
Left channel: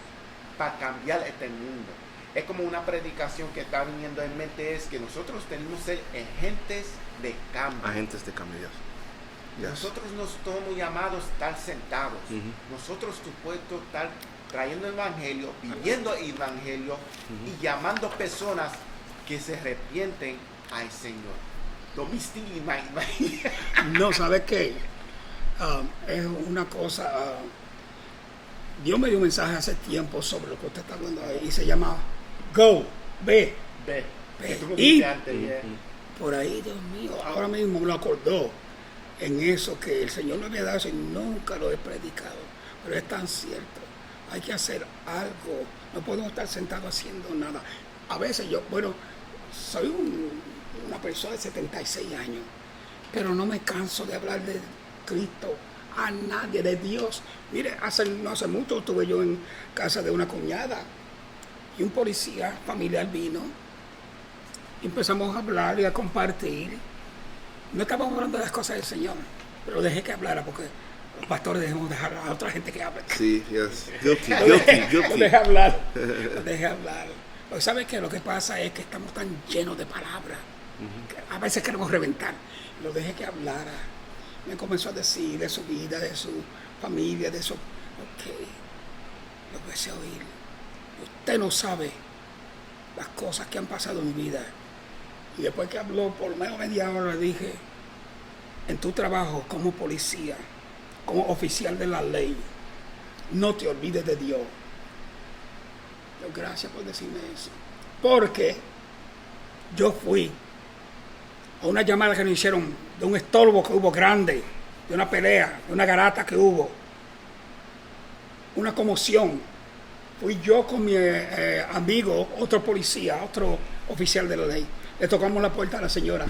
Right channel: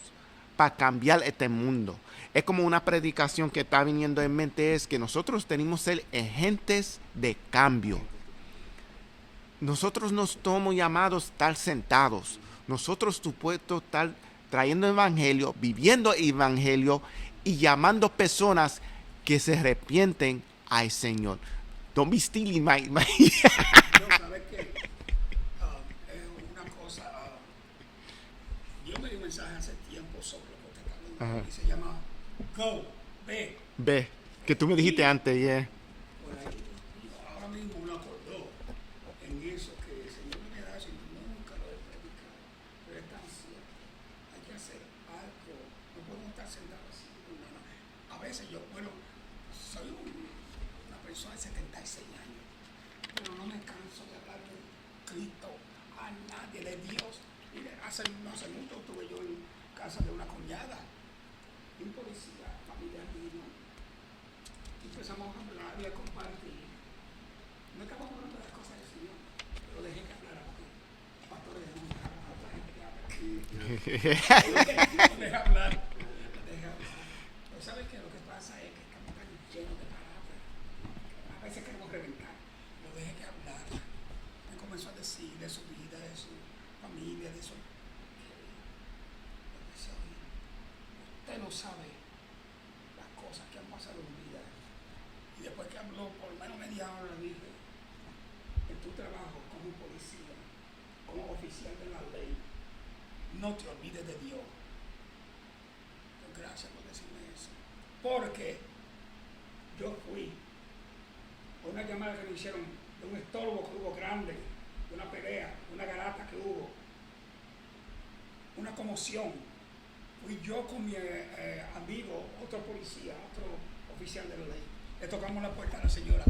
para cambiar este mundo. Es como una predicación que está viniendo en mente, es que nosotros tenemos que ser agentes de cambio. Agentes de cambio. Yes. Nosotros no estamos llamados a estar sentados. Nosotros tú puedes estar trayendo evangelio, viviendo evangelio y llamando personas que se arrepienten al Señor. Don't be stealing my... No, ¿sabes qué? Es una cosa... Dios me dio un mensaje hace tiempo sobre lo que usted está hablando ahí y se llama Go, ve. Ve, que tú me dijiste antes, yeah. Por ahí, Dios mío, ahora mismo me lo acordó en eso que el Señor me había dado eso y nunca lo he predicado. Pero es tan cierto. Hay que hacer algo. No podemos estar sentados haciendo nada. A veces yo, bueno, soy una persona de 76 años, pero no me canso de hablar de Cristo a nadie, de Dios. Mire, no hace mucho estuve yo en casa de una cuñada y un policía familiar vino y empezamos a hablar y a compartir. No estábamos hablando de las cosas del Señor, pero dejé que hablara porque los pastores debemos dejar a otra gente que hable. Sí, yes. Lo dejé hablar. Lo dejé hablar. Pero ¿sabes qué? Lo que pasa es que estamos tan llenos de palabras que a veces queremos reventar. Lo dejé que hablara. Me comenzó a decir de su vida, de su familia, de su... Ok, lo empecé a oír. Usted no sabe las cosas que han pasado en mi vida. Y después que habló por lo menos media hora, le dije, en tu trabajo como policía, como oficial de la ley, no te olvides de Dios. Yo, gracias por decirme eso. Porque yo fui a una llamada que nos hicieron de un estorbo que hubo grande, de una pelea, de una garata que hubo, una conmoción. Fui yo con mi amigo, otro policía, otro oficial de la ley. Le tocamos la puerta a la señora.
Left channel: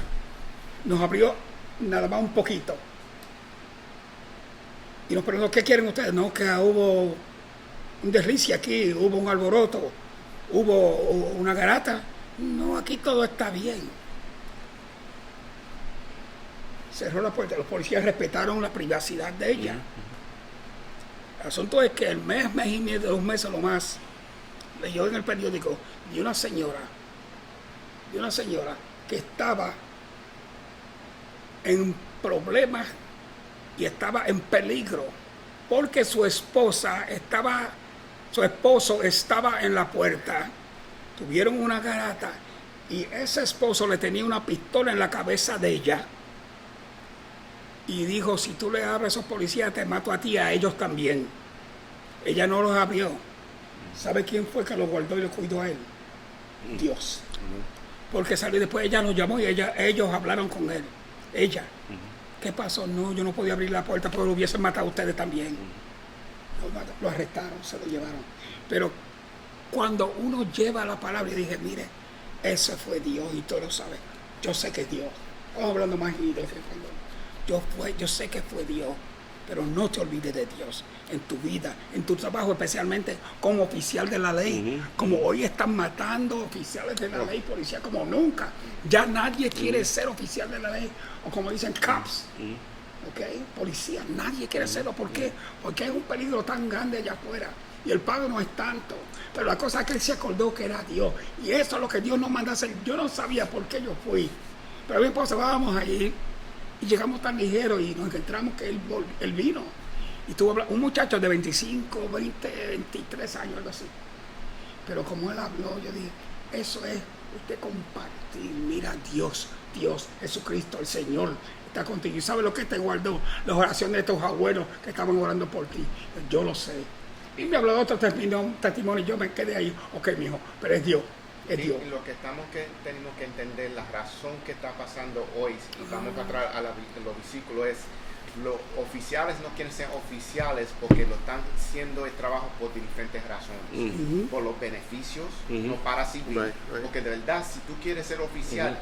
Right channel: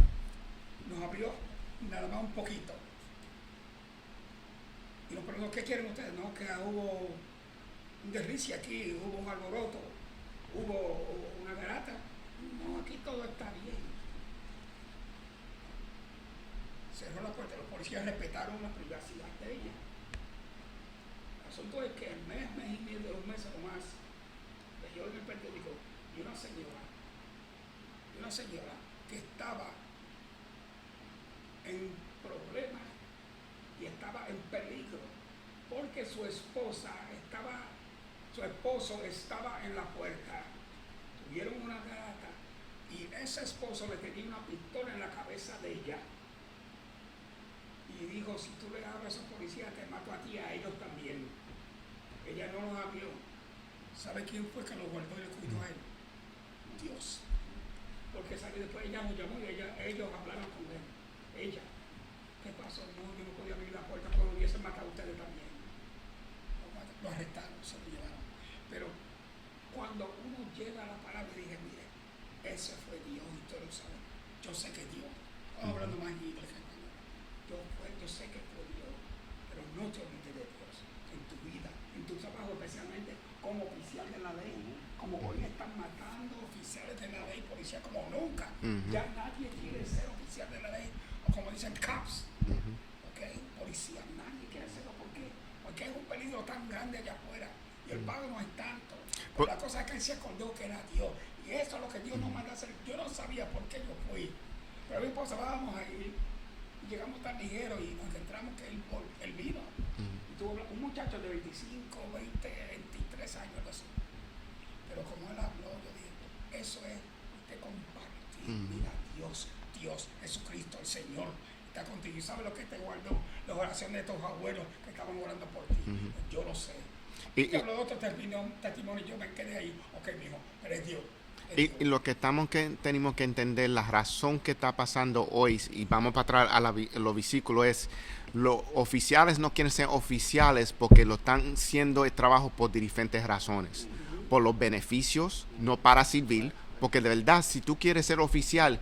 Nos abrió nada más un poquito. Y nos preguntó, ¿qué quieren ustedes? No, que hubo un deslice aquí, hubo un alboroto, hubo una garata. No, aquí todo está bien. Cerró la puerta. Los policías respetaron la privacidad de ella. El asunto es que el mes y medio, 2 meses lo más, leyó en el periódico de una señora que estaba en problemas y estaba en peligro porque su esposo estaba en la puerta. Tuvieron una garata y ese esposo le tenía una pistola en la cabeza de ella y dijo, si tú le abres a esos policías te mato a ti y a ellos también. Ella no los abrió. ¿Sabe quién fue que lo guardó y lo cuidó a él? Dios. Porque salió después, ella nos llamó y ellos hablaron con él. Ella. ¿Qué pasó? No, yo no podía abrir la puerta porque lo hubiesen matado a ustedes también. Lo arrestaron, se lo llevaron. Pero cuando uno lleva la palabra y dije, mire, ese fue Dios y tú lo sabes. Yo sé que es Dios. Estamos hablando más de yo sé que fue Dios, pero no te olvides de Dios en tu vida, en tu trabajo, especialmente como oficial de la ley. Como hoy están matando oficiales de la ley, policía como nunca. Ya nadie quiere ser oficial de la ley, o como dicen, cops. ¿Okay? Policía, nadie quiere serlo. ¿Por qué? Porque es un peligro tan grande allá afuera y el pago no es tanto. Pero la cosa es que él se acordó que era Dios, y eso es lo que Dios nos manda a hacer. Yo no sabía por qué yo fui, pero mi esposa, vamos allí y llegamos tan ligeros y nos encontramos que él vino y tuvo un muchacho de 25, 20, 23 años, algo así. Pero como él habló, yo dije, eso es usted compartir. Mira, Dios, Jesucristo, el Señor está contigo. ¿Y sabe lo que te guardó? Las oraciones de tus abuelos que estaban orando por ti. Yo lo sé. Y me habló de otro testimonio y yo me quedé ahí. Ok, mijo, pero es Dios. Y lo que tenemos que entender, la razón que está pasando hoy, y vamos para atrás a los versículos, es los oficiales no quieren ser oficiales porque lo están haciendo el trabajo por diferentes razones. Por los beneficios, no para servir. Right. Porque de verdad, si tú quieres ser oficial,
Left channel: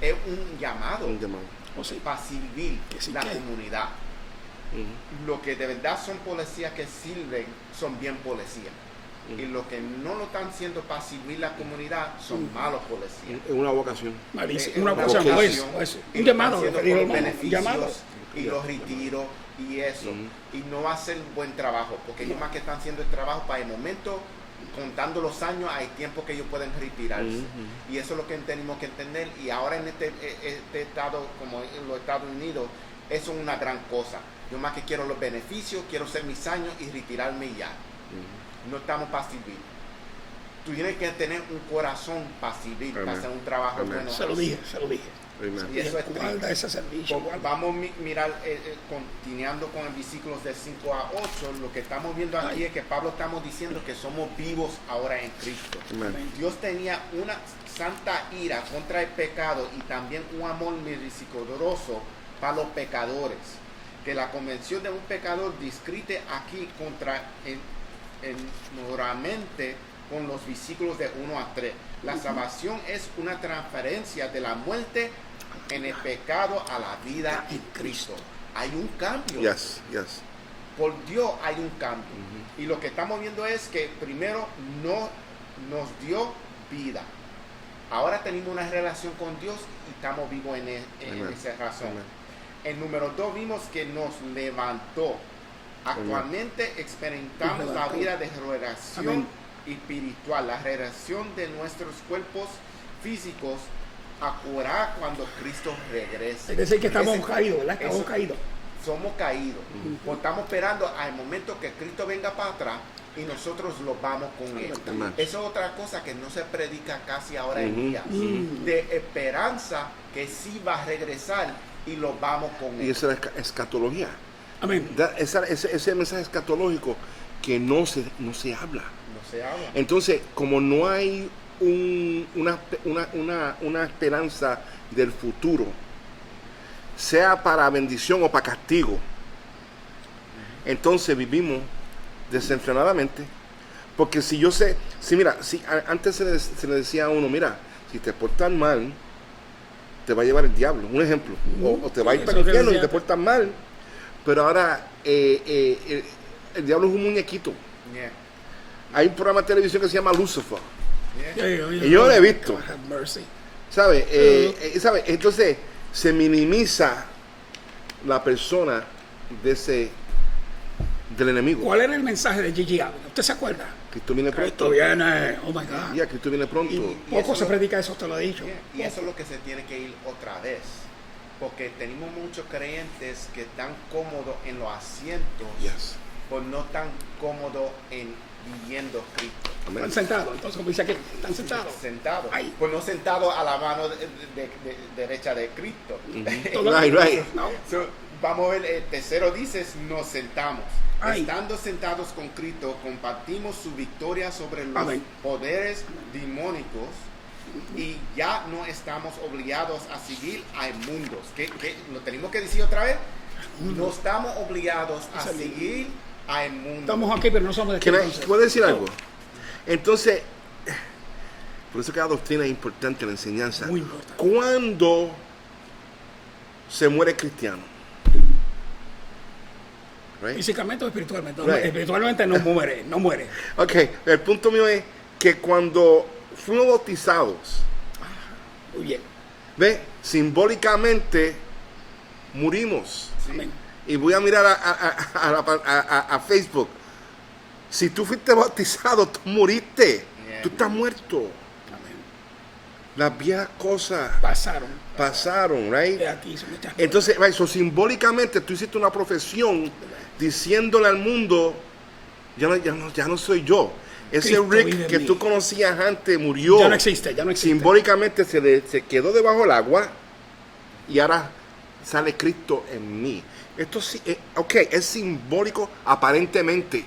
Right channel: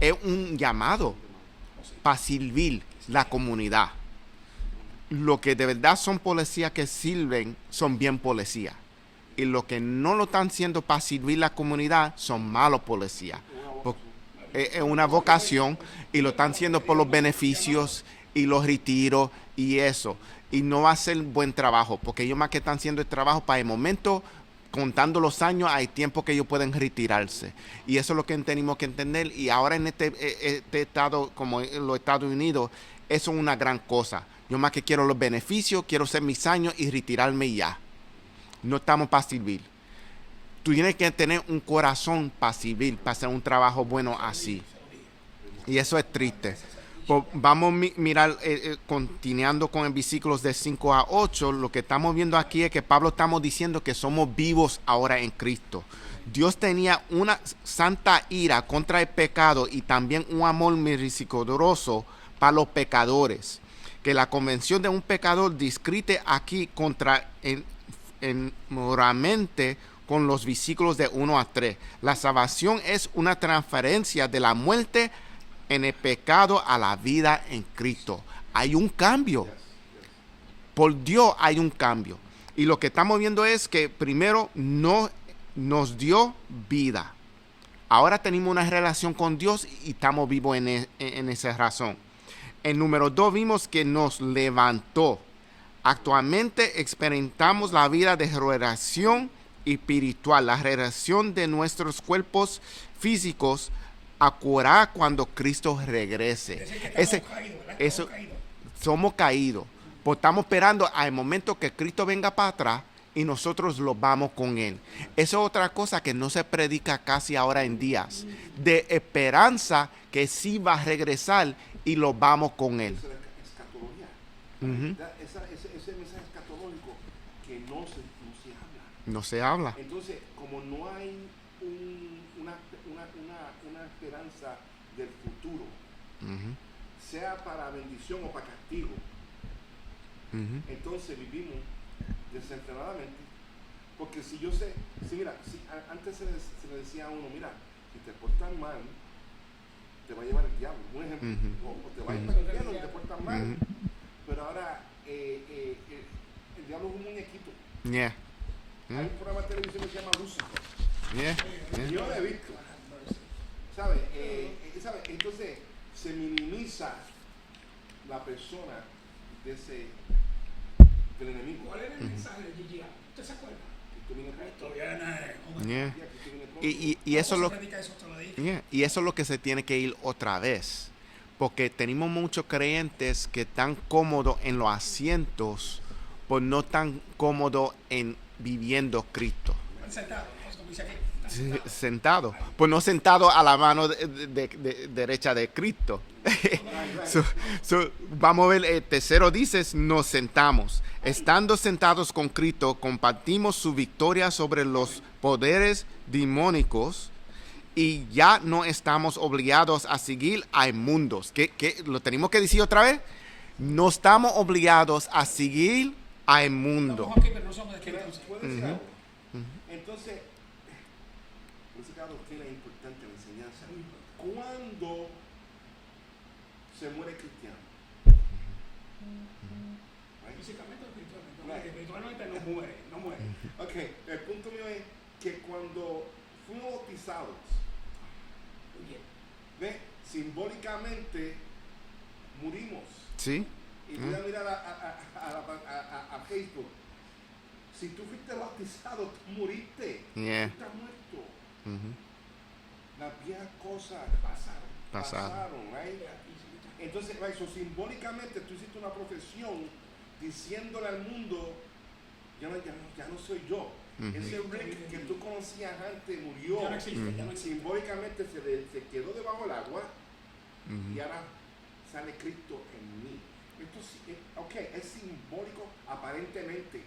es un llamado para servir la comunidad. Lo que de verdad son policías que sirven, son bien policías. Y los que no lo están haciendo para servir la comunidad son malos policías. Es una vocación. Es una vocación. Y lo están haciendo por los beneficios y los retiros y eso. Y no va a ser buen trabajo, porque ellos más que están haciendo el trabajo para el momento, contando los años, hay tiempo que ellos pueden retirarse. Y eso es lo que tenemos que entender. Y ahora en este estado, como en los Estados Unidos, eso es una gran cosa. Yo más que quiero los beneficios, quiero hacer mis años y retirarme ya. No estamos para servir. Tú tienes que tener un corazón para servir, para hacer un trabajo bueno así. Se lo dije. Y eso es triste. Servicio, vamos a mirar, continuando con el versículos de 5 a 8, lo que estamos viendo aquí es que Pablo estamos diciendo que somos vivos ahora en Cristo. Dios tenía una santa ira contra el pecado y también un amor misericordioso para los pecadores. Que la convención de un pecador describe aquí contra moralmente con los versículos de 1 a 3. La salvación es una transferencia de la muerte en el pecado a la vida en Cristo. Hay un cambio. Por Dios hay un cambio. Y lo que estamos viendo es que primero no nos dio vida. Ahora tenemos una relación con Dios y estamos vivos en esa razón. En número 2 vimos que nos levantó. Actualmente experimentamos la vida de regeneración espiritual, la regeneración de nuestros cuerpos físicos a curar cuando Cristo regrese. Es decir, que estamos caídos, ¿verdad? Estamos caídos. Somos caídos. Pues estamos esperando al momento que Cristo venga para atrás y nosotros lo vamos con Él. Eso es otra cosa que no se predica casi ahora en días. De esperanza que sí va a regresar y lo vamos con Él. Y esa es escatología. Amén. Ese mensaje escatológico que no se habla. No se habla. Entonces, como no hay una esperanza del futuro, sea para bendición o para castigo, entonces vivimos desenfrenadamente. Porque si antes se le decía a uno, mira, si te portas mal, te va a llevar el diablo, un ejemplo, o te va a ir para el infierno y te portas mal. Pero ahora el diablo es un muñequito. Hay un programa de televisión que se llama Lucifer. Y yo lo he visto. ¿Sabe? Entonces se minimiza la persona del enemigo. ¿Cuál era el mensaje de Gigi Ávila? ¿Usted se acuerda? Cristo viene pronto. Cristo viene, oh my God. Cristo viene pronto. Y eso se predica, eso te lo he dicho. Y eso es lo que se tiene que ir otra vez. Porque tenemos muchos creyentes que están cómodos en los asientos, pues no tan cómodos en viviendo Cristo. Están sentados, entonces como dice aquí, están sentados. Sentados. Pues no sentados a la mano derecha de Cristo. Vamos a ver, el tercero dice, nos sentamos. Estando sentados con Cristo, compartimos su victoria sobre los poderes demónicos y ya no estamos obligados a seguir a inmundos. ¿Qué lo tenemos que decir otra vez? No estamos obligados a seguir a inmundos. Estamos aquí, pero no somos de aquí. ¿Puedo decir algo? Entonces, por eso que la doctrina es importante, la enseñanza. Muy importante. ¿Cuándo se muere cristiano? Right? Físicamente o espiritualmente. Right. Espiritualmente no muere, no muere. Ok, el punto mío es que cuando fuimos bautizados, Muy bien. ¿ve? Simbólicamente murimos. Sí. Amén. Y voy a mirar a Facebook. Si tú fuiste bautizado, tú moriste. Yeah. Tú estás muerto. Amén. Las viejas cosas pasaron, right? De aquí son muchas Entonces, right, so, simbólicamente tú hiciste una profesión diciéndole al mundo, ya no soy yo. Ese Cristo vive Rick en que mí. tú conocías antes murió. Ya no existe, ya no existe. Simbólicamente se quedó debajo del agua y ahora sale Cristo en mí. Esto sí, ok, es simbólico aparentemente,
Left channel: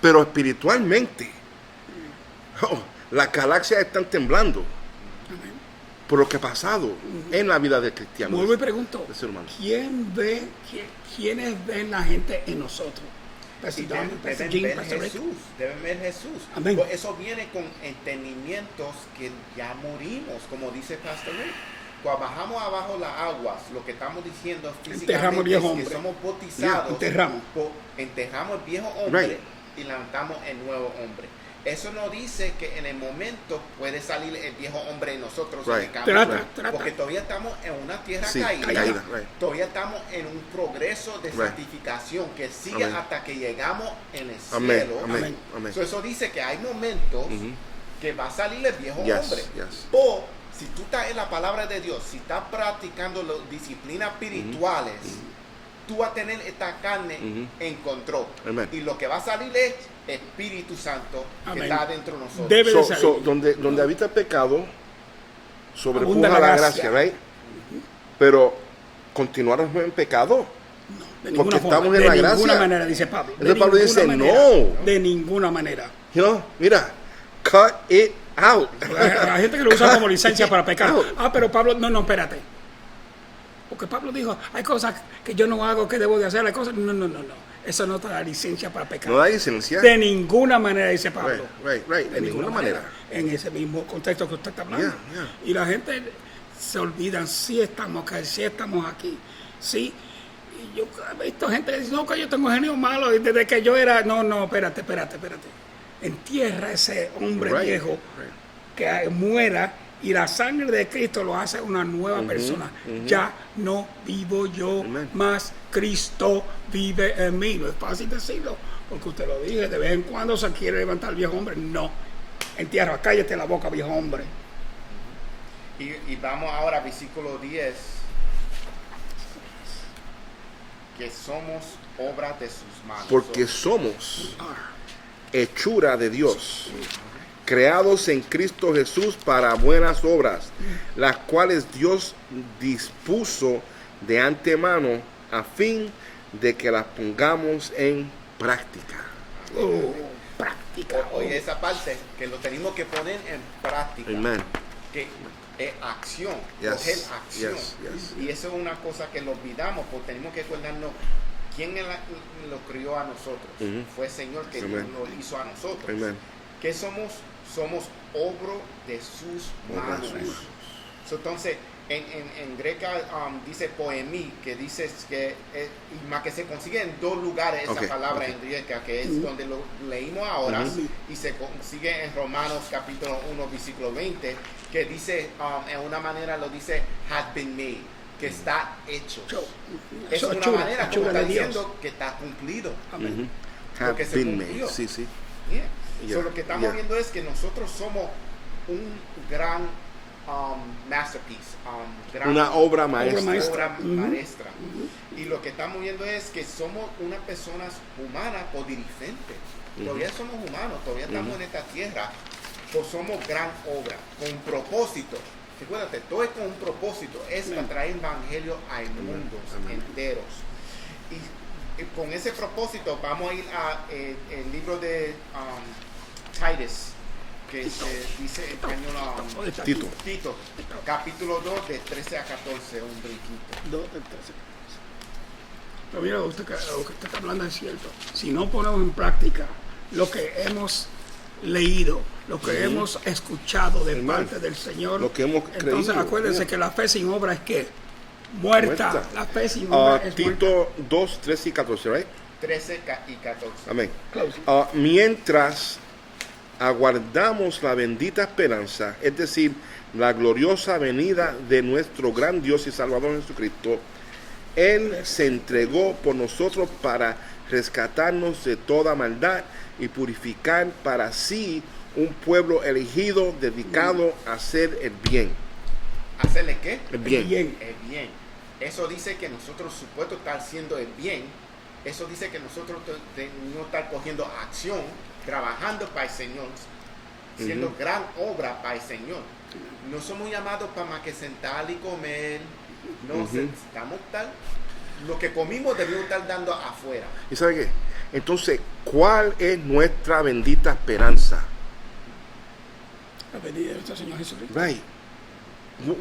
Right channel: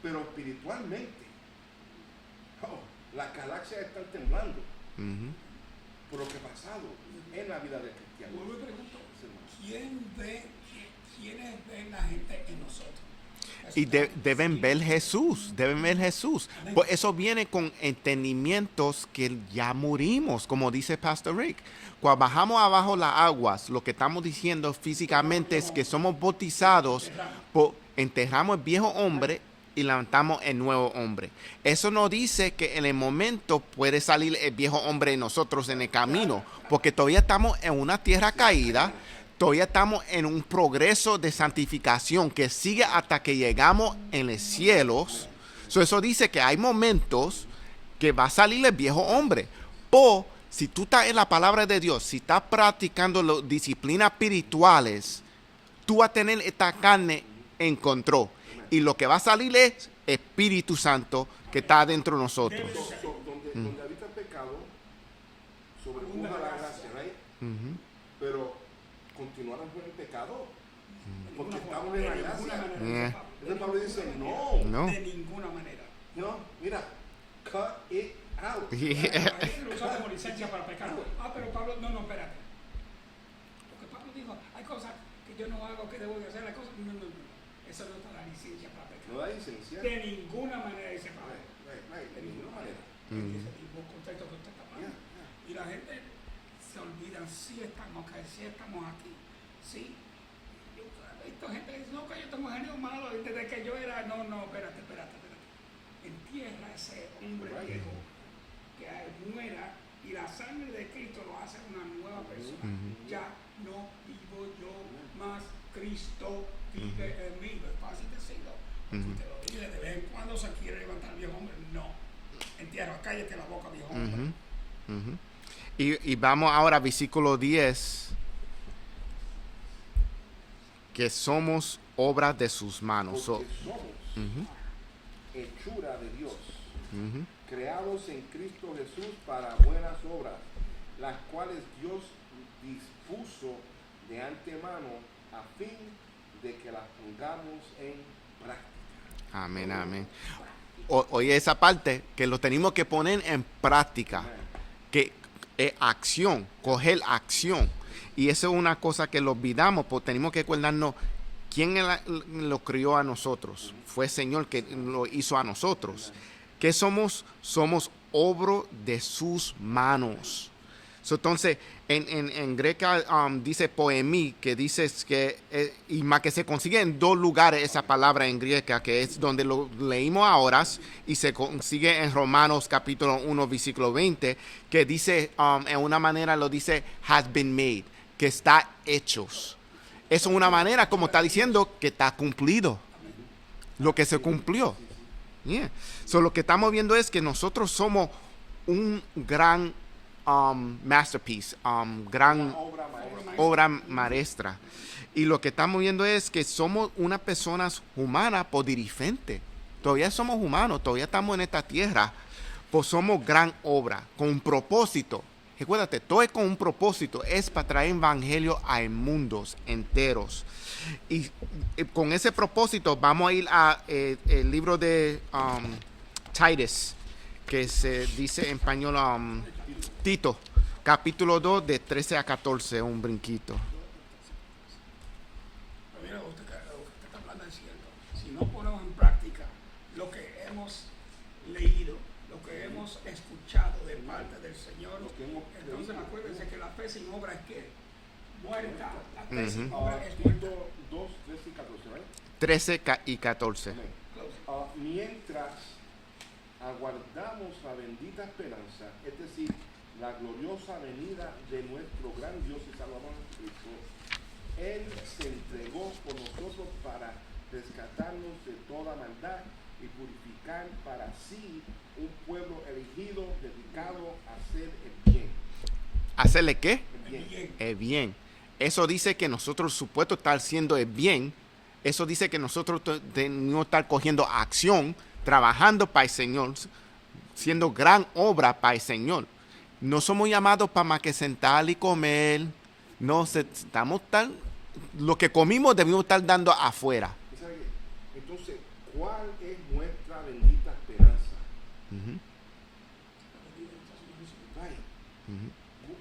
pero espiritualmente, las galaxias están temblando por lo que ha pasado en la vida del cristiano. Vuelvo y pregunto, de ser humano. ¿quiénes ven la gente en nosotros? Y deben ver Pastor Rick. Jesús, deben ver Jesús. Amén. Pues eso viene con entendimientos que ya morimos, como dice Pastor Rick. Cuando bajamos abajo las aguas, lo que estamos diciendo físicamente viejo es que hombre. somos bautizados, enterramos el viejo hombre Right. y levantamos el nuevo hombre. Eso no dice que en el momento puede salir el viejo hombre en nosotros en el Right. camino, Trata. porque todavía estamos en una tierra Sí, caída, caída, right. todavía estamos en un progreso de santificación que sigue Amén. hasta que llegamos en el cielo. Amén. Amén. So, eso dice que hay momentos que va a salir el viejo Yes, hombre. yes. Si tú estás en la palabra de Dios, si estás practicando las disciplinas espirituales, tú vas a tener esta carne en control. Amén. Y lo que va a salir es Espíritu Santo que Amén. está dentro de nosotros. Debe de salir. Donde habita el pecado, Abunda sobrepuja la la gracia. gracia, right? Pero continuamos en pecado. De Porque ninguna forma, estamos en de la ninguna gracia. manera, dice Pablo. De Entonces Pablo ninguna dice, manera. no. De ninguna manera. You know, mira, cut it out. Hay gente que lo usa como licencia para pecar. Pero Pablo, no, espérate. Porque Pablo dijo, hay cosas que yo no hago que debo de hacer, hay cosas. No. Eso no te da licencia para pecar. No hay licencia. De ninguna manera, dice Pablo. Right. De ninguna manera. En ese mismo contexto que usted está hablando. Yeah. Y la gente se olvidan, sí estamos acá, sí estamos aquí. Sí. Y yo he visto gente que dice, no, que yo tengo genio malo. Y desde que yo era, no, espérate. Entierra ese hombre Right, viejo right. que muera y la sangre de Cristo lo hace una nueva persona. Ya no vivo yo, Amen. más Cristo vive en mí. No es fácil decirlo, porque usted lo dije, de vez en cuando se quiere levantar el viejo hombre. No, entierra, cállate la boca, viejo hombre. Y vamos ahora a versículo 10. Que somos obras de sus manos. Porque somos hechura de Dios, creados en Cristo Jesús para buenas obras, las cuales Dios dispuso de antemano a fin de que las pongamos en práctica. Amén. Práctica. Oye, esa parte que lo tenemos que poner en práctica. Amen. Que es acción, Yes, coger acción. yes, yes. Y eso es una cosa que lo olvidamos, porque tenemos que acordarnos quién lo crió a nosotros. Fue el Señor que Amen. lo hizo a nosotros. Amen. ¿Qué somos? Somos obra de sus manos. So, entonces, en greca dice poemí, que dice que, y más que se consigue en dos lugares esa Ok. palabra en griega, que es donde lo leímos ahora, y se consigue en Romanos capítulo 1, versículo 20, que dice, en una manera lo dice, has been made, que está hecho. Es Eso, una hechura, manera, como hechura está de Dios. diciendo, que está cumplido. Amén. Lo que se Have been cumplió. made. Sí, sí. Yeah. So, Yeah, lo que estamos yeah. viendo es que nosotros somos un gran masterpiece, gran Una obra maestra. maestra. obra maestra. Y lo que estamos viendo es que somos unas personas humanas por diferente. Todavía somos humanos, todavía estamos en esta tierra, pues somos gran obra, con un propósito. Recuérdate, todo es con un propósito, es para traer evangelio a mundos enteros. Y con ese propósito vamos a ir a el libro de Titus, que se dice en español Tito. Tito, capítulo 2, de 13 a 14, un brinquito. Pero mira, lo que usted está hablando es cierto. Si no ponemos en práctica lo que hemos leído, lo que hemos escuchado de Hermano, parte del Señor. lo que hemos Entonces creído, acuérdense yeah. que la fe sin obra es que muerta. Muerta. La fe sin obra es muerta. Tito 2, 13 y 14, right? 13 y 14. Amén. Close. Mientras aguardamos la bendita esperanza, es decir, la gloriosa venida de nuestro gran Dios y Salvador Jesucristo, Él se entregó por nosotros para rescatarnos de toda maldad y purificar para sí un pueblo elegido dedicado a hacer el bien. ¿Hacerle qué? El bien. Bien. El bien. Eso dice que nosotros supuesto estar haciendo el bien. Eso dice que nosotros no estar cogiendo acción, trabajando para el Señor, siendo gran obra para el Señor. No somos llamados para más que sentar y comer. No, estamos tal. Lo que comimos debemos estar dando afuera. ¿Y sabe qué? Entonces, ¿cuál es nuestra bendita esperanza? La venida de nuestro Señor Jesucristo. Right.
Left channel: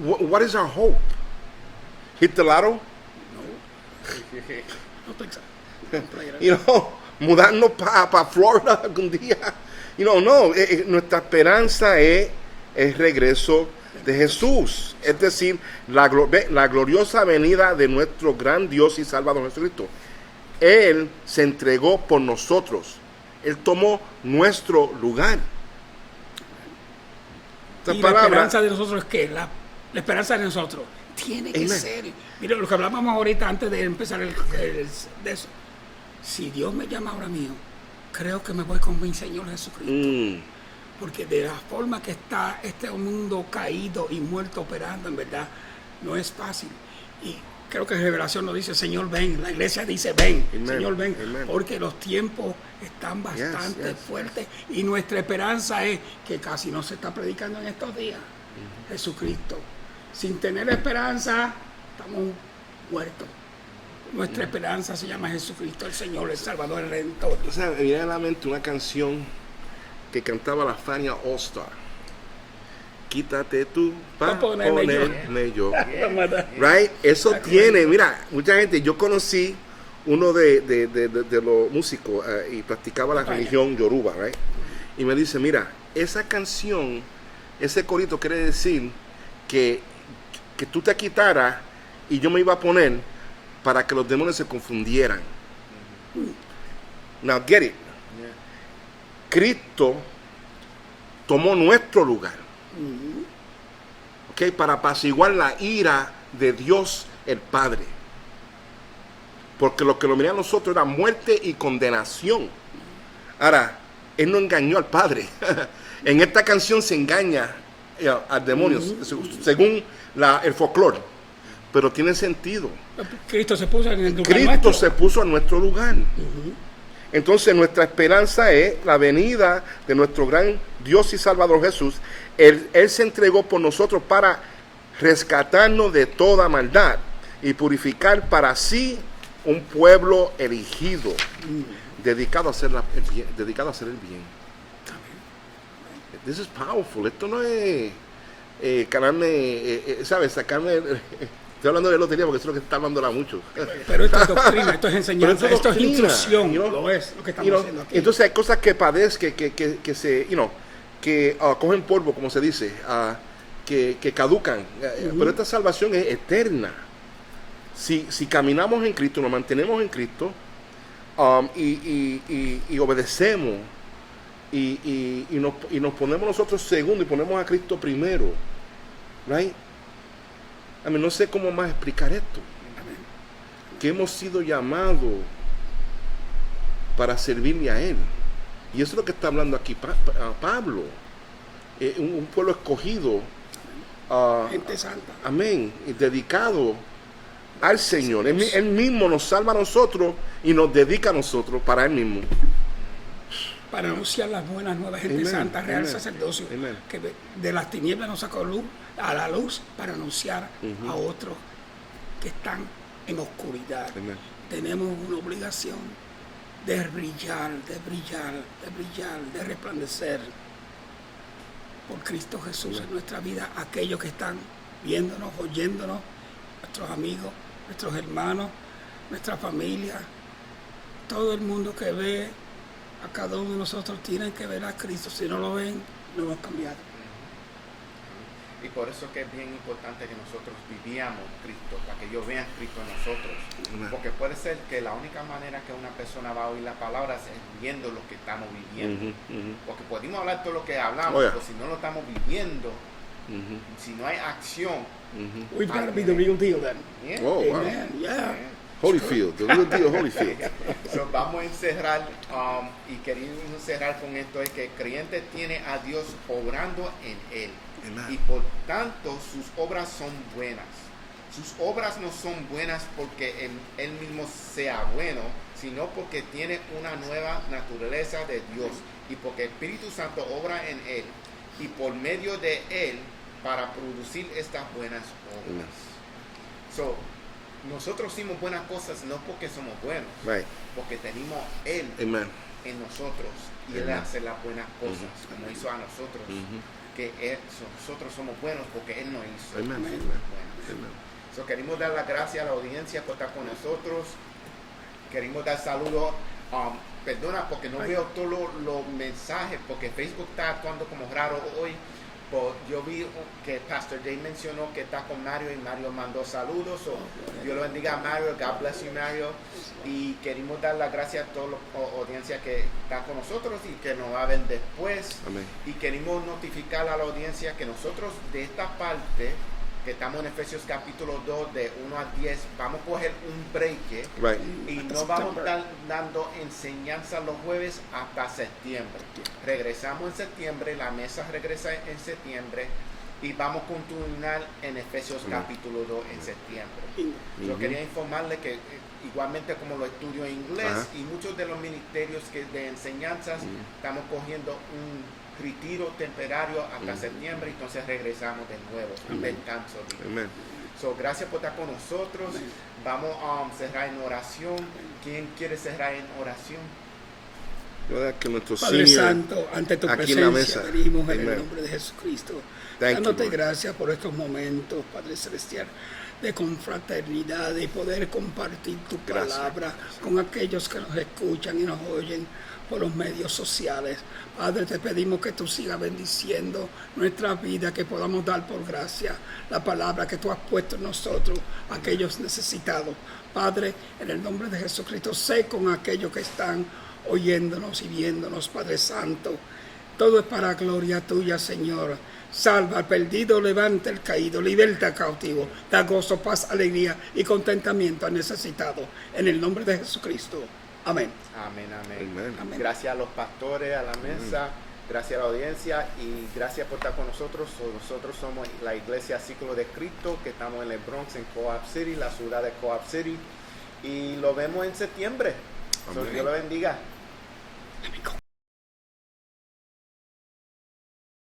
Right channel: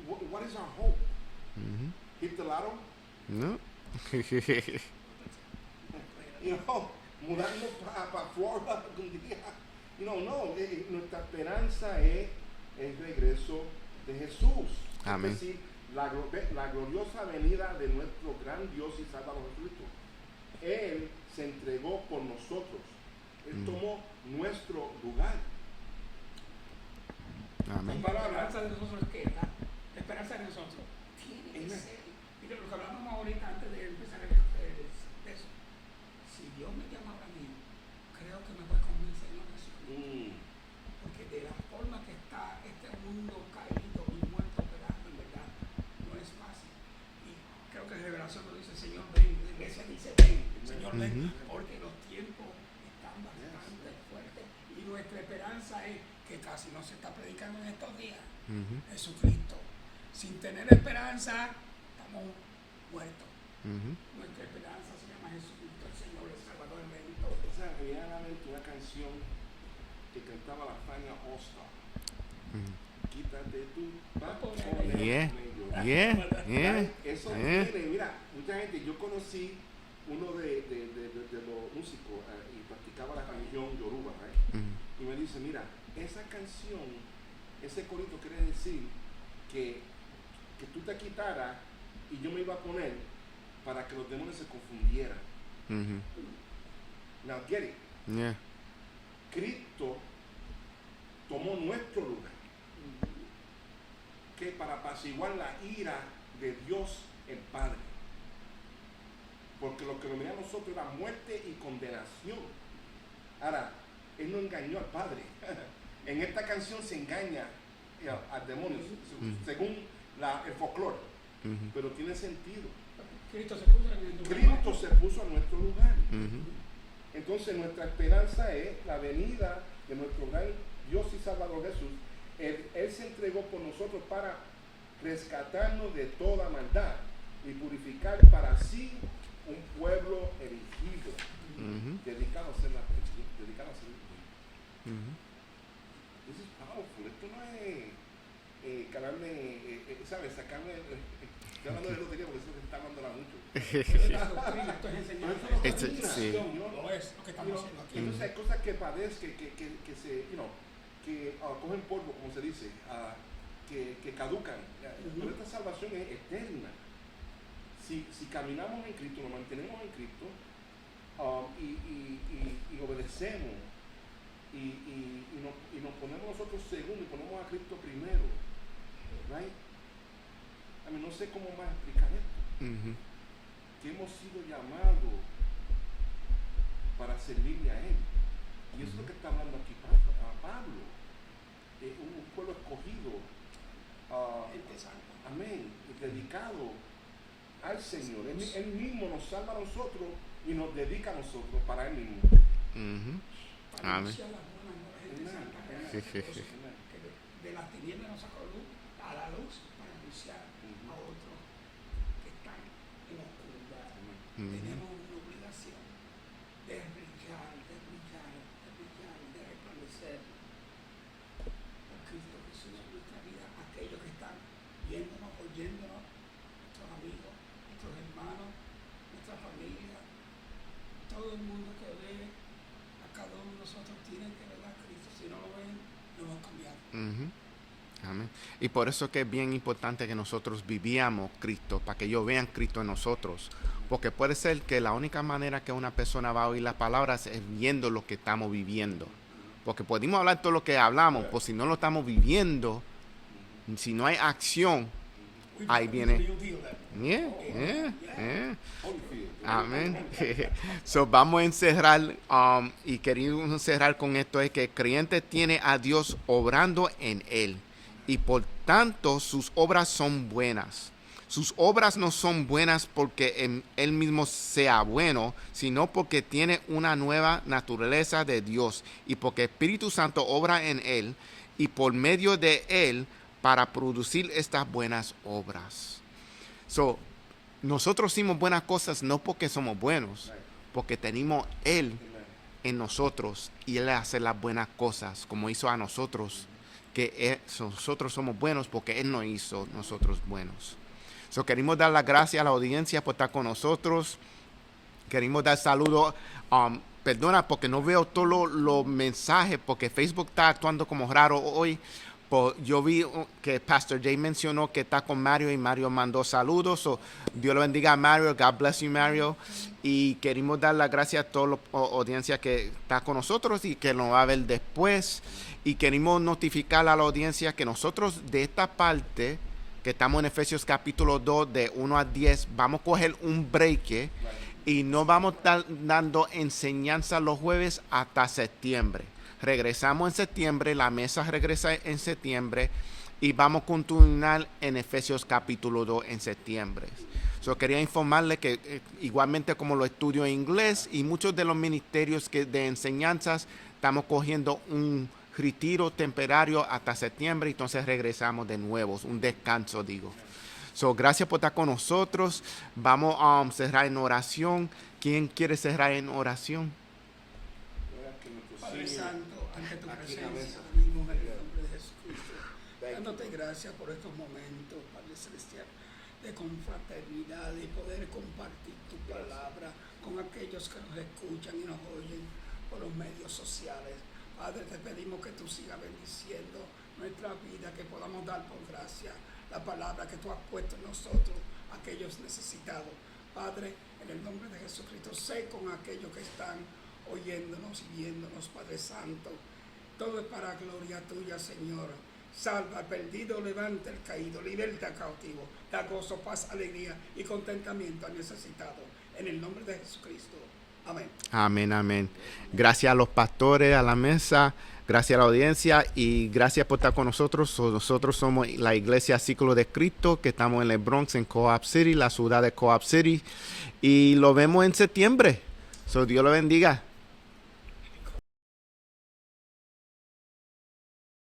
What is our hope? Hit the lotto? No Texas. No playera. You know, mudarnos para Florida algún día. You know, no, nuestra esperanza es el regreso de Jesús. Es decir, la gloriosa venida de nuestro gran Dios y Salvador Jesucristo. Él se entregó por nosotros. Él tomó nuestro lugar. Esta Y la palabra, esperanza de nosotros es que la esperanza de nosotros tiene que Amen. ser. Mira, lo que hablábamos ahorita antes de empezar de eso. Si Dios me llama ahora mío, creo que me voy con mi Señor Jesucristo. Porque de la forma que está este mundo caído y muerto operando, en verdad, no es fácil. Y creo que Revelación nos dice, Señor, ven. La iglesia dice, ven, Amen. Señor, ven. Amen. Porque los tiempos están bastante yes. fuertes. Y nuestra esperanza es que casi no se está predicando en estos días. Jesucristo. Sin tener esperanza, estamos muertos. Nuestra esperanza se llama Jesucristo, el Señor, el Salvador, el Redentor. o sea, me viene a la mente una canción que cantaba la Fania All Star. Quítate tú para ponerme yo. Bien, bien. Right? Eso tiene, mira, mucha gente, yo conocí uno de los músicos y practicaba la religión Yoruba, right? Y me dice, mira, esa canción, ese corito quiere decir que tú te quitaras y yo me iba a poner para que los demonios se confundieran. Now get it. Yeah. Cristo tomó nuestro lugar, ¿ok? Para apaciguar la ira de Dios el Padre, porque lo que lo miraba a nosotros era muerte y condenación. Ahora, Él no engañó al Padre. En esta canción se engaña al demonio, según el folclore, pero tiene sentido. Cristo se puso en el lugar Cristo nuestro. se puso en nuestro lugar. Entonces nuestra esperanza es la venida de nuestro gran Dios y Salvador Jesús. Él se entregó por nosotros para rescatarnos de toda maldad y purificar para sí un pueblo elegido, dedicado a hacer el bien. This is powerful. Esto no es ganarme, ¿sabes? Sacarme. Estoy hablando de lotería porque eso es lo que está hablando mucho. Pero esto es doctrina, esto es enseñanza, Pero esto es doctrina, instrucción. you know, Lo es lo que estamos you know, haciendo aquí. entonces hay cosas que padezcan, que se, que cogen polvo, como se dice, que caducan. Pero esta salvación es eterna. Si caminamos en Cristo, nos mantenemos en Cristo y obedecemos y nos ponemos nosotros segundo y ponemos a Cristo primero, right? No sé cómo más explicar esto. Que hemos sido llamados para servirle a Él. Y eso es lo que está hablando aquí Pablo. Un pueblo escogido. Gente santa. Amén. Y dedicado al Señor. Él mismo nos salva a nosotros y nos dedica a nosotros para Él mismo. Para anunciar las buenas nuevas, gente Amen, santa, real amen, sacerdocio, amen. que de las tinieblas nos sacó a la luz para anunciar a otros que están en oscuridad. Amen. Tenemos una obligación de brillar, de resplandecer por Cristo Jesús en nuestra vida, aquellos que están viéndonos, oyéndonos, nuestros amigos, nuestros hermanos, nuestra familia, todo el mundo que ve a cada uno de nosotros tienen que ver a Cristo. Si no lo ven, no hemos cambiado. Amén. Y por eso que es bien importante que nosotros vivíamos Cristo, para que ellos vean Cristo en nosotros. Amén. Porque puede ser que la única manera que una persona va a oír las palabras es viendo lo que estamos viviendo. Porque podemos hablar todo lo que hablamos, Oh, yeah. pues si no lo estamos viviendo, si no hay acción, We Ahí gotta be the viene. real deal then. bien, Oh, wow. Amen. Yeah. bien. Holyfield, the real deal Holyfield. So, vamos a encerrar y queremos cerrar con esto, es que el creyente tiene a Dios obrando en él. Amen. Y por tanto sus obras son buenas. Sus obras no son buenas porque él mismo sea bueno, sino porque tiene una nueva naturaleza de Dios y porque el Espíritu Santo obra en él y por medio de él para producir estas buenas obras. So, nosotros hicimos buenas cosas no porque somos buenos, Right. porque tenemos él Amen. en nosotros y él hace las buenas cosas como hizo a nosotros, que nosotros somos buenos porque él nos hizo Amen. nosotros buenos. Amen. So, queremos dar las gracias a la audiencia por estar con nosotros. Queremos dar saludos. Perdona porque no veo todos los mensajes porque Facebook está actuando como raro hoy. Yo vi que Pastor Jay mencionó que está con Mario y Mario mandó saludos. So, Dios lo bendiga a Mario. God bless you, Mario. Y queremos dar las gracias a toda la audiencia que está con nosotros y que nos va a ver después. Amén. Y queremos notificar a la audiencia que nosotros de esta parte, que estamos en Efesios capítulo 2, de 1 a 10, vamos a coger un break Right. y no vamos a estar dando enseñanza los jueves hasta septiembre. Regresamos en septiembre, la mesa regresa en septiembre y vamos a continuar en Efesios capítulo 2 en septiembre. Yo quería informarle que igualmente como lo estudio en inglés Ajá. y muchos de los ministerios de enseñanzas estamos cogiendo un retiro temporario hasta septiembre, entonces regresamos de nuevo, un descanso, digo. Amen. So, gracias por estar con nosotros. Vamos a cerrar en oración. ¿Quién quiere cerrar en oración? ¿Verdad? Que nuestro Padre senior Santo, ante tu aquí en la presencia mesa. venimos en el Amen. nombre de Jesucristo. Thank Dándote you, Lord. gracias por estos momentos, Padre Celestial, de confraternidad y poder compartir tu Gracias. palabra con aquellos que nos escuchan y nos oyen por los medios sociales. Padre, te pedimos que tú sigas bendiciendo nuestra vida, que podamos dar por gracia la palabra que tú has puesto en nosotros, aquellos necesitados. Padre, en el nombre de Jesucristo, sé con aquellos que están oyéndonos y viéndonos, Padre Santo. Todo es para gloria tuya, Señor. Salva al perdido, levanta el caído, liberta al cautivo, da gozo, paz, alegría y contentamiento al necesitado. En el nombre de Jesucristo. Amén. Amén, amén. Amén. Gracias a los pastores, a la mesa, gracias a la audiencia y gracias por estar con nosotros. Nosotros somos la Iglesia Círculo de Cristo, que estamos en el Bronx, en Co-op City, la ciudad de Co-op City. Y lo vemos en septiembre. So, Dios lo bendiga.